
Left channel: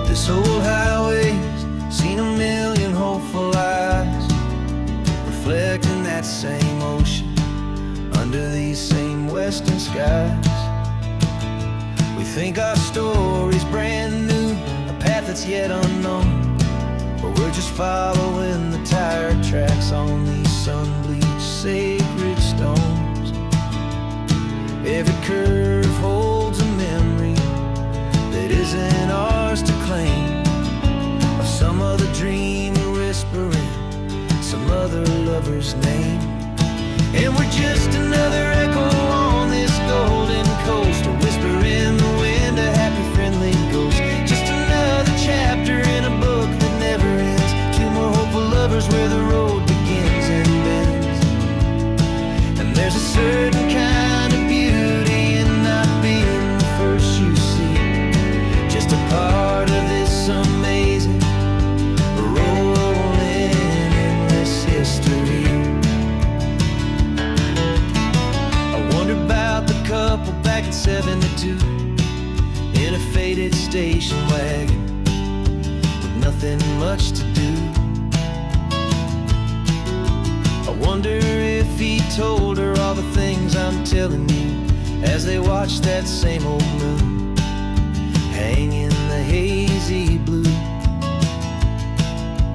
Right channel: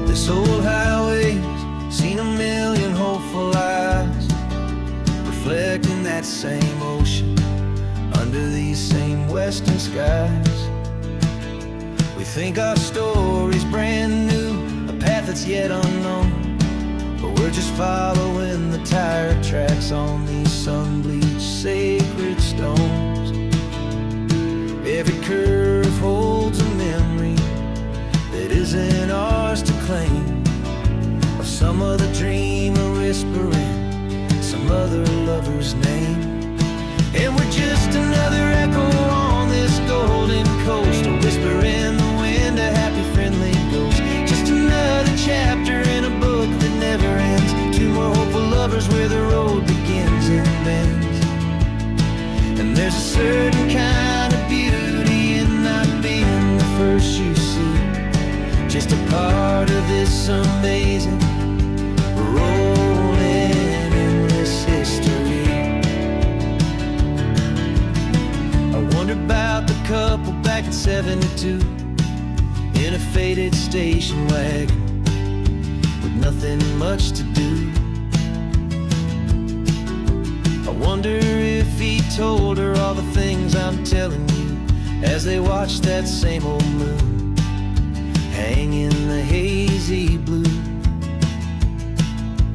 This old highway's seen a million hopeful eyes, reflecting that same ocean under these same western skies. We think our story's brand new, a path that's yet unknown, but we're just following the tire tracks on these sun-bleached sacred stones. Every curve holds a memory that isn't ours to claim, of some other dreamer whispering some other lover's name. And we're just another echo on this golden coast, a whisper in the wind, a happy friendly ghost. Just another chapter in a book that never ends, two more hopeful lovers where the road begins and bends. And there's a certain kind of beauty in not being the first you see, just a part of this amazing, rolling, endless history. I wonder about the couple back in '72 in a faded station wagon with nothing much to do. I wonder if he told her all the things I'm telling you as they watched that same old moon hang in the hazy blue.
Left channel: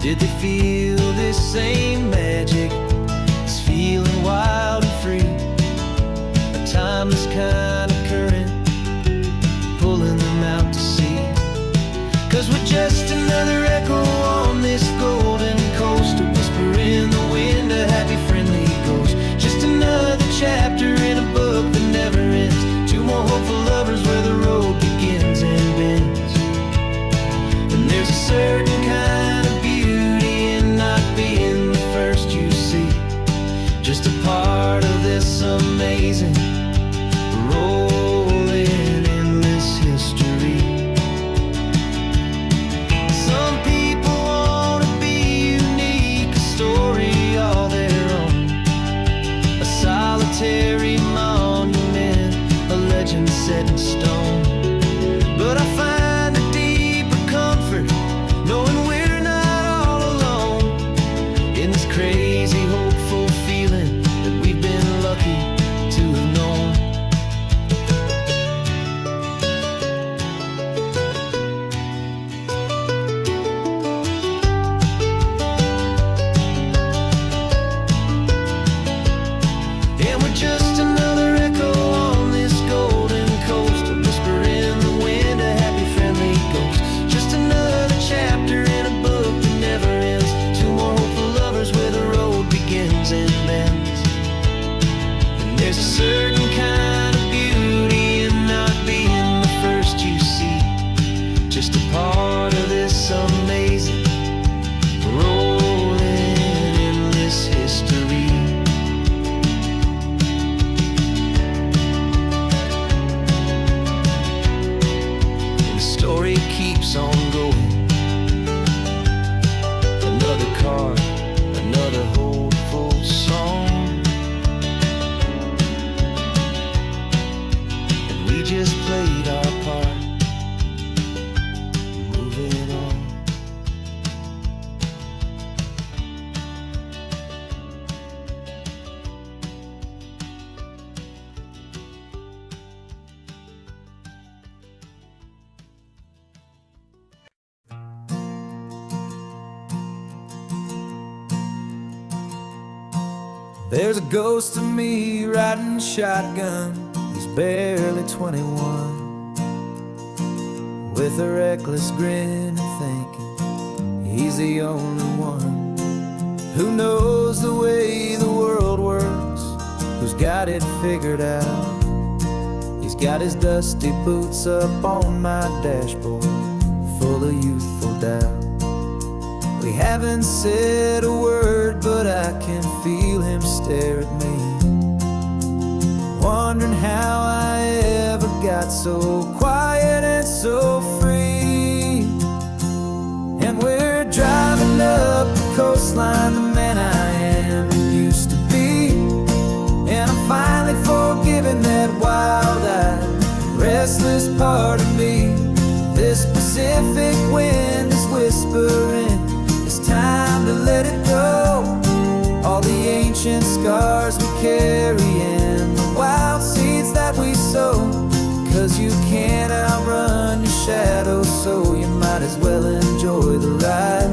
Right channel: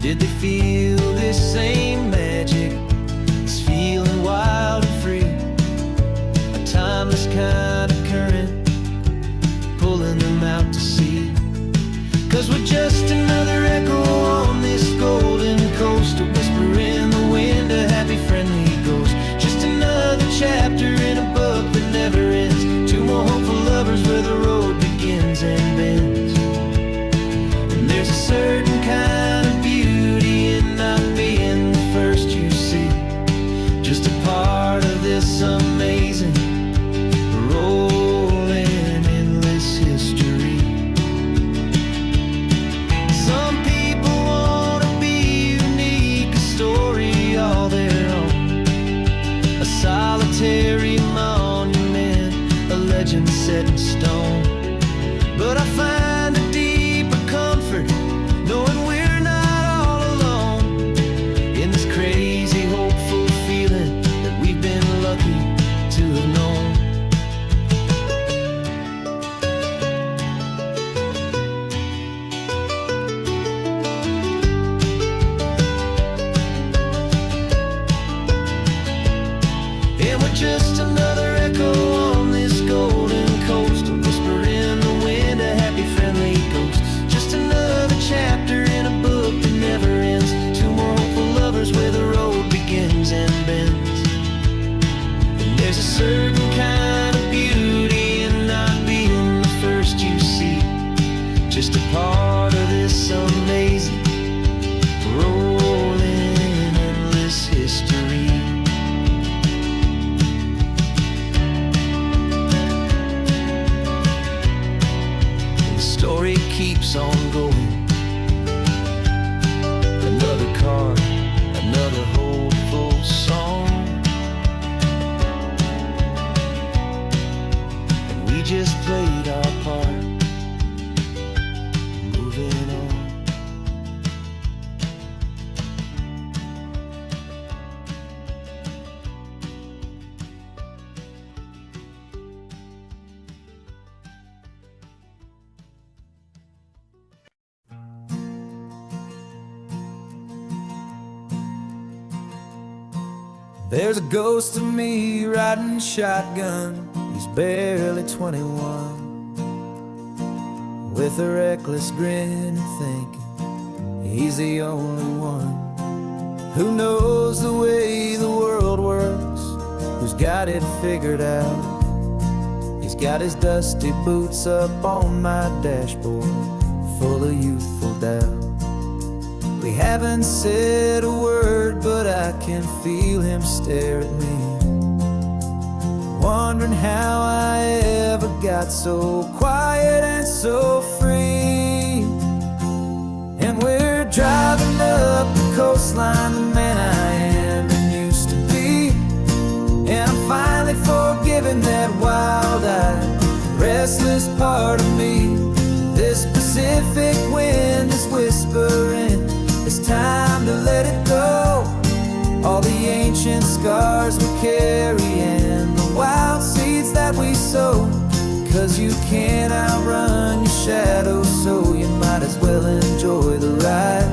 Did they feel this same magic, this feeling wild and free, a timeless kind of current pulling them out to sea? 'Cause we're just another echo on this golden coast, a whisper in the wind, a happy friendly ghost. Just another chapter in a book that never ends, two more hopeful lovers where the road begins and bends. And there's a certain kind of beauty in not being the first you see, just a part of this amazing, rolling, endless history. Some people want to be unique, a story all their own, a solitary monument, a legend set in stone. But I find a deeper comfort knowing we're not all alone in this crazy, hopeful feeling that we've been lucky to have known. And we're just another echo on this golden coast, a whisper in the wind, a happy friendly ghost. Just another chapter in a book that never ends, two more hopeful lovers where the road begins and bends. And there's a certain kind of beauty in not being the first you see, just a part of this amazing, rolling, endless history. Story keeps on going. Another card, another hopeful song, and we just played our part, moving on. There's a ghost of me riding shotgun. He's barely 21, with a reckless grin and thinking he's the only one who knows the way the world works, who's got it figured out. He's got his dusty boots up on my dashboard, full of youthful doubt. We haven't said a word, but I can feel him stare at me, wondering how I ever got so quiet and so free. And we're driving up the coastline, the man I am and used to be. And I'm finally forgiving that wild-eyed, restless part of me. This Pacific wind is whispering, it's time to let it go. All the ancient scars we carry and the wild seeds that we sow. 'Cause you can't outrun your shadow, so you might as well enjoy the ride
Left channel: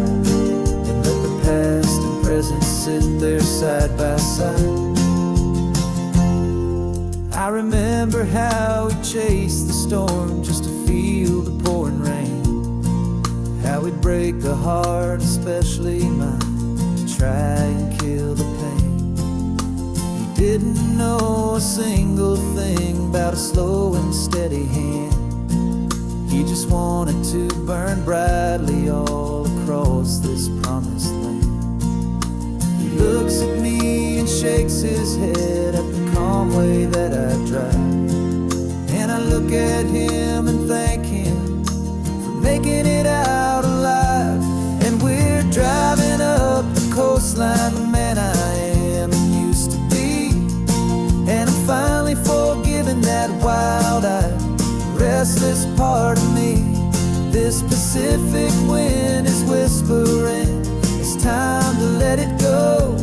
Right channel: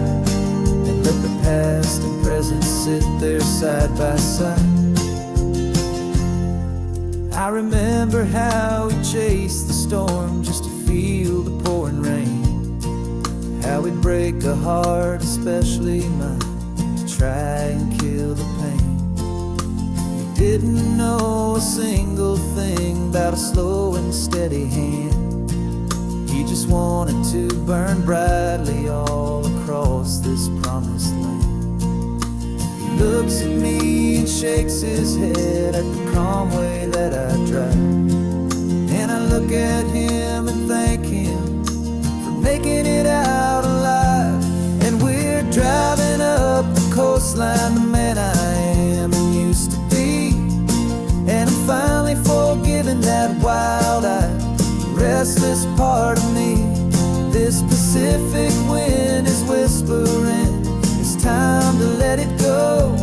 and let the past and present sit there side by side. I remember how we chased the storm just to feel the pouring rain, how we'd break a heart, especially mine, to try and kill the pain. He didn't know a single thing about a slow and steady hand. He just wanted to burn brightly all across this promised land. He looks at me and shakes his head at the calm way that I drive, and I look at him and thank him for making it out alive. And we're driving up the coastline, the man I am and used to be. And I'm finally forgiving that wild-eyed, restless part of me. This Pacific wind is whispering, it's time to let it go.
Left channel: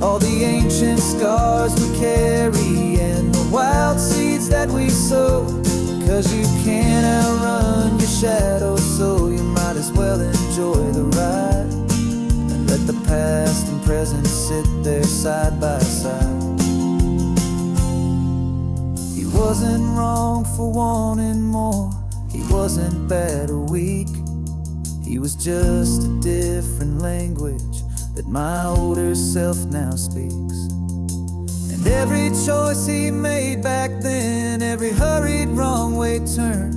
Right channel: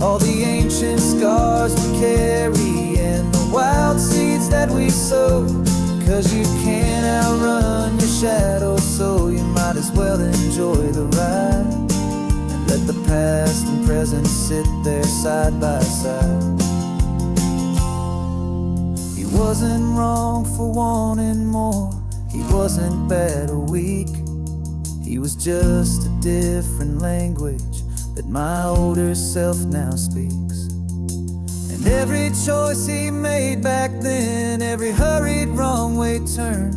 All the ancient scars we carry and the wild seeds that we sow. 'Cause you can't outrun your shadow, so you might as well enjoy the ride and let the past and present sit there side by side. He wasn't wrong for wanting more, he wasn't bad or weak. He was just a different language that my older self now speaks. And every choice he made back then, every hurried wrong way turn,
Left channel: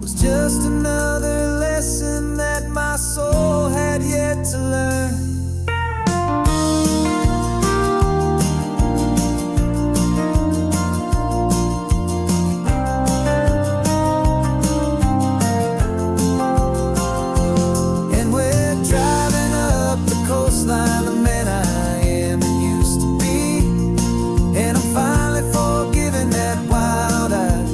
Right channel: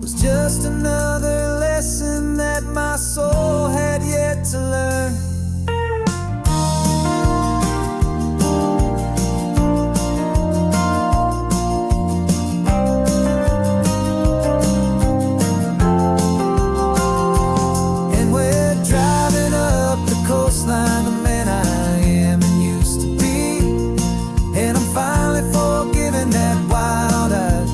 was just another lesson that my soul had yet to learn. Coastline, the man I am and used to be. And I'm finally forgiving that wild-eyed,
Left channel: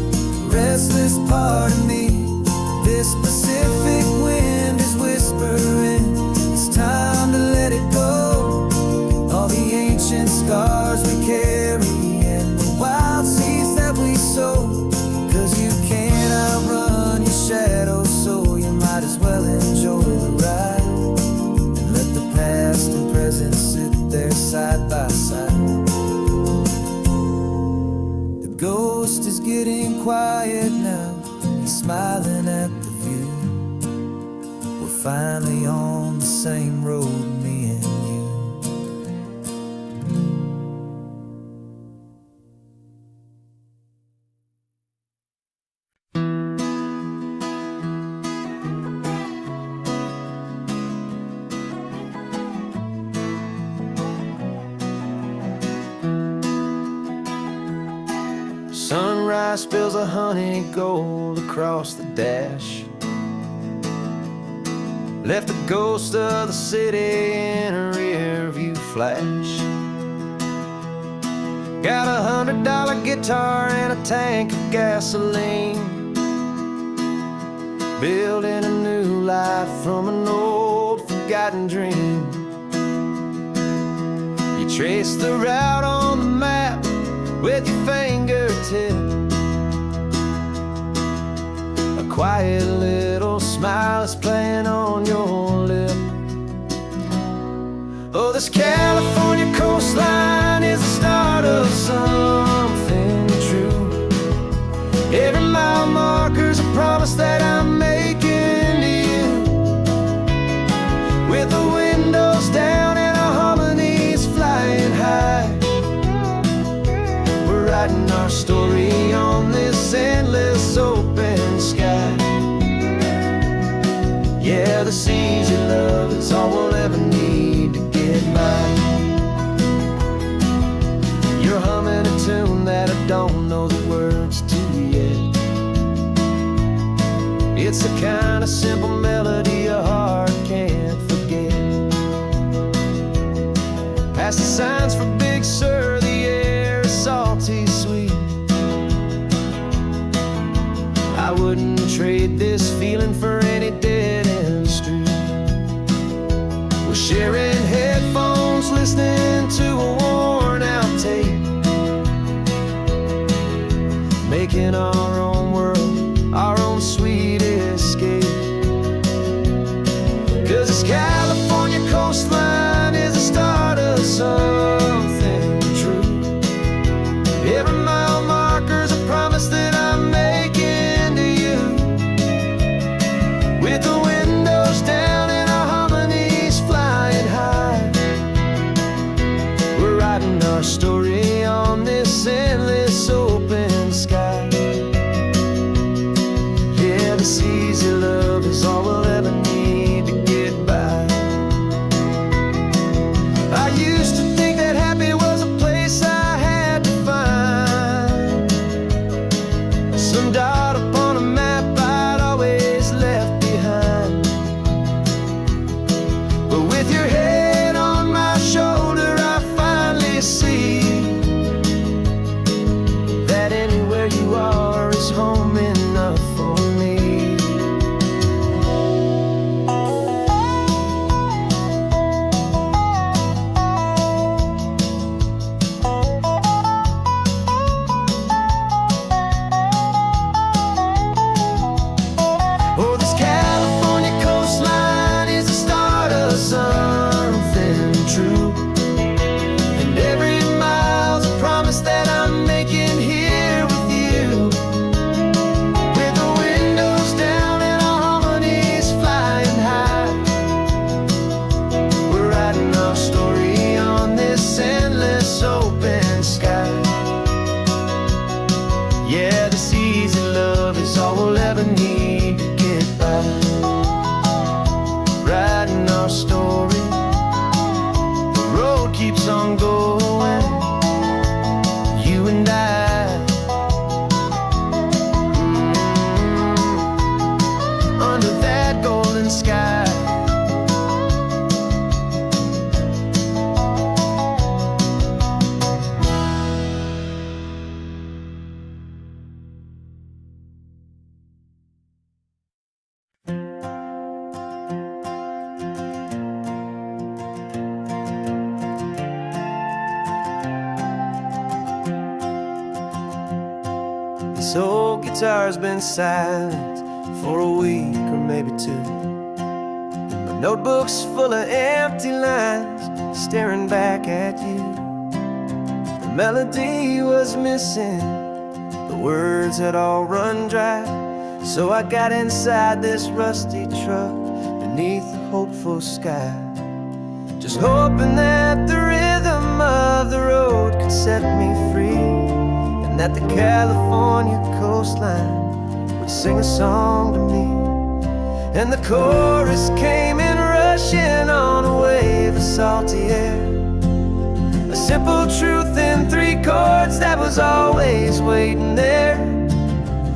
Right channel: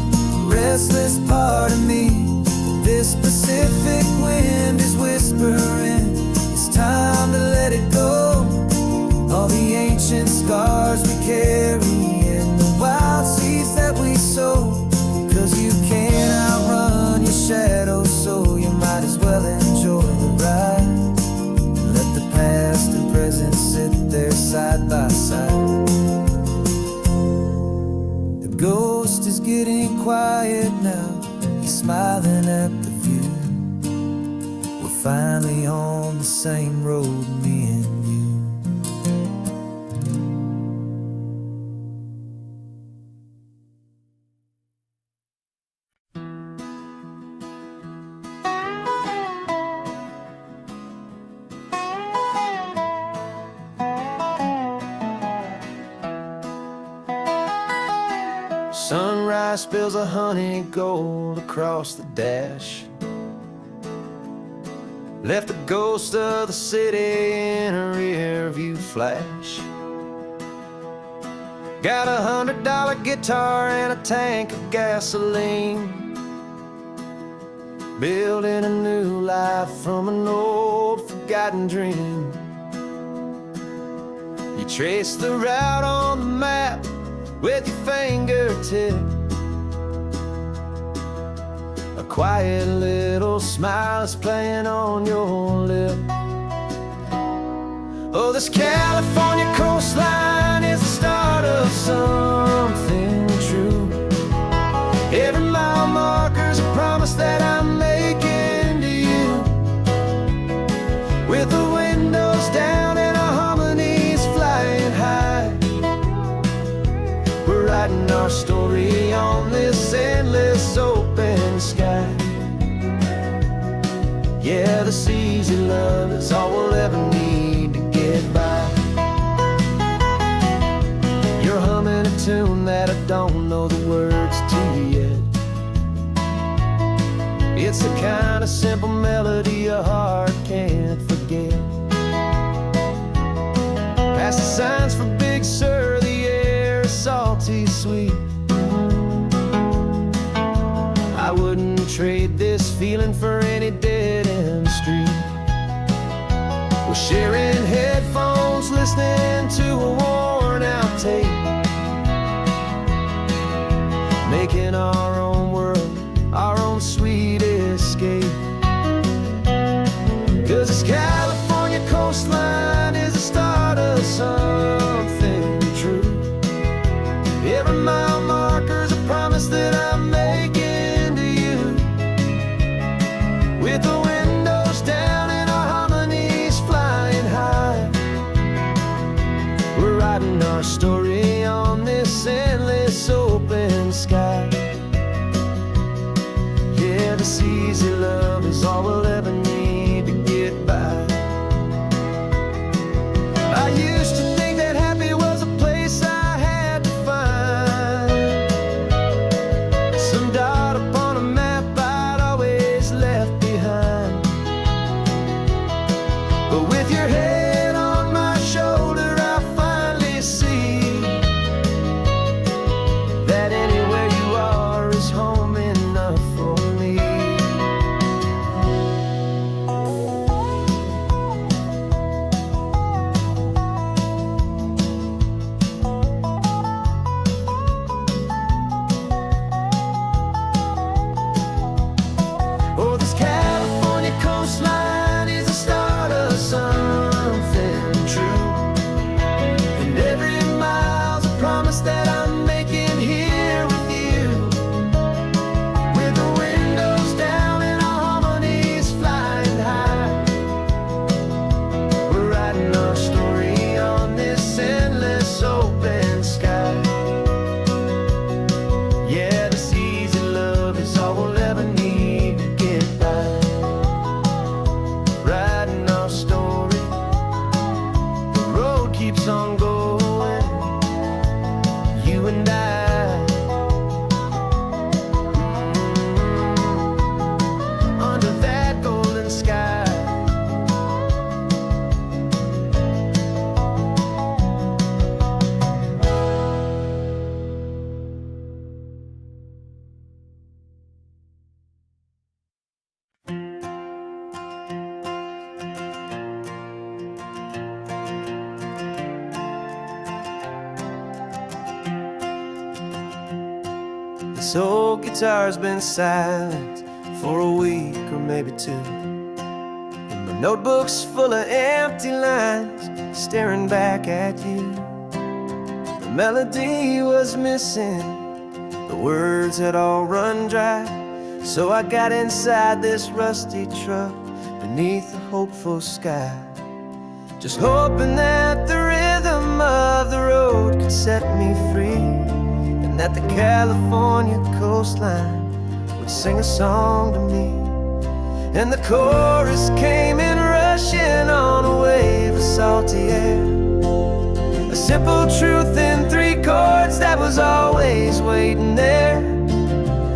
restless part of me. This Pacific wind is whispering, it's time to let it go. All the ancient scars we carry and the wild seeds that we sow. 'Cause you can't outrun your shadow, so you might as well enjoy the ride. Let the past and present sit there side by side. The ghost is getting quiet now, he's smiling at the view. We're finally on the same road, me and you. Sunrise spills a honey gold across the dash, left the ghost of the city in a rear view flash. Got a $100 guitar and a tank of gasoline, building a new life from an old forgotten dream. You trace the route on the map with your fingertip, a quiet little smile is playing on your lip. Oh, this California coastline with the windows down and our harmonies flying high. We're writing our story on this endless open sky. Yeah, this easy love is all we'll ever need to get by. You're humming a tune that I don't know the words to yet. It's the kind of simple melody a heart can't forget. Past the signs for Big Sur, the air is salty sweet. I wouldn't trade this feeling for any dead-end street. We're sharing headphones, listening to a worn-out tape, making our own world, our own sweet escape. 'Cause this California coastline is the start of something true. Every mile marker's a promise that I'm making to you. With the windows down and our harmonies flying high, we're writing our story on this endless open sky. Yeah, this easy love is all we'll ever need to get by. I used to think that happy was a place I had to find, some dot upon a map I'd always left behind. But with your head on my shoulder, I finally see that anywhere you are is home enough for me. Oh, this California coastline is the start of something true, and every mile's a promise that I'm making here with you. With the windows down and our harmonies flying high, we're writing our story on this endless open sky. Yeah, this easy love is all we'll ever need to get by. Writing our story, the road keeps on going, you and I. Under that golden sky. This old guitar's been silent for a week or maybe two, and my notebook's full of empty lines staring back at you. The melody was missing, the words had all run dry, so I got inside this rusty truck beneath the hopeful sky, just hoping that the rhythm of the road could set me free, and that the California coastline would sing a song to me. And the chorus came in rushing on a wave of salty air, a simple truth in 3 chords that was always waiting there.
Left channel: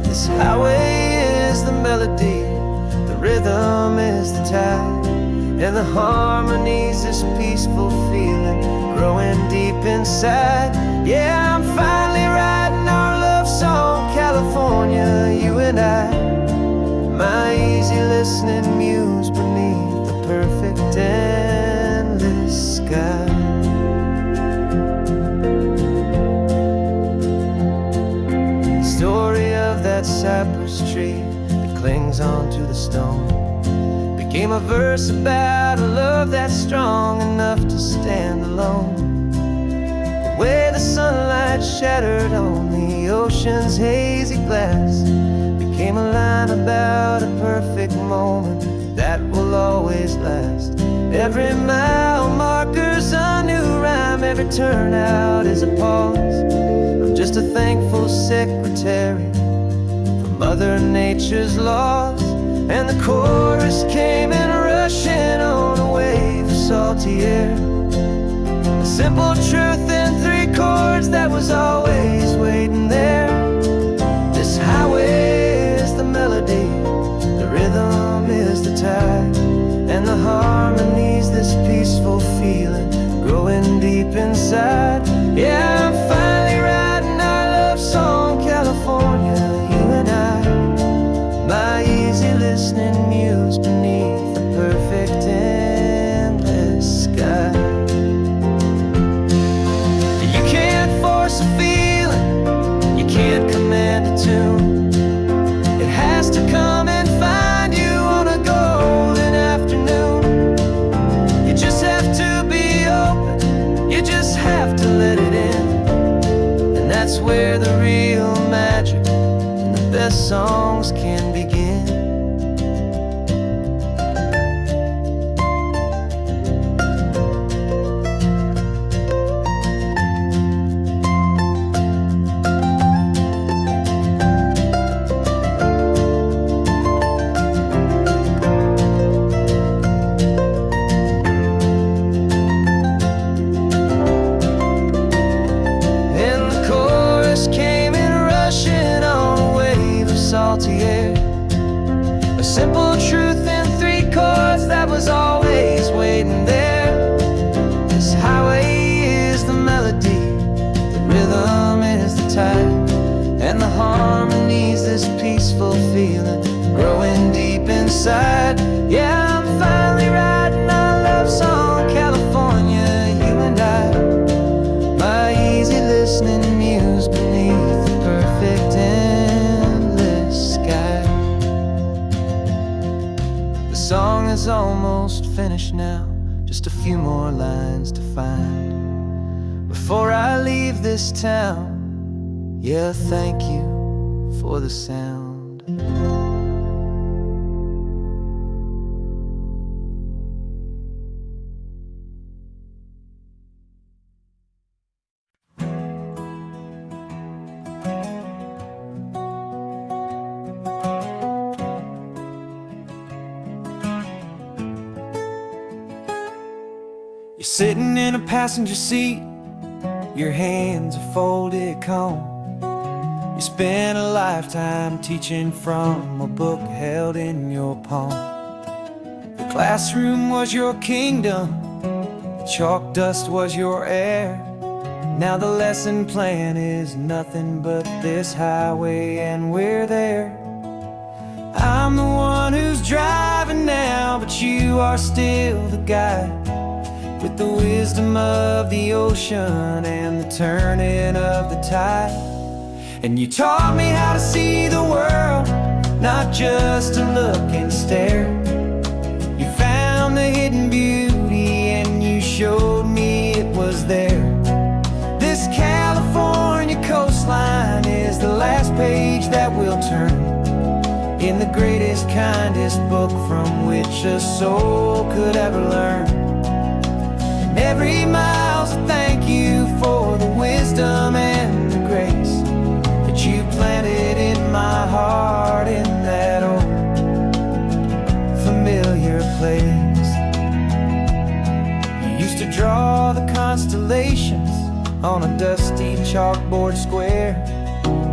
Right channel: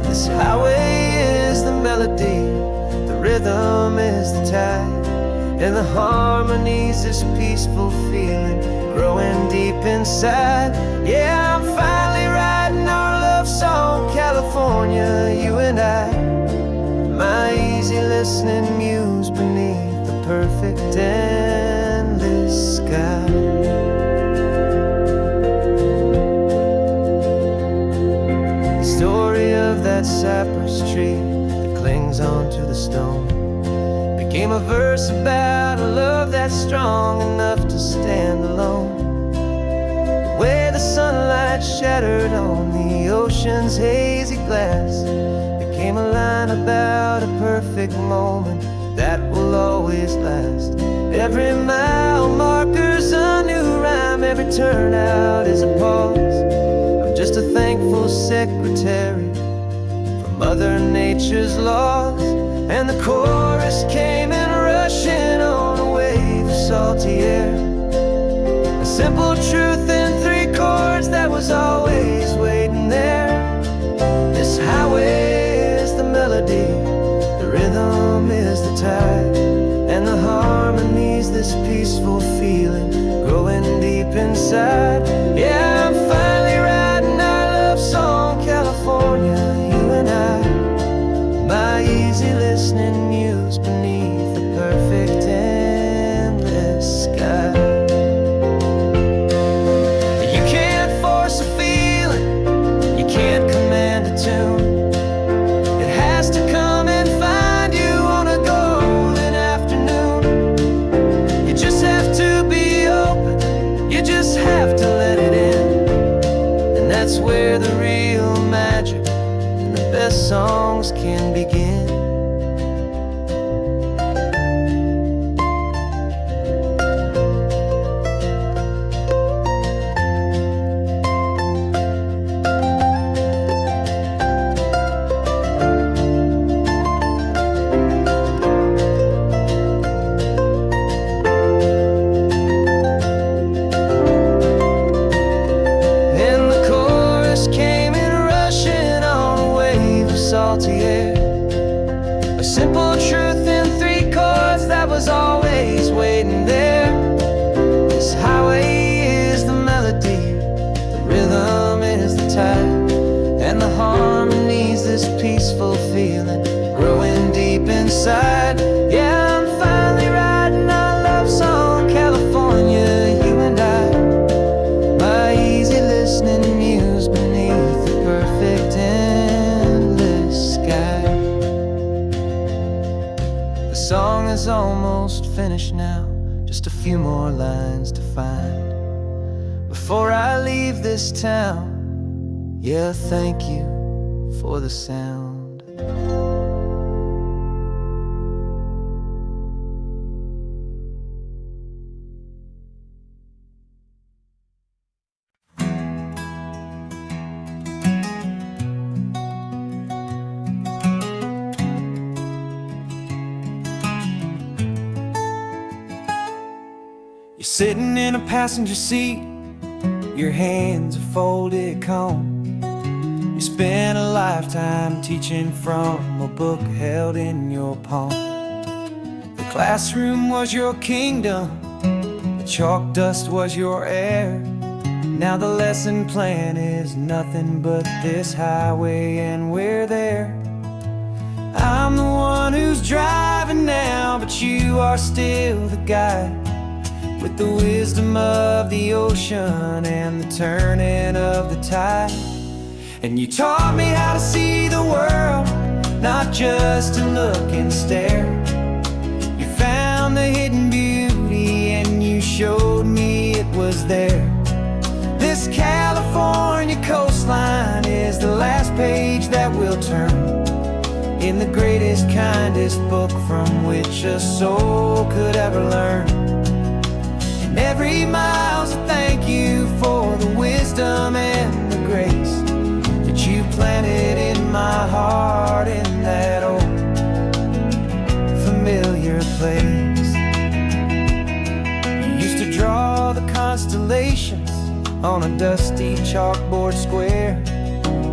This highway is the melody, the rhythm is the tide, and the harmony's this peaceful feeling growing deep inside. Yeah, I'm finally writing our love song, California, you and I. My easy listening muse beneath the perfect endless sky. The story of that cypress tree that clings onto the stone became a verse about a love that's strong enough to stand alone. The way the sunlight shattered on the ocean's hazy glass became a line about a perfect moment that will always last. Every mile marker's a new rhyme, every turnout is a pause. I'm just a thankful secretary for Mother Nature's laws. And the chorus came in rushing on a wave of salty air. A simple truth in 3 chords that was always waiting there. This highway is the melody, the rhythm is the tide, and the harmony's this peaceful feeling growing deep inside. Yeah, I'm finally writing our love song, California, you and I. My easy listening muse beneath the perfect endless sky. You can't force a feeling, you can't command a tune. It has to come and find you on a golden afternoon. You just have to be open, you just have to let it in. And that's where the real magic and the best songs can begin. Salty air, a simple truth in 3 chords that was always waiting there. This highway is the melody, the rhythm is the tide, and the harmony's this peaceful feeling growing deep inside. Yeah, I'm finally writing our love song, California, you and I. My easy listening muse beneath the perfect sky. The song is almost finished now, just a few more lines to find before I leave this town. Yeah, thank you for the sound. You're sitting in a passenger seat, your hands are folded calm. You spent a lifetime teaching from a book held in your palm. The classroom was your kingdom, the chalk dust was your air. Now the lesson plan is nothing but this highway, and we're there. I'm the one who's driving now, but you are still the guide, with the wisdom of the ocean and the turning of the tide. And you taught me how to see the world, not just to look and stare. You found the hidden beauty and you showed me it was there. This California coastline is the last page that we'll turn in the greatest, kindest book from which a soul could ever learn. Every mile's a thank you for the wisdom and the grace that you planted in my heart in that old familiar place. You used to draw the constellations on a dusty chalkboard square.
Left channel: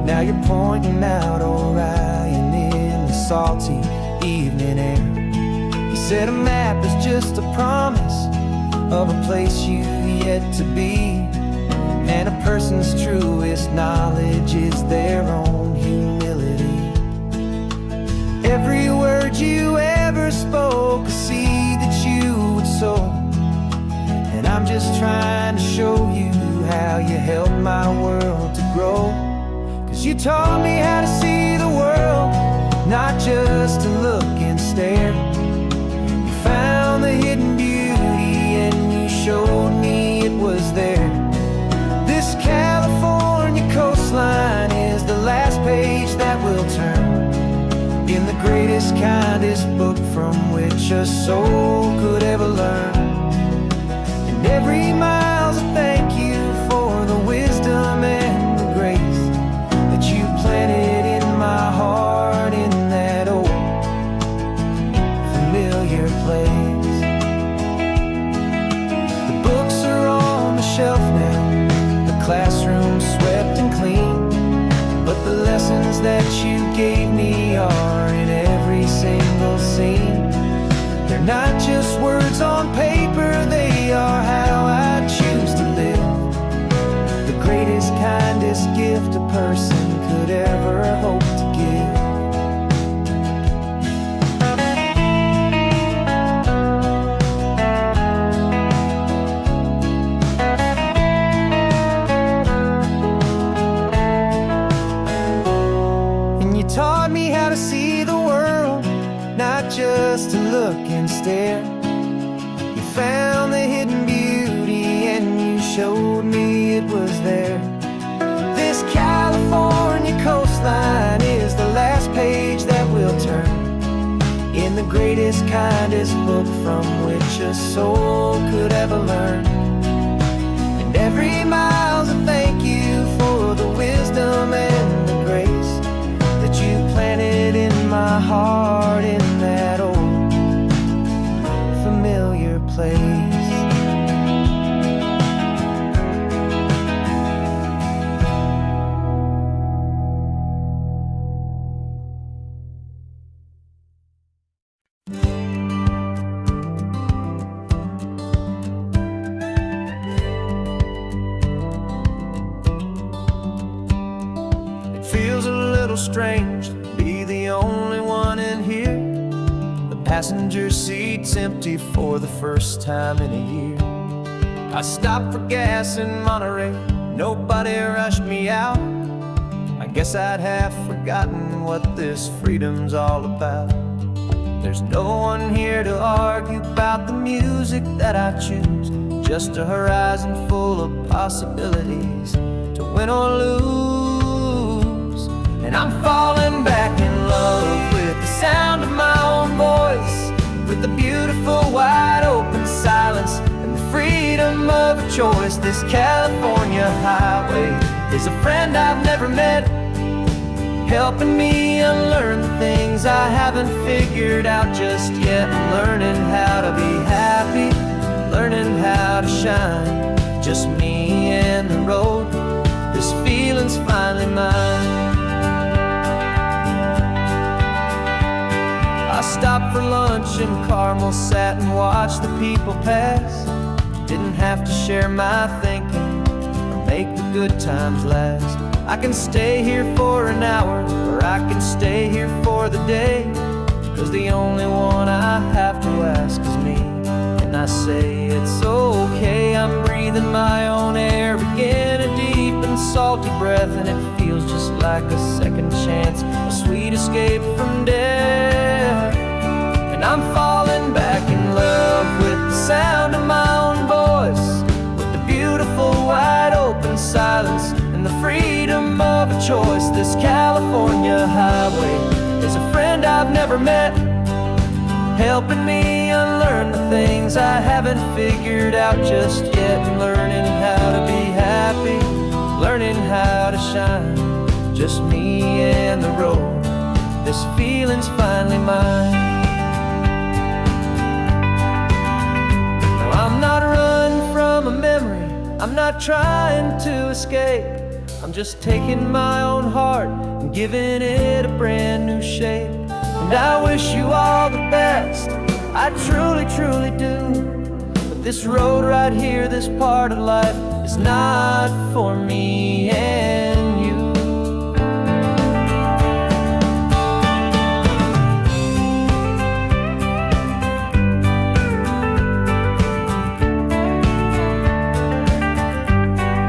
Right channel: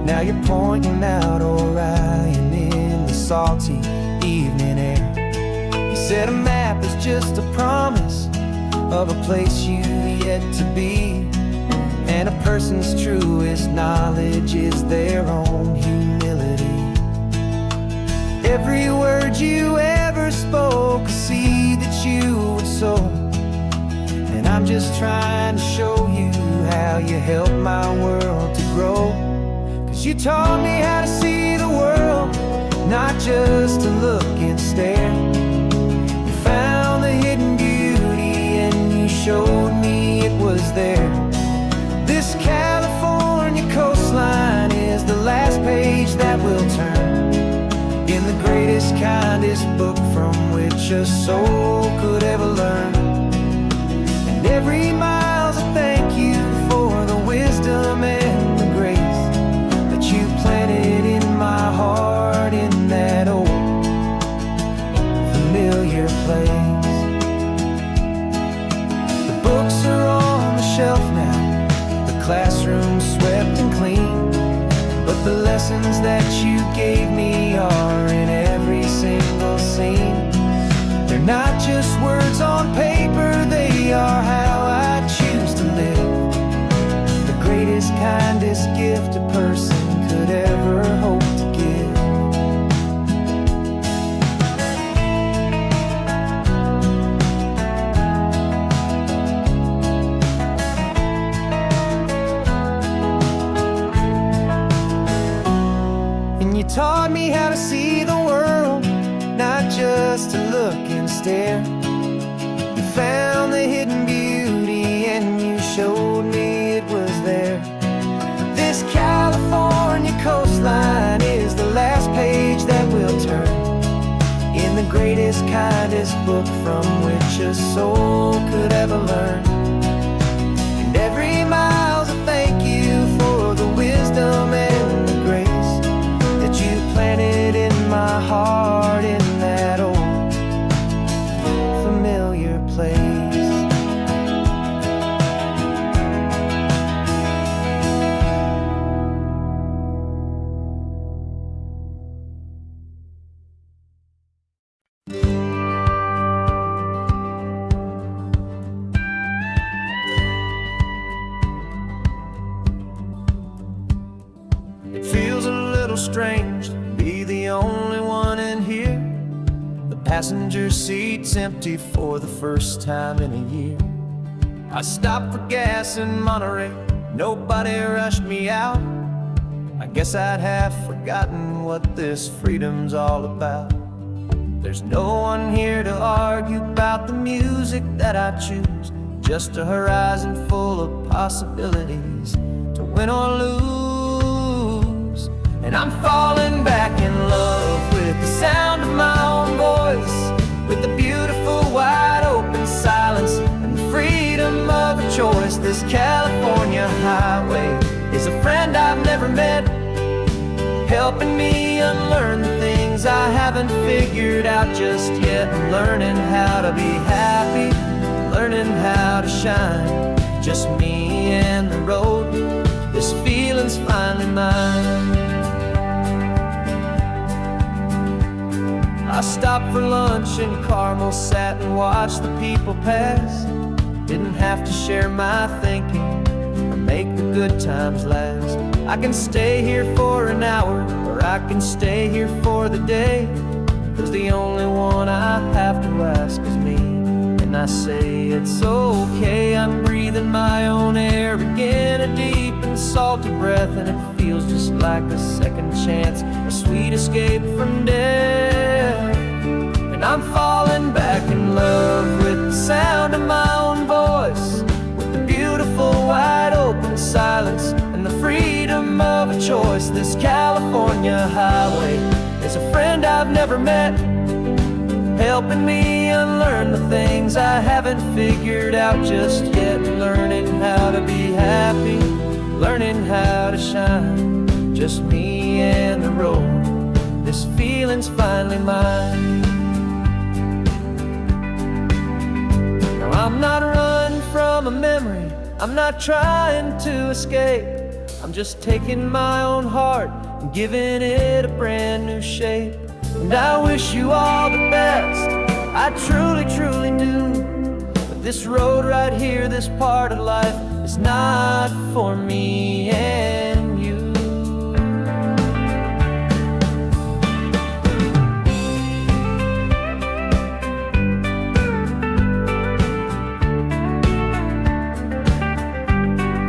Now you're pointing out Orion in the salty evening air. You said a map is just a promise of a place you've yet to be, and a person's truest knowledge is their own humility. Every word you ever spoke, a seed that you would sow, and I'm just trying to show you how you helped my world to grow. 'Cause you taught me how to see the world, not just to look and stare. You found the hidden beauty and you showed me it was there. This California coastline is the last page that we'll turn in the greatest, kindest book from which a soul could ever learn. place. The books are on the shelf now, the classroom swept and clean, but the lessons that you gave me are in every single scene. They're not just words on paper, they are how I choose to live. The greatest, kindest gift a person could ever hope to give. And you taught me how to see the world, not just to look and stare. You found the hidden beauty and you showed me it was there. This California coastline is the last page that we'll turn in the greatest, kindest book from which a soul could ever learn. And every mile's a thank you for the wisdom and the grace that you planted in my heart in that old familiar place. It feels a little strange to be the only one in here. The passenger seat's empty for the first time in a year. I stopped for gas in Monterey, nobody rushed me out. I guess I'd half forgotten what this freedom's all about. There's no one here to argue about the music that I choose, just a horizon full of possibilities to win or lose. And I'm falling back in love with the sound of my own voice, with the beautiful wide open silence and the freedom of a choice. This California highway is a friend I've never met, helping me unlearn the things I haven't figured out just yet. I'm learning how to be happy, learning how to shine, just me and the road. This feeling's finally mine. I stopped for lunch in Carmel, sat and watched the people pass. Didn't have to share my thinking or make the good times last. I can stay here for an hour, or I can stay here for the day, 'cause the only one I have to ask is me. And I say it's okay, I'm breathing my own air again, a deep and salty breath, and it feels just like a second chance, a sweet escape from death. And I'm falling back in love with the sound of my own voice, with the beautiful wide open silence and the freedom of a choice. This California highway is a friend I've never met, helping me unlearn the things I haven't figured out just yet. And learning how to be happy, learning how to shine, just me and the road. This feeling's finally mine. Now I'm not running from a memory, I'm not trying to escape. I'm just taking my own heart and giving it a brand new shape. And I wish you all the best, I truly, truly do. But this road right here, this part of life, is not for me and you.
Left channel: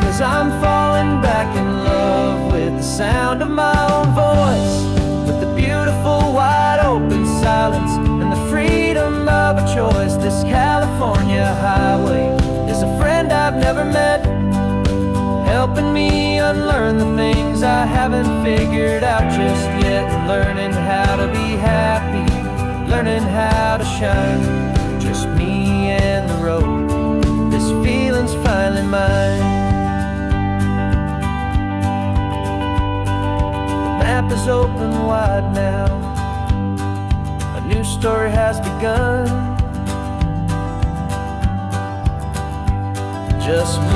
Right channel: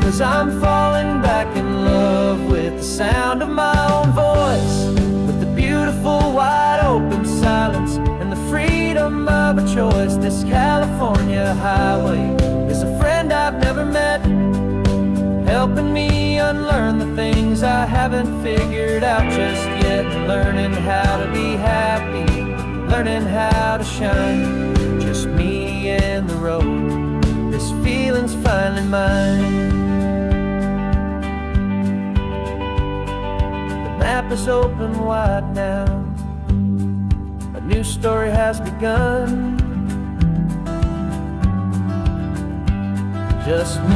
'Cause I'm falling back in love with the sound of my own voice, with the beautiful wide open silence and the freedom of a choice. This California highway is a friend I've never met, helping me unlearn the things I haven't figured out just yet. And learning how to be happy, learning how to shine, just me and the road. This feeling's finally mine. The map is open wide now, a new story has begun. just me.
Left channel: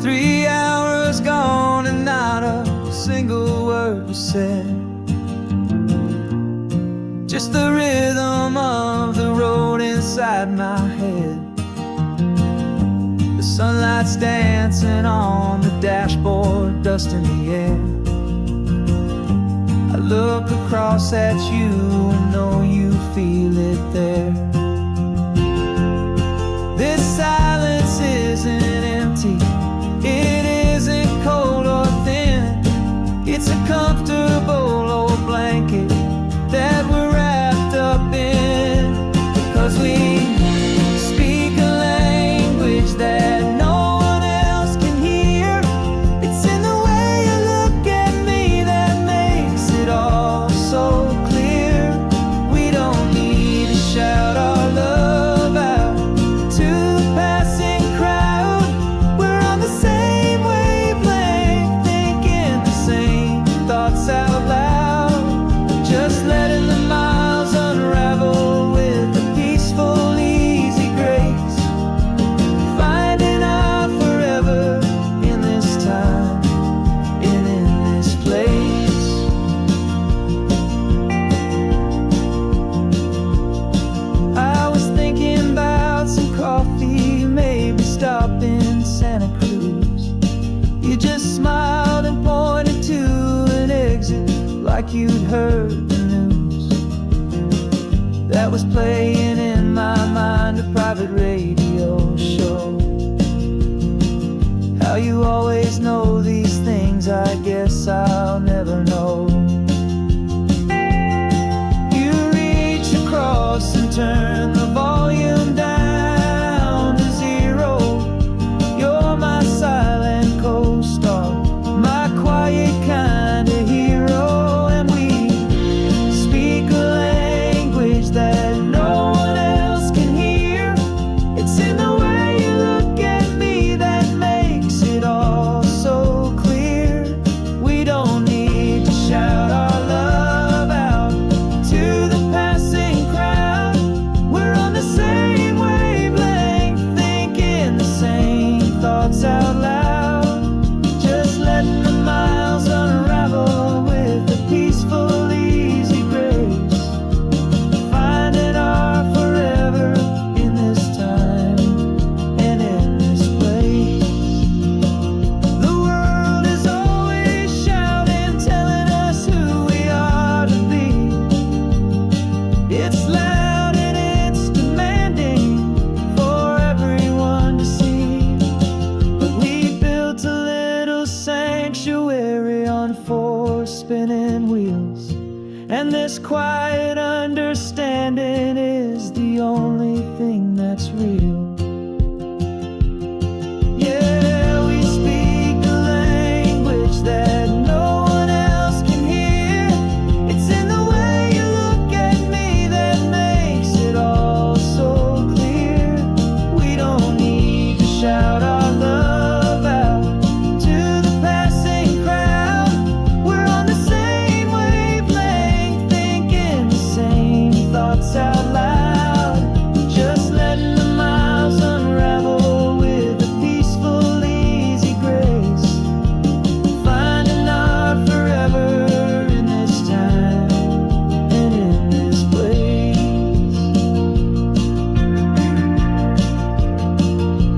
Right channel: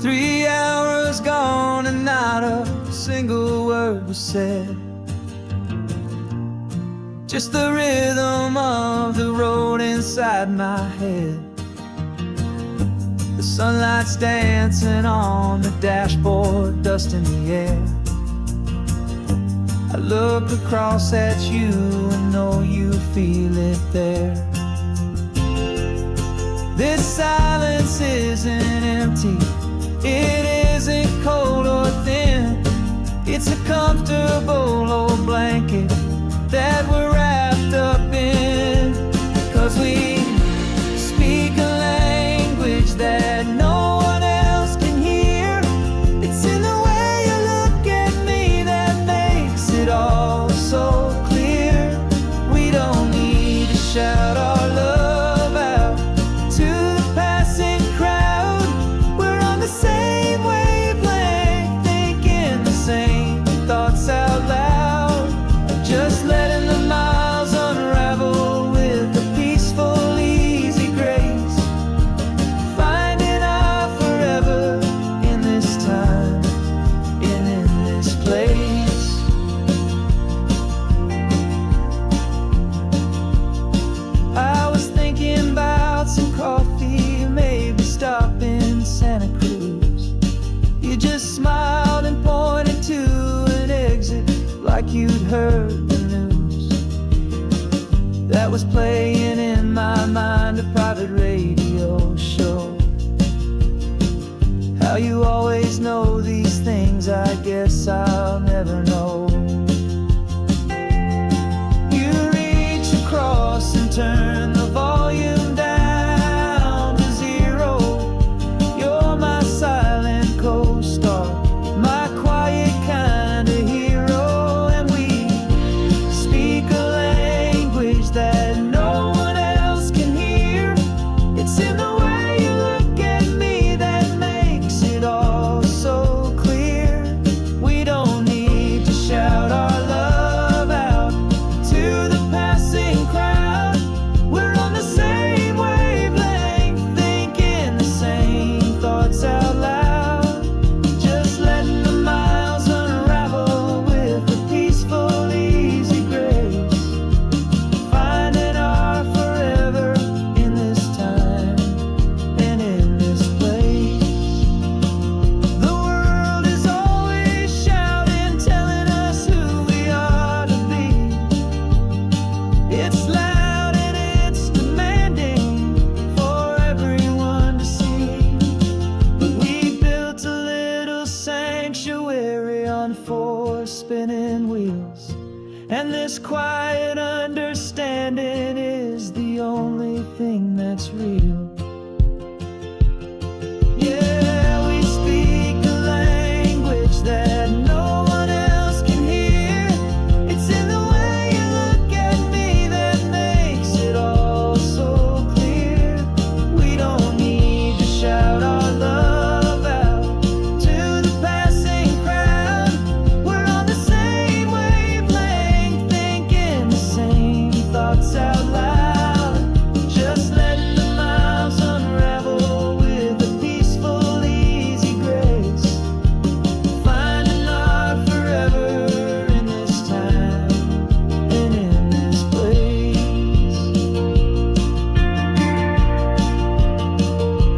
Three hours gone and not a single word was said. Just the rhythm of the road inside my head. The sunlight's dancing on the dashboard, dust in the air. I look across at you and know you feel it there. This silence isn't empty, it isn't cold or thin. It's a comfortable old blanket that we're wrapped up in. 'Cause we speak a language that no one else can hear. It's in the way you look at me that makes it all so clear. We don't need to shout our love out to the passing crowd. We're on the same wavelength, thinking the same thoughts out loud. Just letting the miles unravel with a peaceful, easy grace. Finding our forever in this time and in this place. I was thinking about some coffee, maybe stop in Santa Cruz. You just smiled and pointed to an exit like you'd heard the news. That was playing in my mind, a private radio show. How you always know these things, I guess I'll never know. You reach across and turn the volume down to zero. You're my silent co-star, my quiet kind of hero. And we speak a language that no one else can hear. It's in the way you look at me that makes it all so clear. We don't need to shout our love out to the passing crowd. We're on the same wavelength, thinking the same thoughts out loud. Just letting the miles unravel with a peaceful, easy grace. Finding our forever in this time and in this place. The world is always shouting, telling us who we are to be. It's loud and it's demanding for everyone to see. But we built a little sanctuary on four spinning wheels, and this quiet understanding is the only thing that's real. Yeah, we speak a language that no one else can hear. It's in the way you look at me that makes it all so clear. We don't need to shout our love out to the passing crowd. We're on the same wavelength, thinking the same thoughts out loud. Just letting the miles unravel with a peaceful, easy grace. Finding our forever in this time and in this place.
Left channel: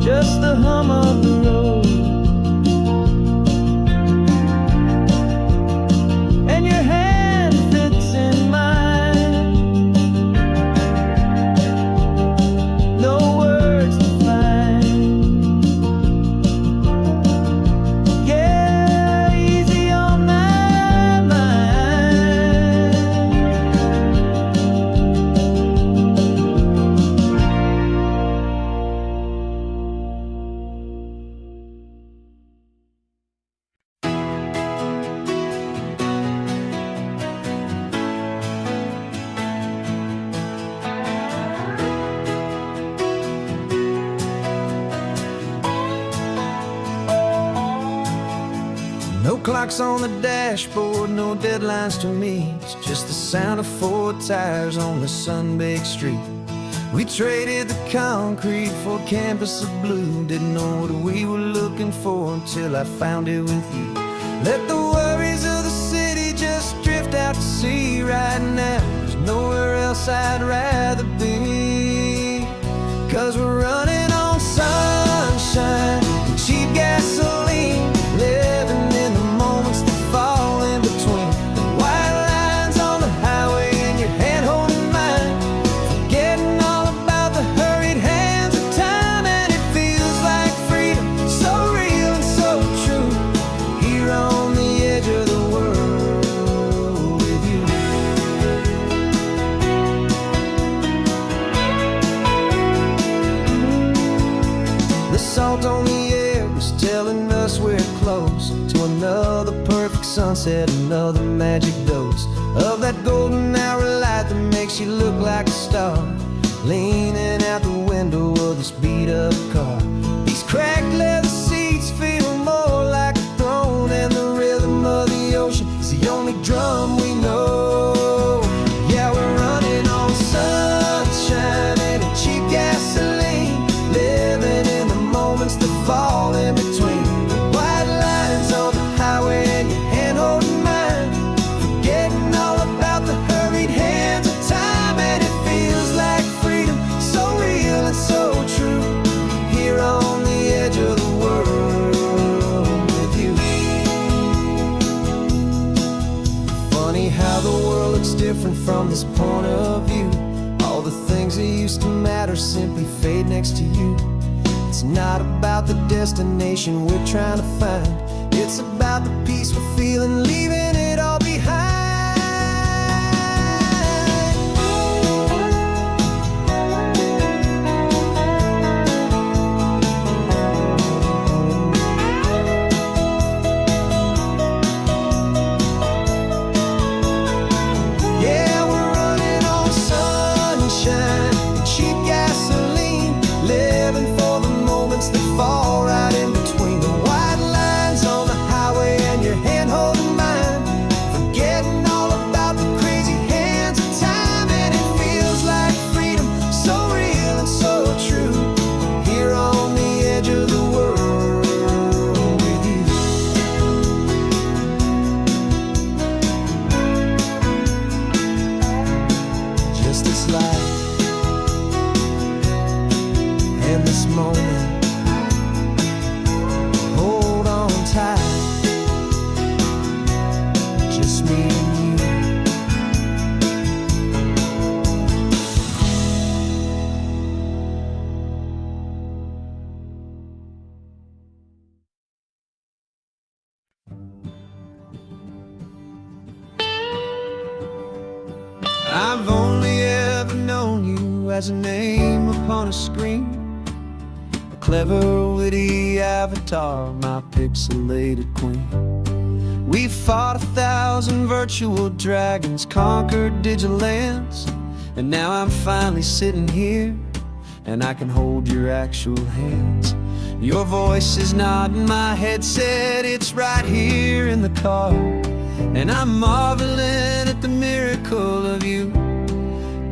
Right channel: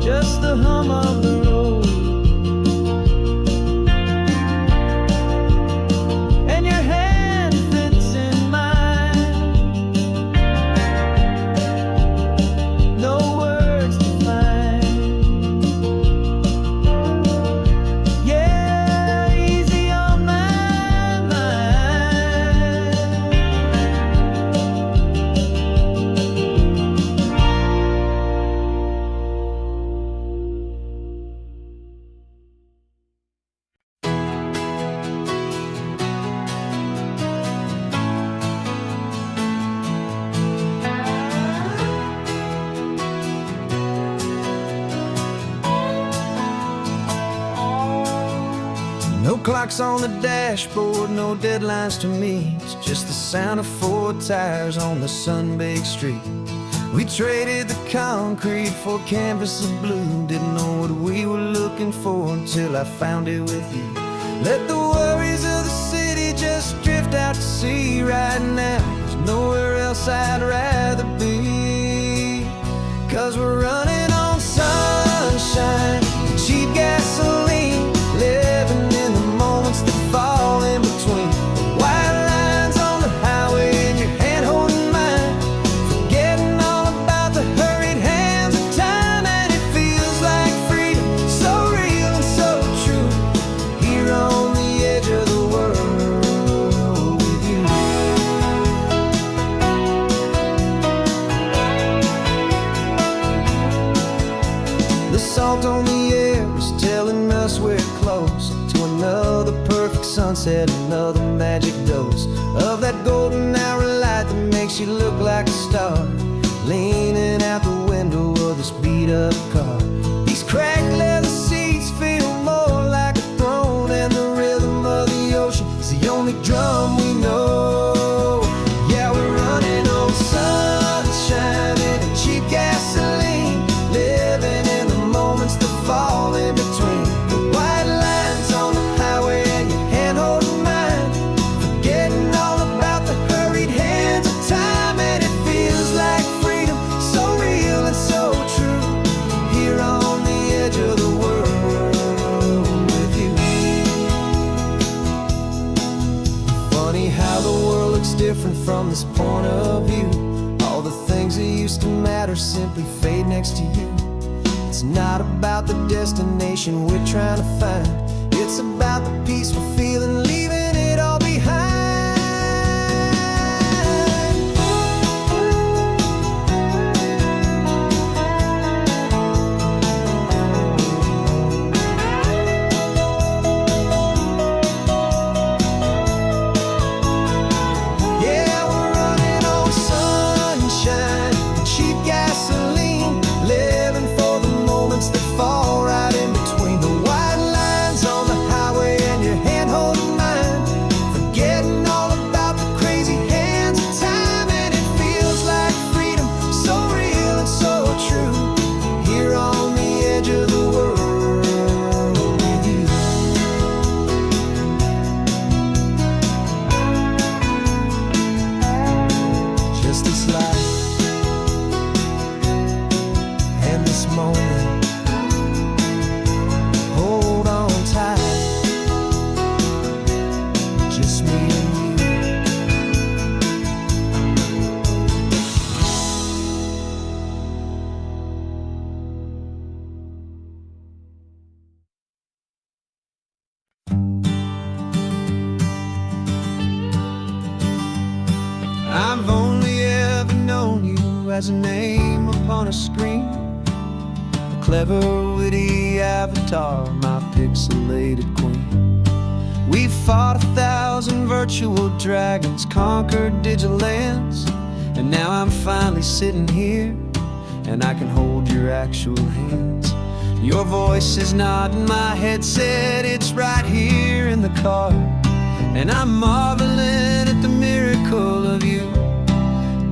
Just the hum of the road and your hand fits in mine. No words to find. Yeah, easy on my mind. No clocks on the dashboard, no deadlines to meet, just the sound of 4 tires on the sun-baked street. We traded the concrete for a canvas of blue. Didn't know what we were looking for until I found it with you. Let the worries of the city just drift out to sea. Right now, there's nowhere else I'd rather be. 'Cause we're running on sunshine and cheap gasoline, living in the moments that fall in between. The white lines on the highway and your hand holding mine, forgetting all about the hurried hands of time. And it feels like freedom, so real and so true, here on the edge of the world with you. The salt on the air is telling us we're close to another perfect sunset, another magic dose of that golden hour light that makes you look like a star, leaning out the window of this beat-up car. These cracked leather seats feel more like a throne, and the rhythm of the ocean is the only drum we know. Yeah, we're running on sunshine and cheap gasoline, living in the moments that fall in between. The white lines on the highway and your hand holding mine, forgetting all about the hurried hands of time. And it feels like freedom, so real and so true, here on the edge of the world with you. Funny how the world looks different from this point of view. All the things that used to matter simply fade next to you. It's not about the destination we're trying to find, it's about the peace we're feeling, leaving it all behind. Yeah, we're running on sunshine and cheap gasoline, living for the moments that fall right in between. The white lines on the highway and your hand holding mine, forgetting all about the crazy hands of time. And it feels like freedom, so real and so true, here on the edge of the world with you. Just this life and this moment, hold on tight, just me and you. I've only ever known you as a name upon a screen, a clever, witty avatar, my pixelated queen. We fought 1,000 virtual dragons, conquered digital lands, and now I'm finally sitting here, and I can hold your actual hands. Your voice is not in my headset, it's right here in the car, and I'm marveling at the miracle of you,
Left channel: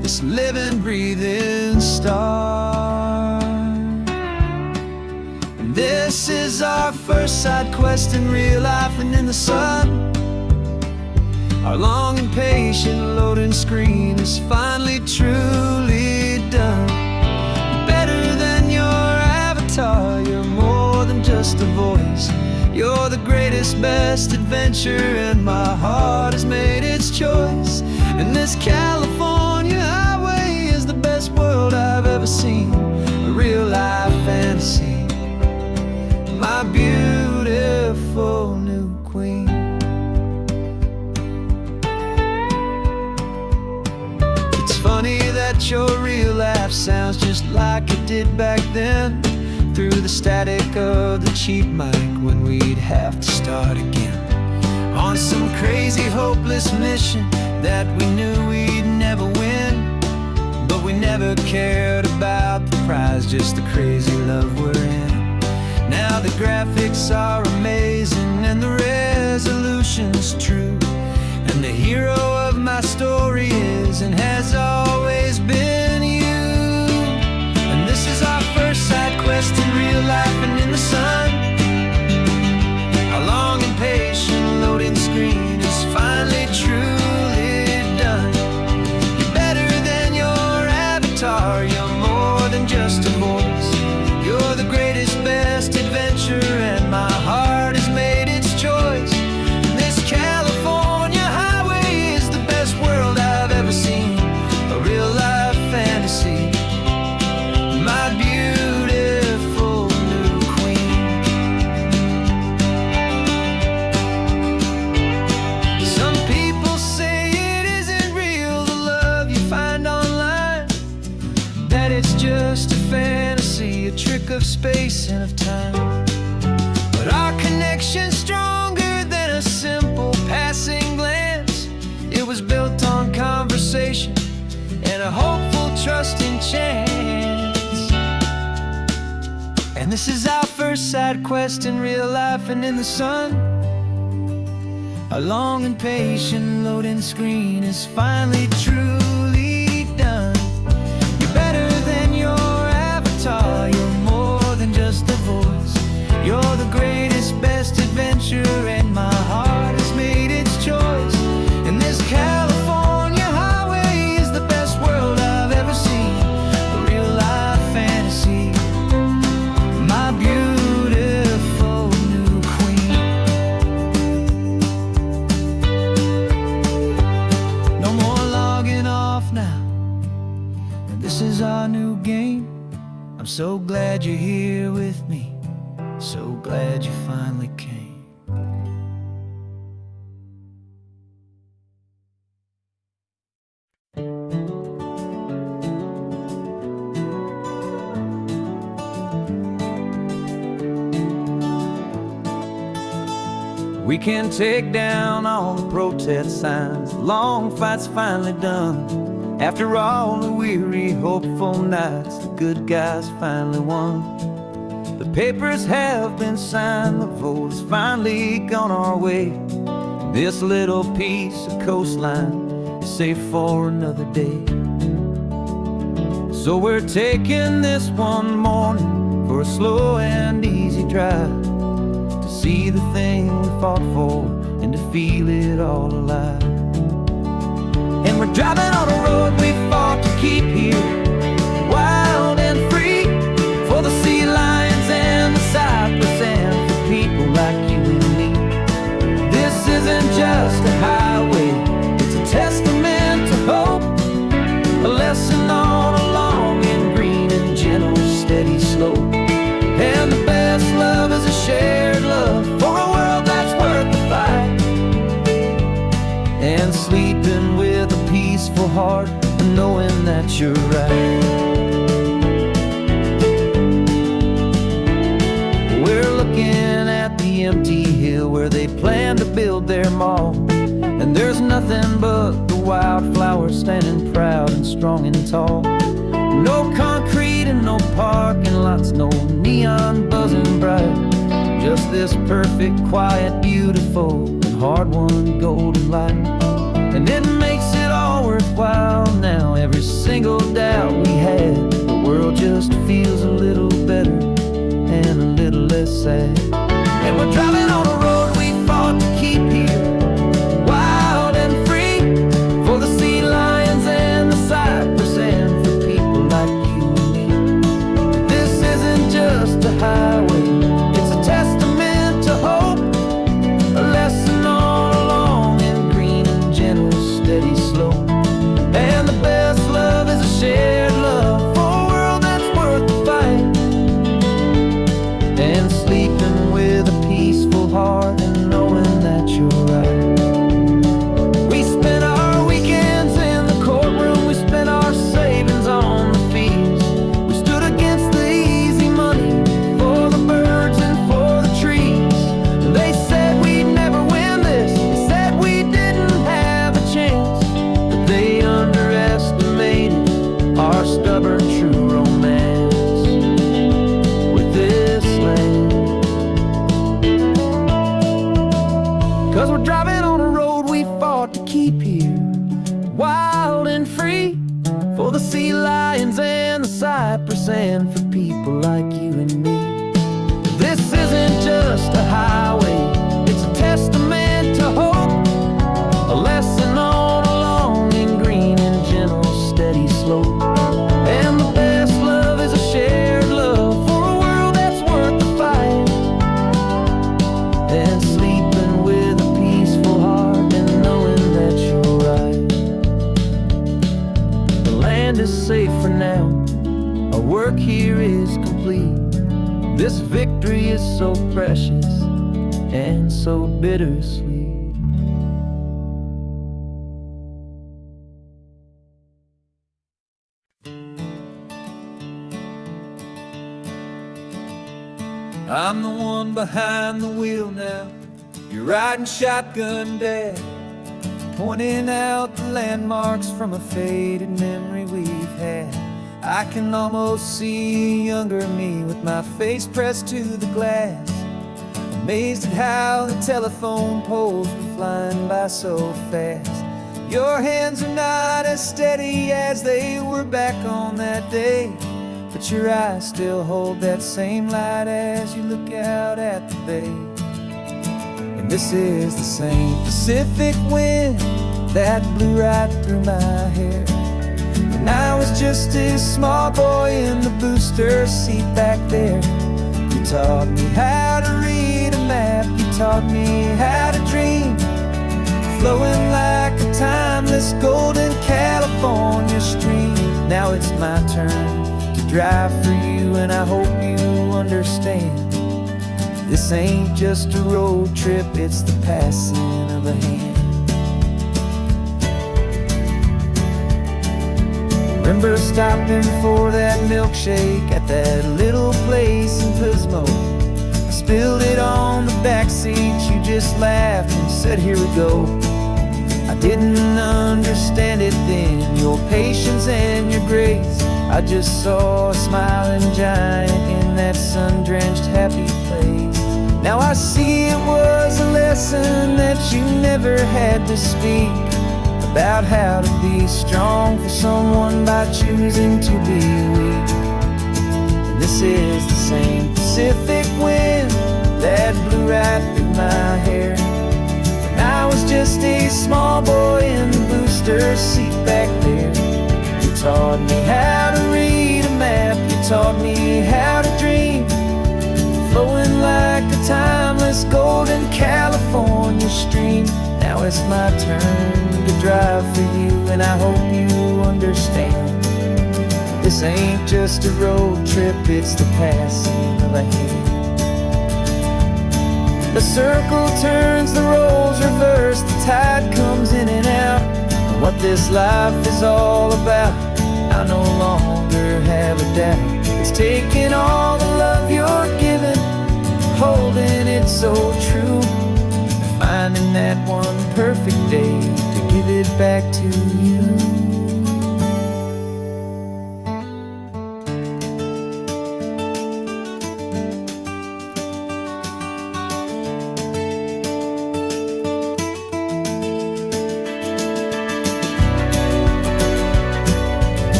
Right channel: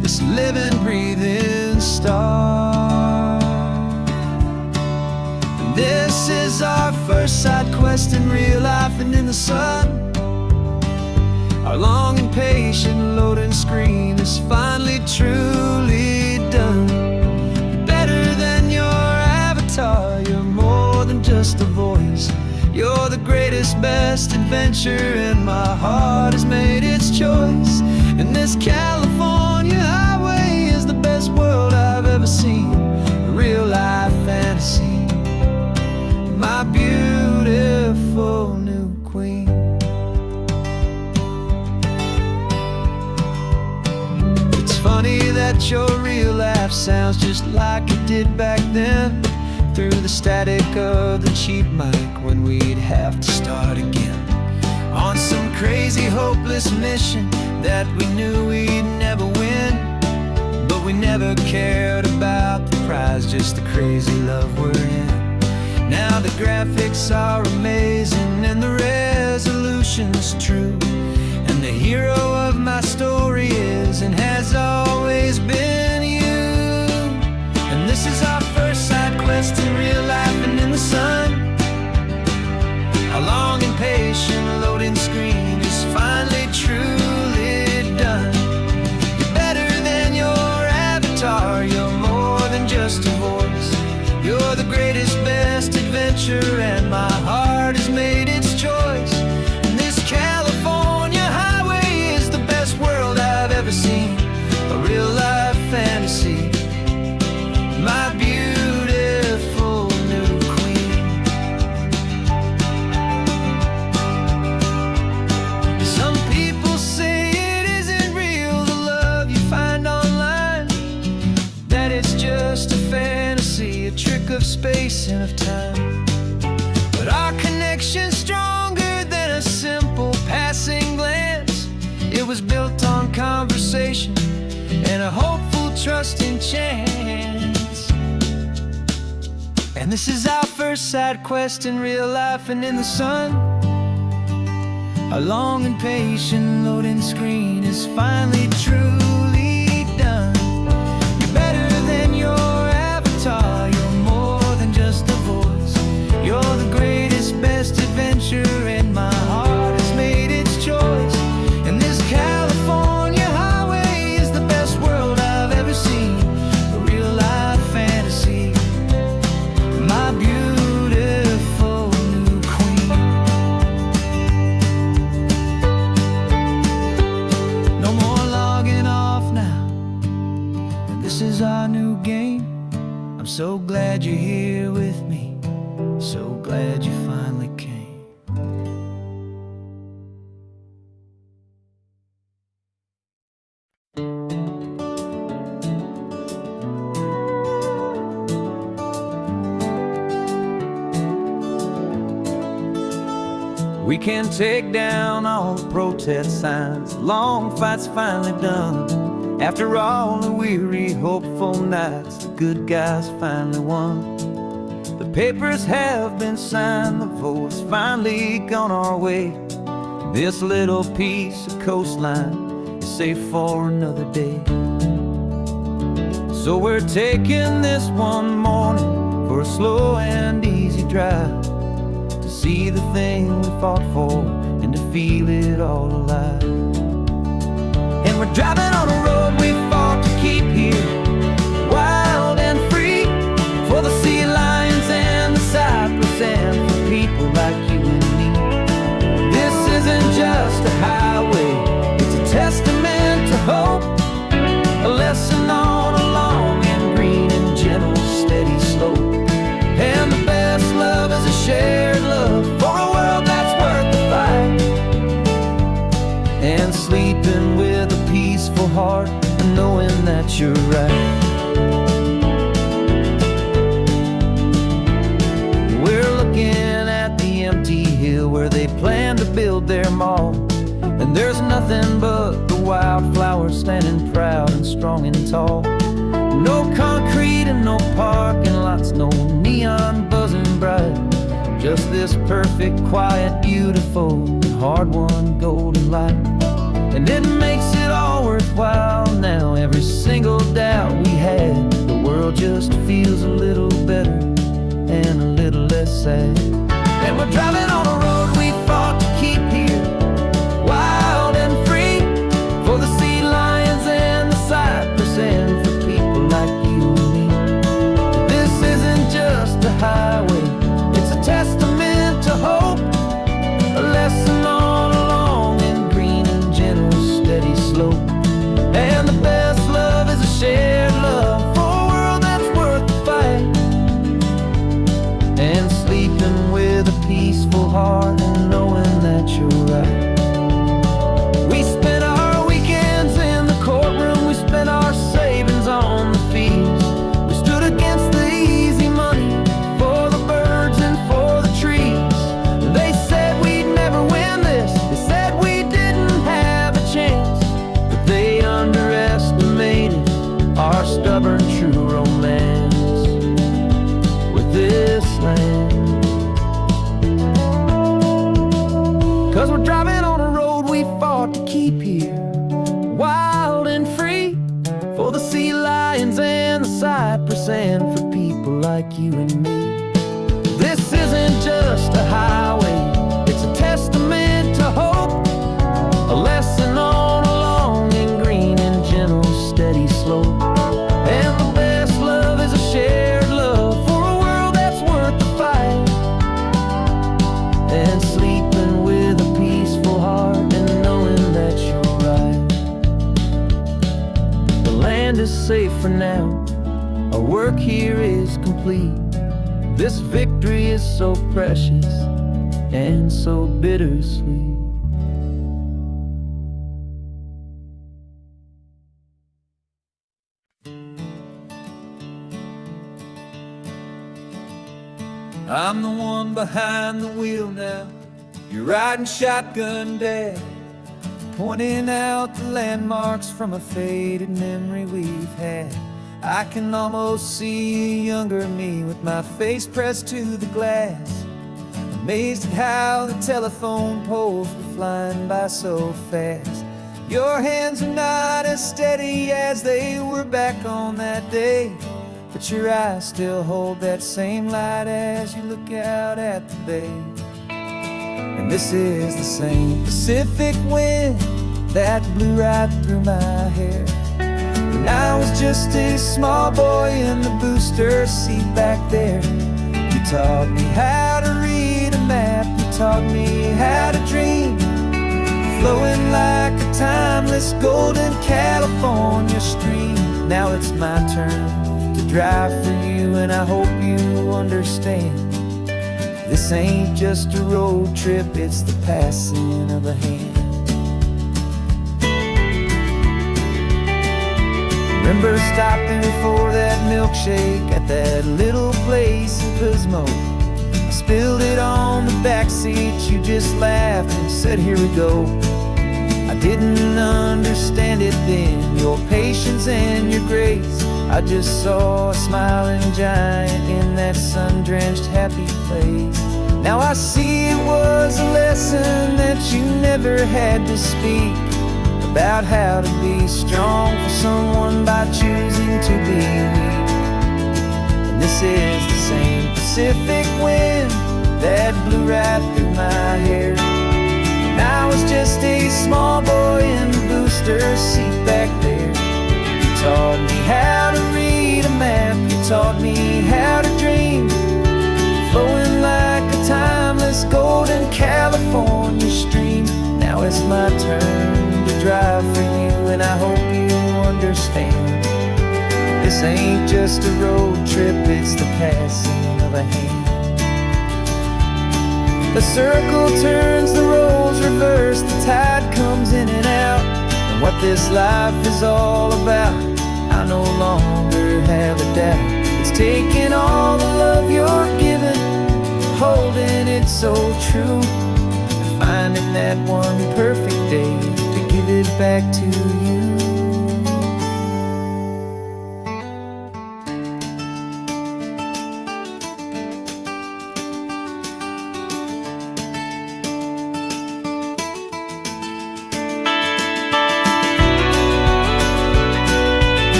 this living, breathing star. And this is our first side quest in real life and in the sun. Our long and patient loading screen is finally truly done. Better than your avatar, you're more than just a voice. You're the greatest, best adventure, and my heart has made its choice. And this California highway is the best world I've ever seen, a real life fantasy, my beautiful new queen. It's funny that your real laugh sounds just like it did back then, through the static of the cheap mic when we'd have to start again, on some crazy hopeless mission that we knew we'd never win. But we never cared about the prize, just the crazy love we're in. Now the graphics are amazing and the resolution's true, and the hero of my story is and has always been you. And this is our first side quest in real life and in the sun. Our long and patient loading screen is finally truly done. You're better than your avatar, you're more than just a voice. You're the greatest, best adventure, and my heart has made its choice. And this California highway is the best world I've ever seen, a real life fantasy, my beautiful new queen. Some people say it isn't real, the love you find online, that it's just a fantasy, a trick of space and of time. But our connection's stronger than a simple passing glance. It was built on conversation and a hopeful, trusting chance. And this is our first side quest in real life and in the sun. Our long and patient loading screen is finally truly done. You're better than your avatar, you're more than just a voice. You're the greatest, best adventure, and my heart has made its choice. And this California highway is the best world I've ever seen, a real life fantasy, my beautiful new queen. No more logging off now, and this is our new game. I'm so glad you're here with me, so glad you finally came. We can take down all the protest signs, long fight's finally done. After all the weary, hopeful nights, the good guys finally won. The papers have been signed, the vote has finally gone our way. This little piece of coastline is safe for another day. So we're taking this one morning for a slow and easy drive, to see the thing we fought for and to feel it all alive. And we're driving on a road we fought to keep here, wild and free, for the sea lions and the cypress and for people like you and me. This isn't just a highway, it's a testament to hope, a lesson on a long and green and gentle steady slope. And the best love is a shared love for a world that's worth the fight, and sleeping with a peaceful heart and knowing that you're right. We're looking at the empty hill where they plan to build their mall, and there's nothing but the wildflowers standing proud and strong and tall. No concrete and no parking lots, no neon buzzing bright, just this perfect, quiet, beautiful, and hard-won golden light. And it makes it all worthwhile now, every single doubt we had. The world just feels a little better and a little less sad. And we're driving on a road we fought to keep here, wild and free, for the sea lions and the cypress and for people like you and me. This isn't just a highway, it's a testament to hope, a lesson on a long and green and gentle steady slope. And the best love is a shared love for a world that's worth the fight, and sleeping with a peaceful heart 5% for people like you and me. This isn't just a highway, it's a testament to hope, a lesson on a long and green and gentle steady slope. And the best love is a shared love for a world that's worth the fight, and sleeping with a peaceful heart and knowing that you're right. The land is safe for now, our work here is complete. This victory is so precious and so bittersweet. I'm the one behind the wheel now, you're riding shotgun, Dad, pointing out the landmarks from a faded memory we've had. I can almost see a younger me with my face pressed to the glass, amazed at how the telephone poles were flying by so fast. Your hands are not as steady as they were back on that day, but your eyes still hold that same light as you look out at the bay. And this is the same Pacific wind that blew right through my hair when I was just a small boy in the booster seat back there. You taught me how to read a map, you taught me how to dream, flowing like a timeless golden California stream. Now it's my turn to drive for you, and I hope you understand. This ain't just a road trip, it's the passing of a hand. Remember stopping for that milkshake at that little place in Pismo? I spilled it on the back seat, you just laughed and said, here we go. I didn't understand it then, your patience and your grace. I just saw a smiling giant in that sun-drenched happy place. Now I see it was a lesson that you never had to speak, about how to be strong for someone by choosing to be weak. And this is the same Pacific wind that blew right through my hair when I was just a small boy in the booster seat back there. You taught me how to read a map, you taught me how to dream, flowing like a timeless golden California stream. Now it's my turn to drive for you, and I hope you understand. This ain't just a road trip, it's the passing of a hand. The circle turns, the roles reverse, the tide comes in and out. And what this life is all about, I no longer have a doubt. It's taking all the love you're giving, holding it so true, and finding that one perfect day to give it back to you.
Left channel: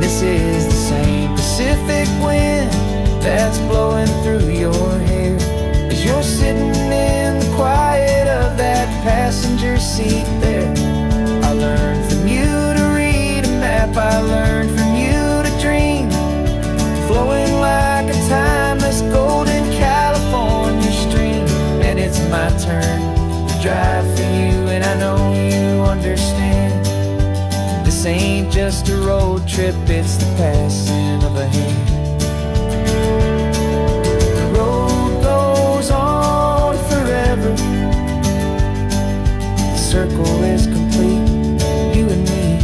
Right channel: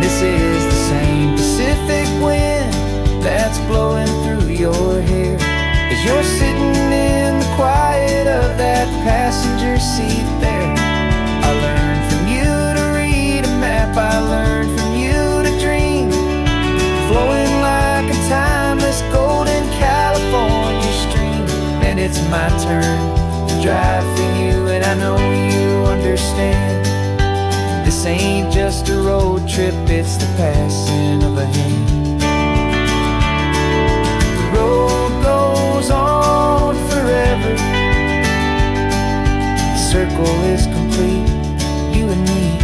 This is the same Pacific wind that's blowing through your hair as you're sitting in the quiet of that passenger seat there. I learned from you to read a map, I learned from you to dream, flowing like a timeless golden California stream. And it's my turn to drive for you, and I know you understand. This ain't just a road trip, it's the passing of a hand. The road goes on forever, the circle is complete, you and me.